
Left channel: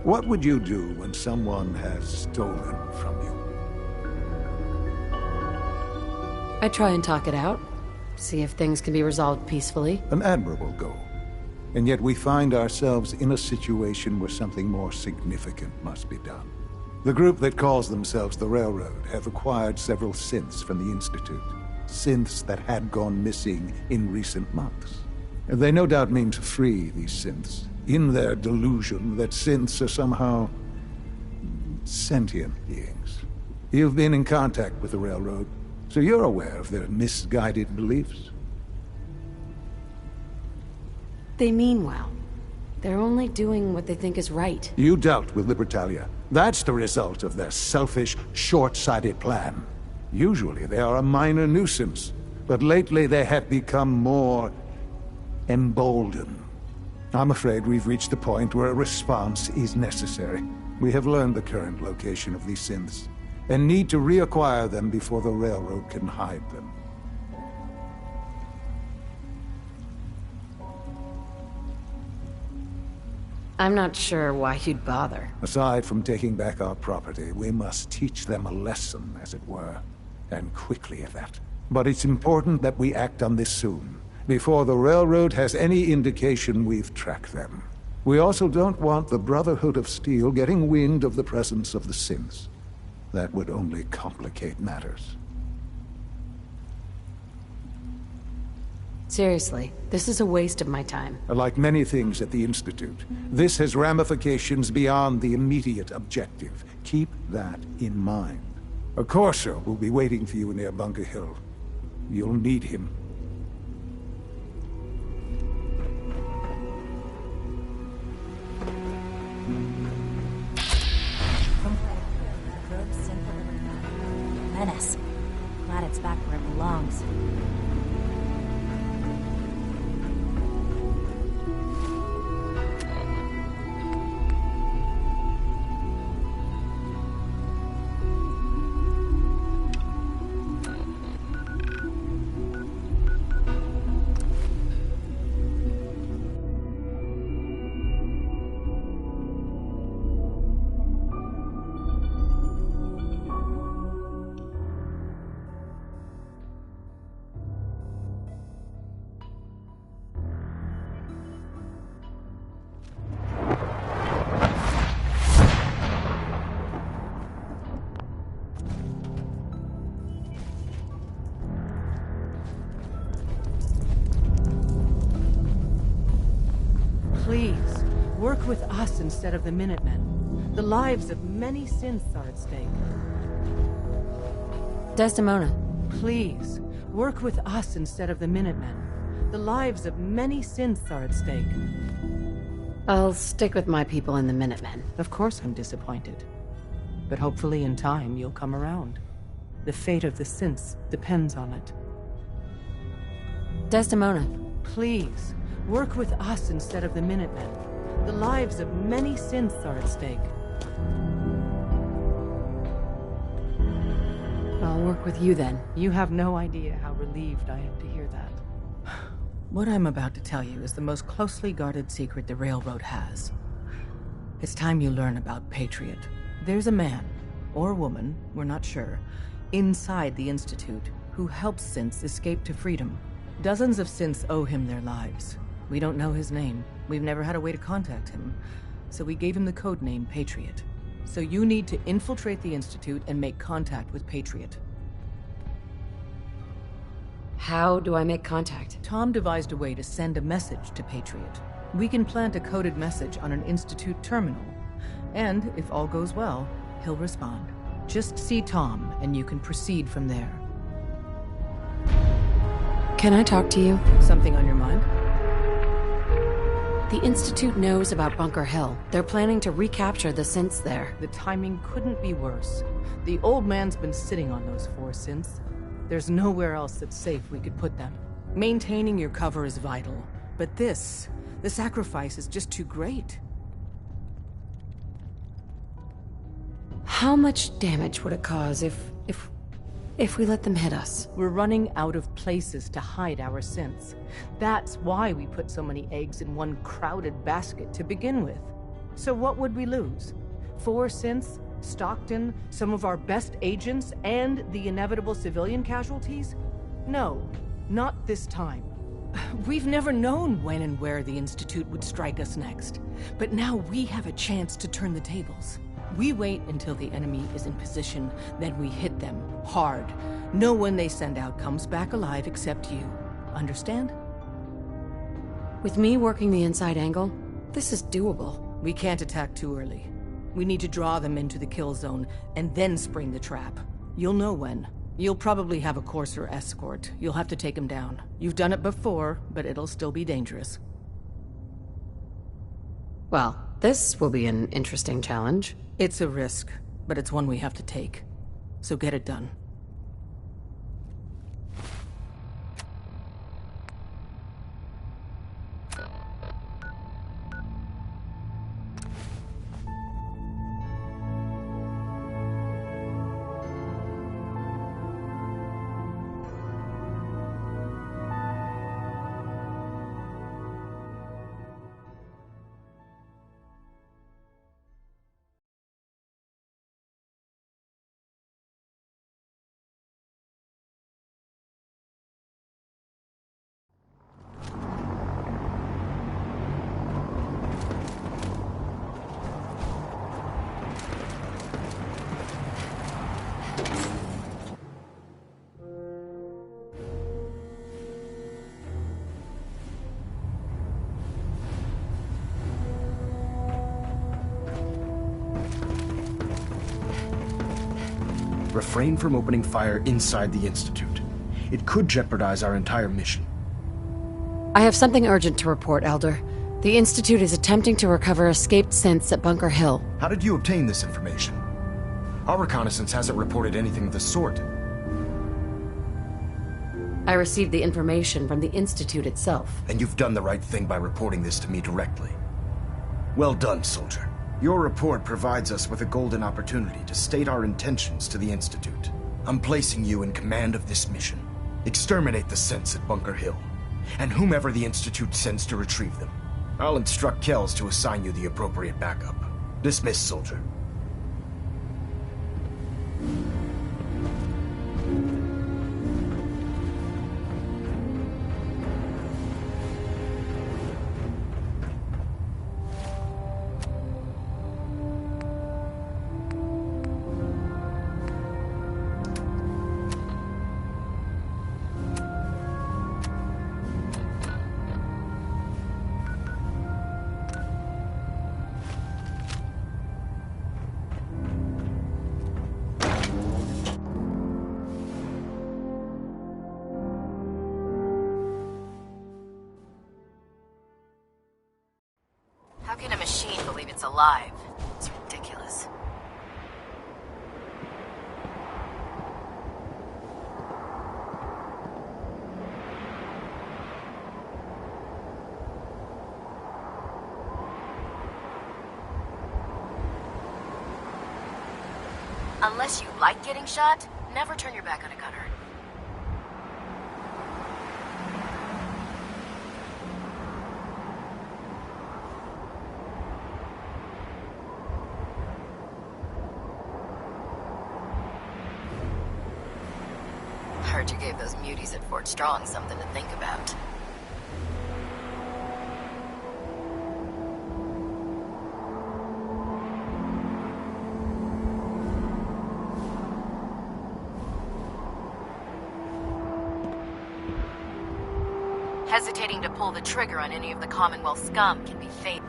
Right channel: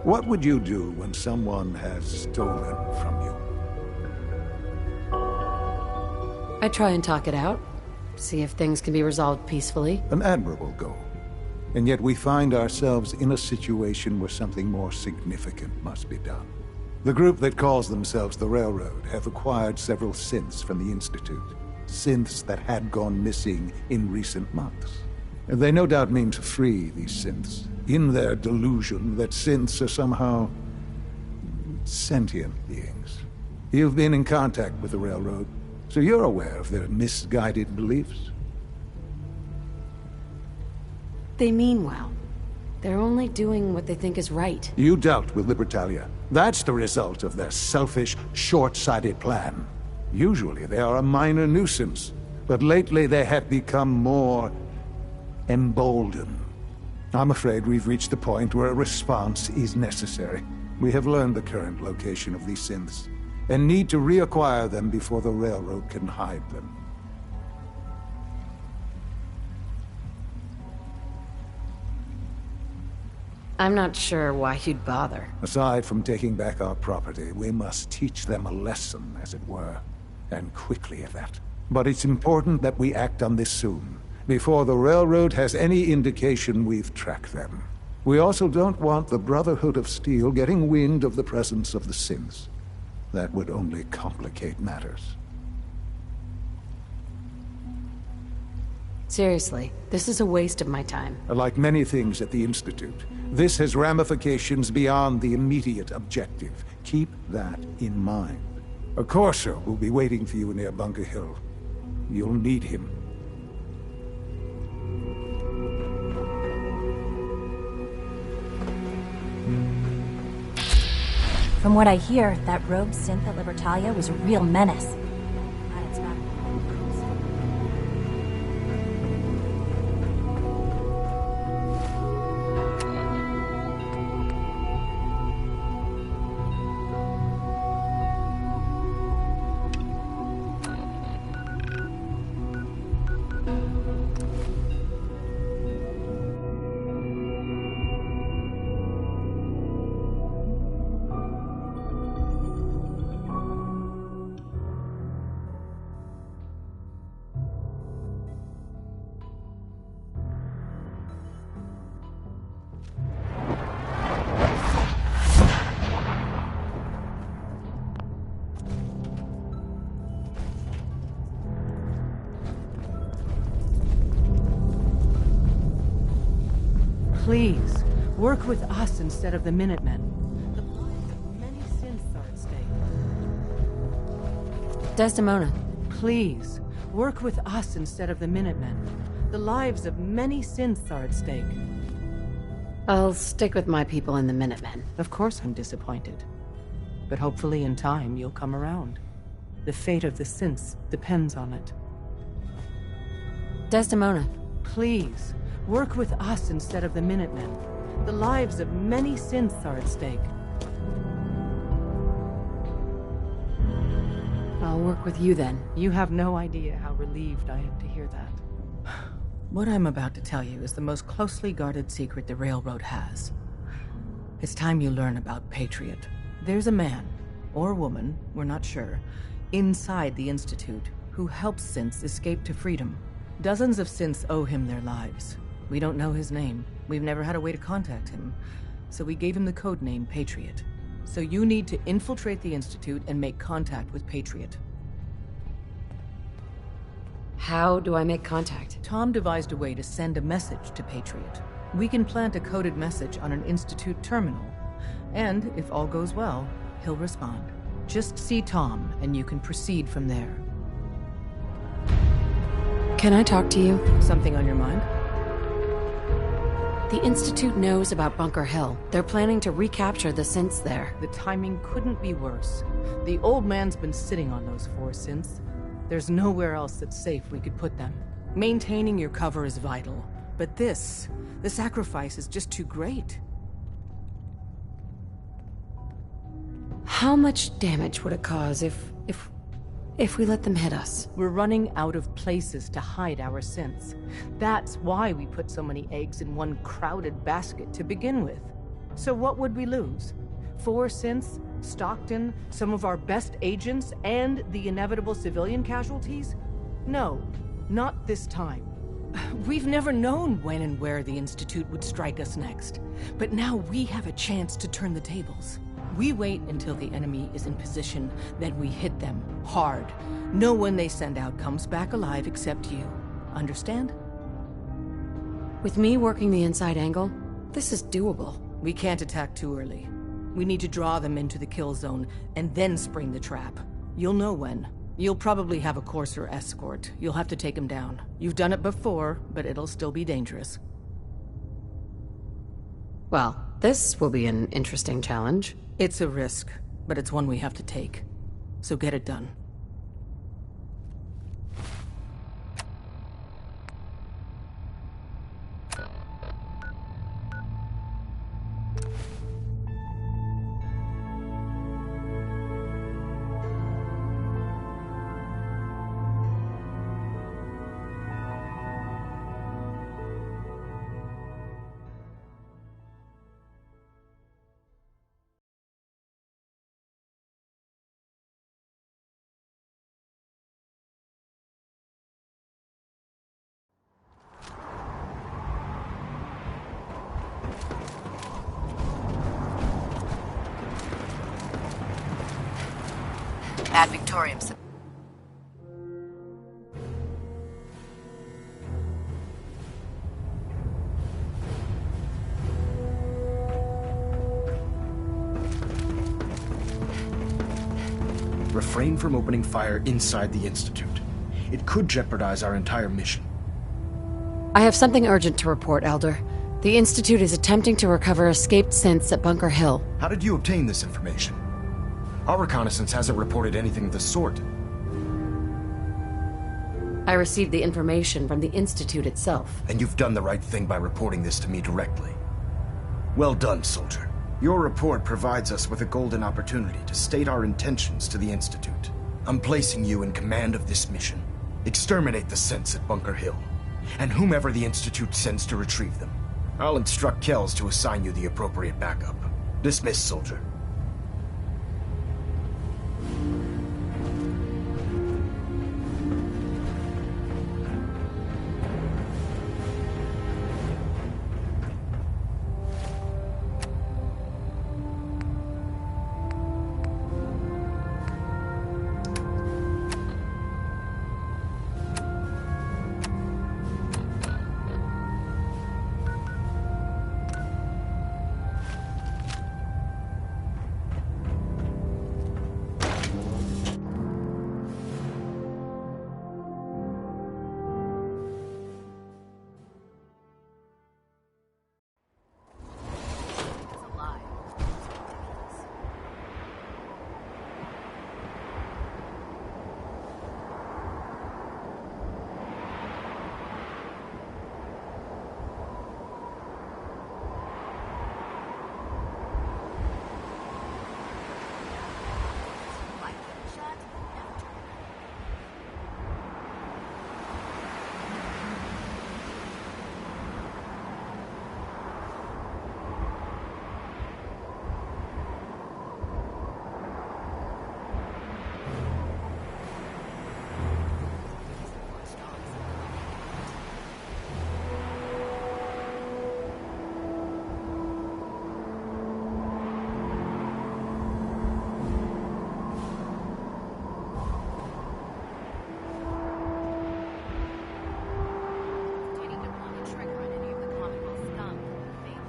what would you do when someone has stolen from you? I try and talk it out. See if things can be resolved peacefully. An admirable goal. And yet we find ourselves in a situation where something more significant must be done. The group that calls themselves the Railroad have acquired several synths from the Institute. Synths that had gone missing in recent months. They no doubt mean to free these synths, in their delusion that synths are somehow sentient beings. You've been in contact with the Railroad, so you're aware of their misguided beliefs. They mean well. They're only doing what they think is right. You dealt with Libertalia. That's the result of their selfish, short-sighted plan. Usually they are a minor nuisance, but lately they have become more emboldened. I'm afraid we've reached the point where a response is necessary. We have learned the current location of these synths, and need to reacquire them before the Railroad can hide them. I'm not sure why you'd bother. Aside from taking back our property, we must teach them a lesson, as it were. And quickly at that. But it's important that we act on this soon, before the Railroad has any indication we've tracked them. We also don't want the Brotherhood of Steel getting wind of the presence of the synths. That would only complicate matters. Seriously, this is a waste of my time. Like many things at the Institute, this has ramifications beyond the immediate objective. Keep that in mind. A Courser will be waiting for you near Bunker Hill. You'll need him. From what I hear, that rogue synth at Libertalia was a real menace. Glad it's back where it belongs. Please, work with us instead of the Minutemen. The lives of many synths are at stake. Desdemona. Please, work with us instead of the Minutemen. The lives of many synths are at stake. I'll stick with my people in the Minutemen. Of course I'm disappointed. But hopefully in time you'll come around. The fate of the synths depends on it. Desdemona. Please, work with us instead of the Minutemen. The lives of many synths are at stake. I'll work with you then. You have no idea how relieved I am to hear that. What I'm about to tell you is the most closely guarded secret the Railroad has. It's time you learn about Patriot. There's a man, or woman, we're not sure, inside the Institute who helps synths escape to freedom. Dozens of synths owe him their lives. We don't know his name. We've never had a way to contact him. So we gave him the code name Patriot. So you need to infiltrate the Institute and make contact with Patriot. How do I make contact? Tom devised a way to send a message to Patriot. We can plant a coded message on an Institute terminal. And, if all goes well, he'll respond. Just see Tom, and you can proceed from there. Can I talk to you? Something on your mind? The Institute knows about Bunker Hill. They're planning to recapture the synths there. The timing couldn't be worse. The old man's been sitting on those 4 synths. There's nowhere else that's safe we could put them. Maintaining your cover is vital. But the sacrifice is just too great. How much damage would it cause if we let them hit us? We're running out of places to hide our synths. That's why we put so many eggs in one crowded basket to begin with. So what would we lose? 4 synths, Stockton, some of our best agents, and the inevitable civilian casualties? No, not this time. We've never known when and where the Institute would strike us next. But now we have a chance to turn the tables. We wait until the enemy is in position, then we hit them hard. No one they send out comes back alive except you. Understand? With me working the inside angle, this is doable. We can't attack too early. We need to draw them into the kill zone, and then spring the trap. You'll know when. You'll probably have a Courser escort. You'll have to take him down. You've done it before, but it'll still be dangerous. Well, this will be an interesting challenge. It's a risk, but it's one we have to take. So get it done. himself. Refrain from opening fire inside the Institute. It could jeopardize our entire mission. I have something urgent to report, Elder. The Institute is attempting to recover escaped synths at Bunker Hill. How did you obtain this information? Our reconnaissance hasn't reported anything of the sort. I received the information from the Institute itself. And you've done the right thing by reporting this to me directly. Well done, soldier. Your report provides us with a golden opportunity to state our intentions to the Institute. I'm placing you in command of this mission. Exterminate the synths at Bunker Hill, and whomever the Institute sends to retrieve them. I'll instruct Kells to assign you the appropriate backup. Dismissed, soldier. How can a machine believe it's alive? It's ridiculous. Unless you like getting shot, never turn your back on a gunner. Heard you gave those muties at Fort Strong something to think about. Hesitating to pull the trigger on any of the Commonwealth scum can be fatal.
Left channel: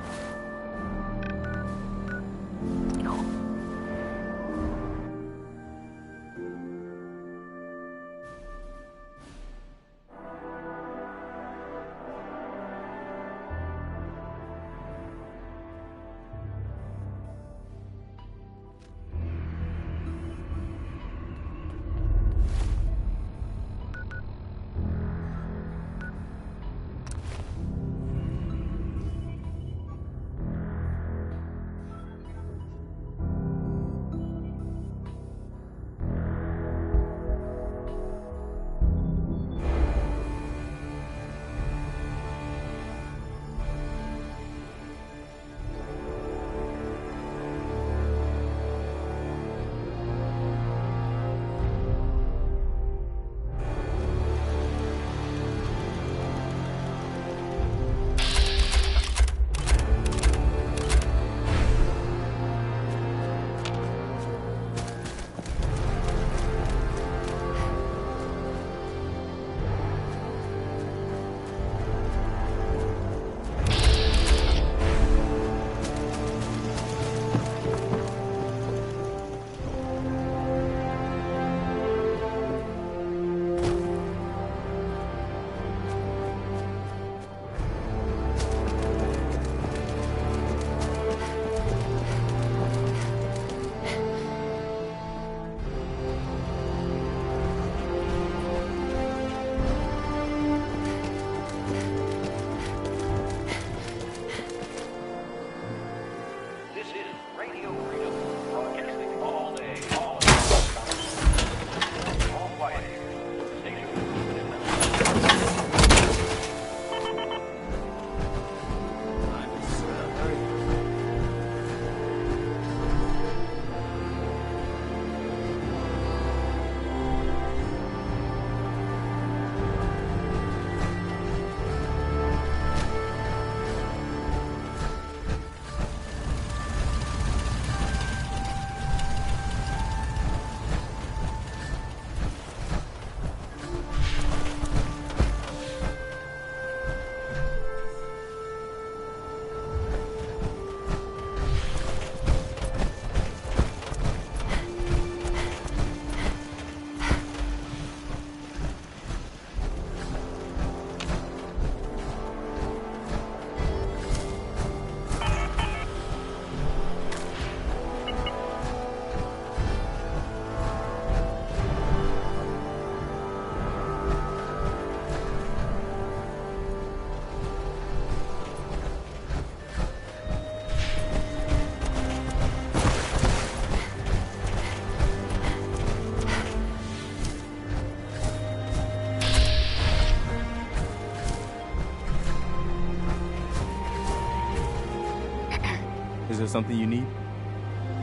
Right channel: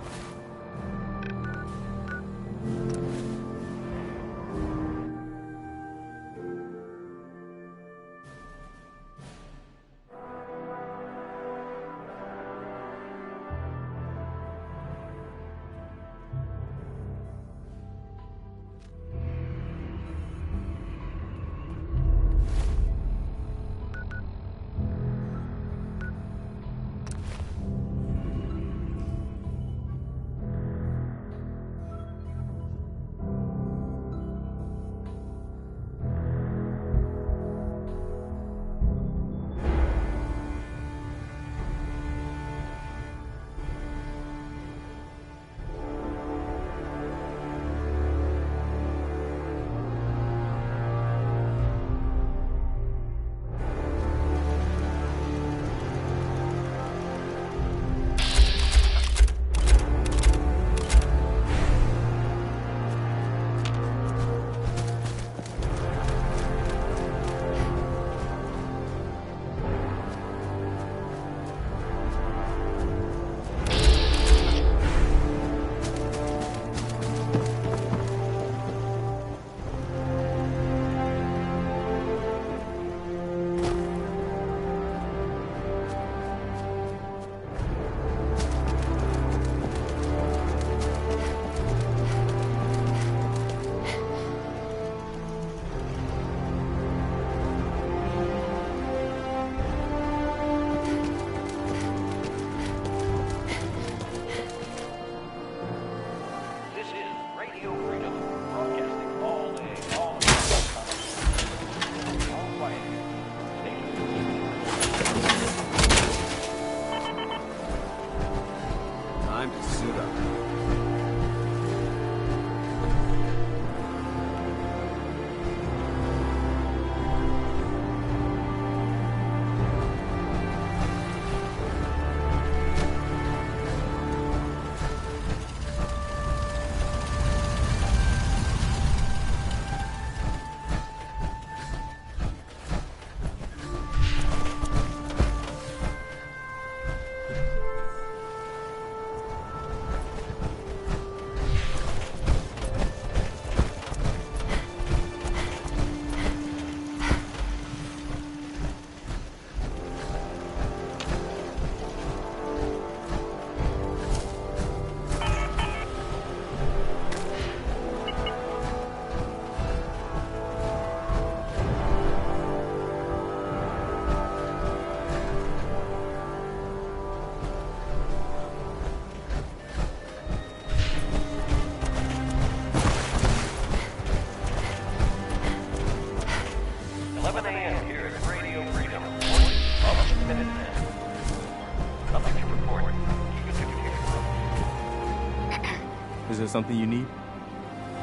Is there something you need?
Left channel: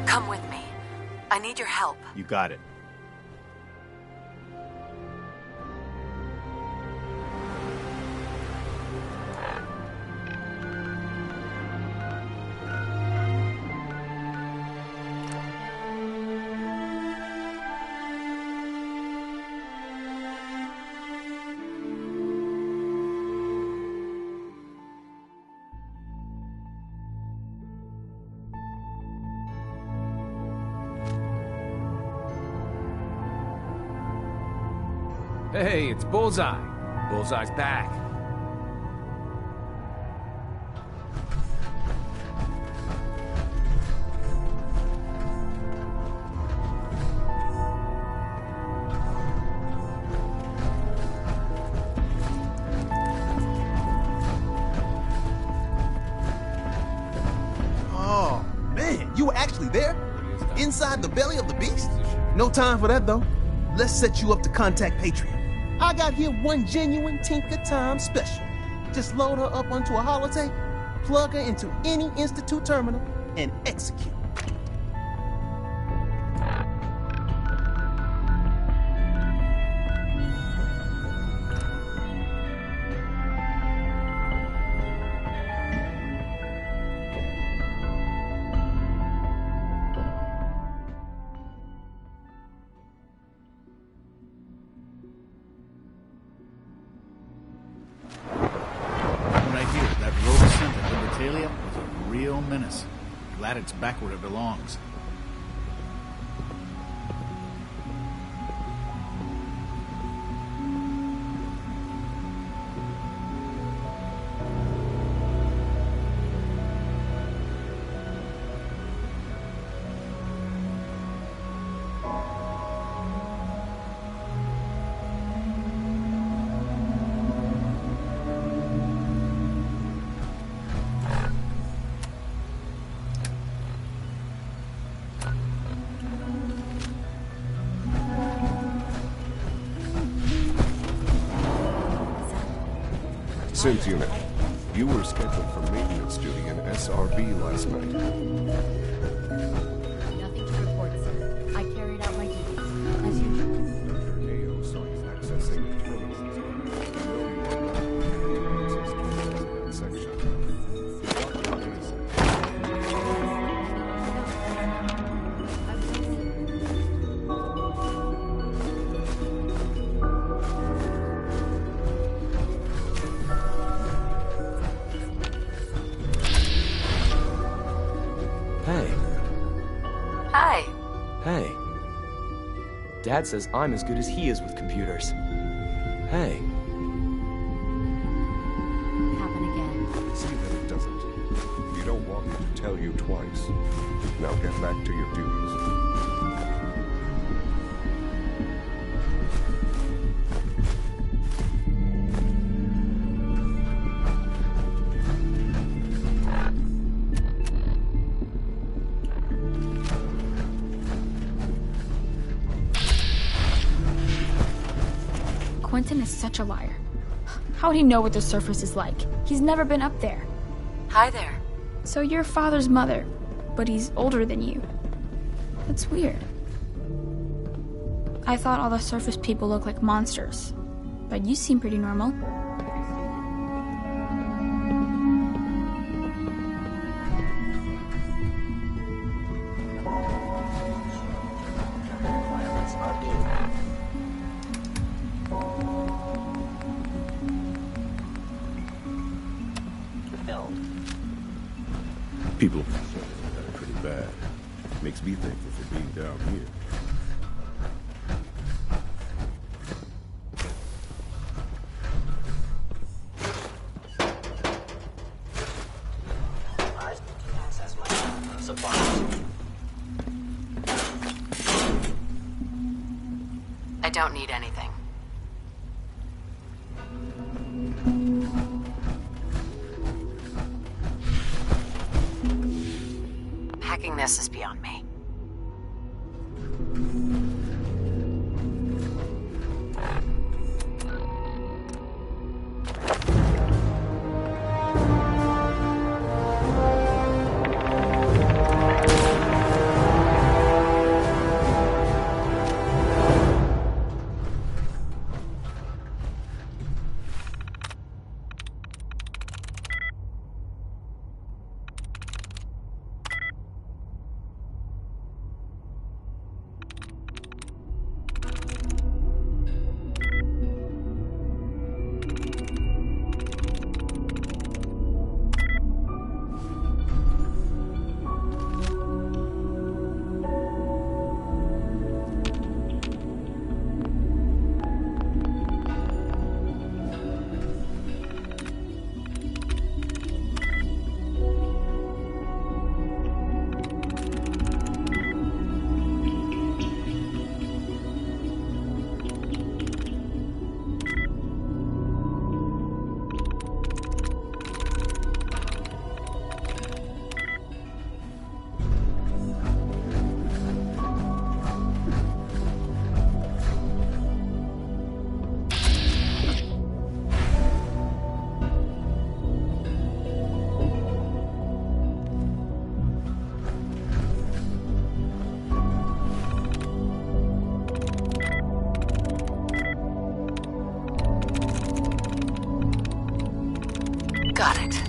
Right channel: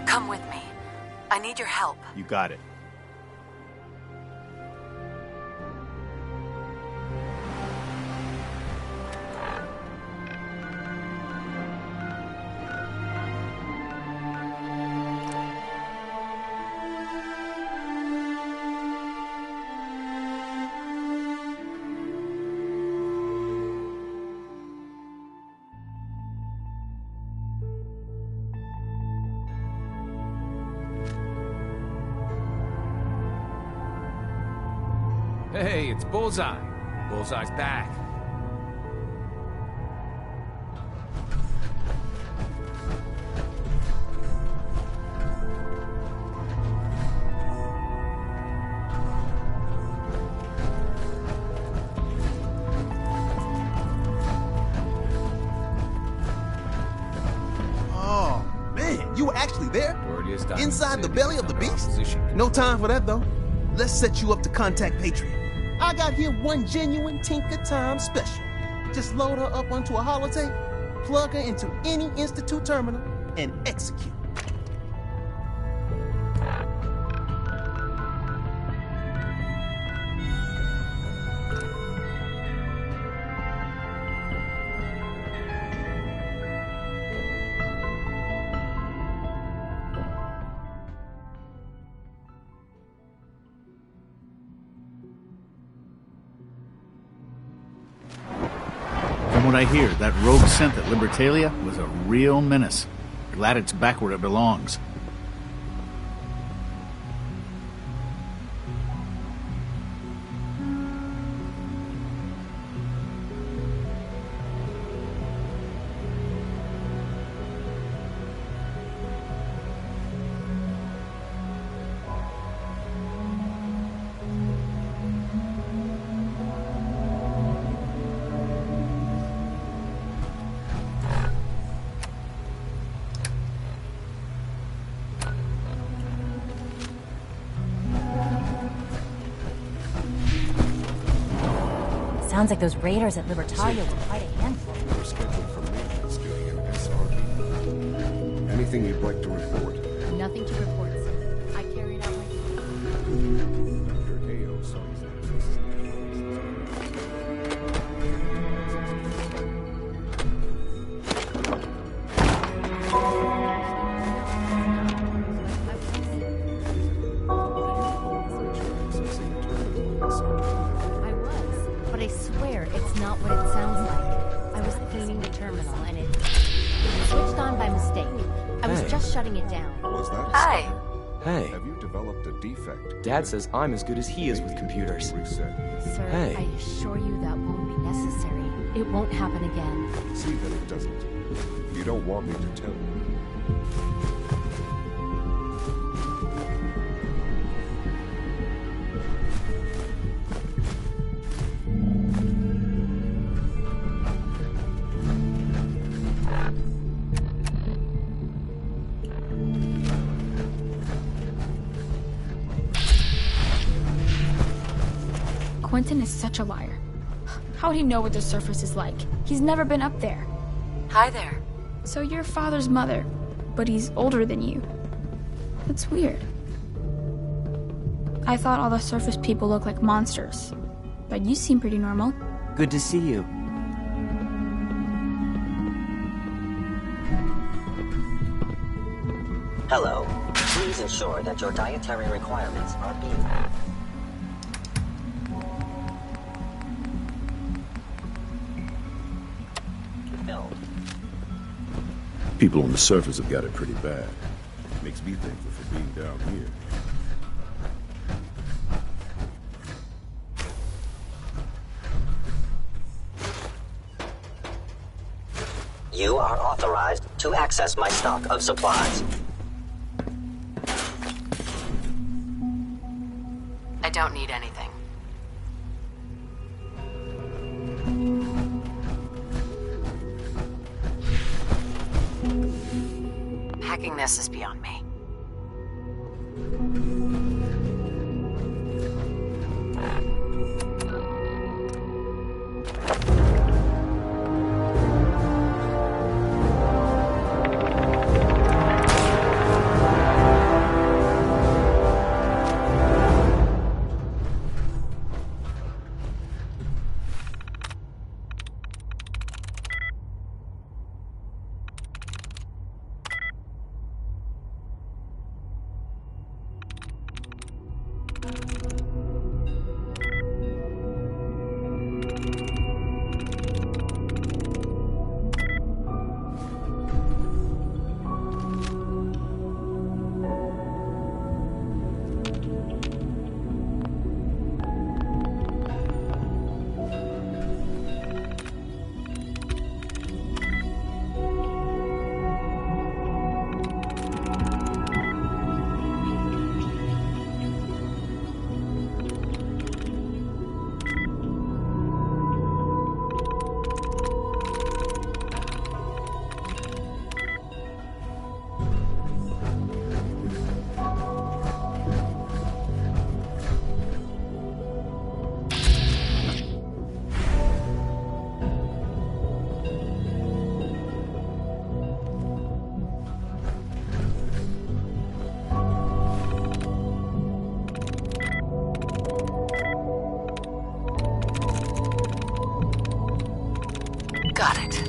Come with me. I need your help. You got it. Hey, it's Bullseye. Bullseye's back. Oh, man, you were actually there? Inside the belly of the beast? No time for that, though. Let's set you up to contact Patriot. I got here one genuine Tinker Time special. Just load her up onto a holotape, plug her into any Institute terminal, and execute. From what I hear, that rogue synth at Libertalia was a real menace. Glad it's back where it belongs. Sounds like those raiders at Libertalia were quite a handful. You were scheduled for maintenance duty in SRB last night. Anything you'd like to report? Nothing to report, sir. I carried out my duty. Dr. Ayo saw you accessing Hey. Dad says I'm as good as he is with computers. Sir, Hey. I assure you that won't be necessary. It won't happen again. See that it doesn't. You don't want me to tell you twice. Now get back to your duties. Quentin is such a liar. How would he know what the surface is like? He's never been up there. Hi there. So you're father's mother, but he's older than you. That's weird. I thought all the surface people look like monsters, but you seem pretty normal. Good to see you. Hello. Please ensure that your dietary requirements are being met. build. People on the surface have got it pretty bad. Makes me thankful for being down here. You are authorized to access my stock of supplies. I don't need anything. Hacking this is beyond me. Got it.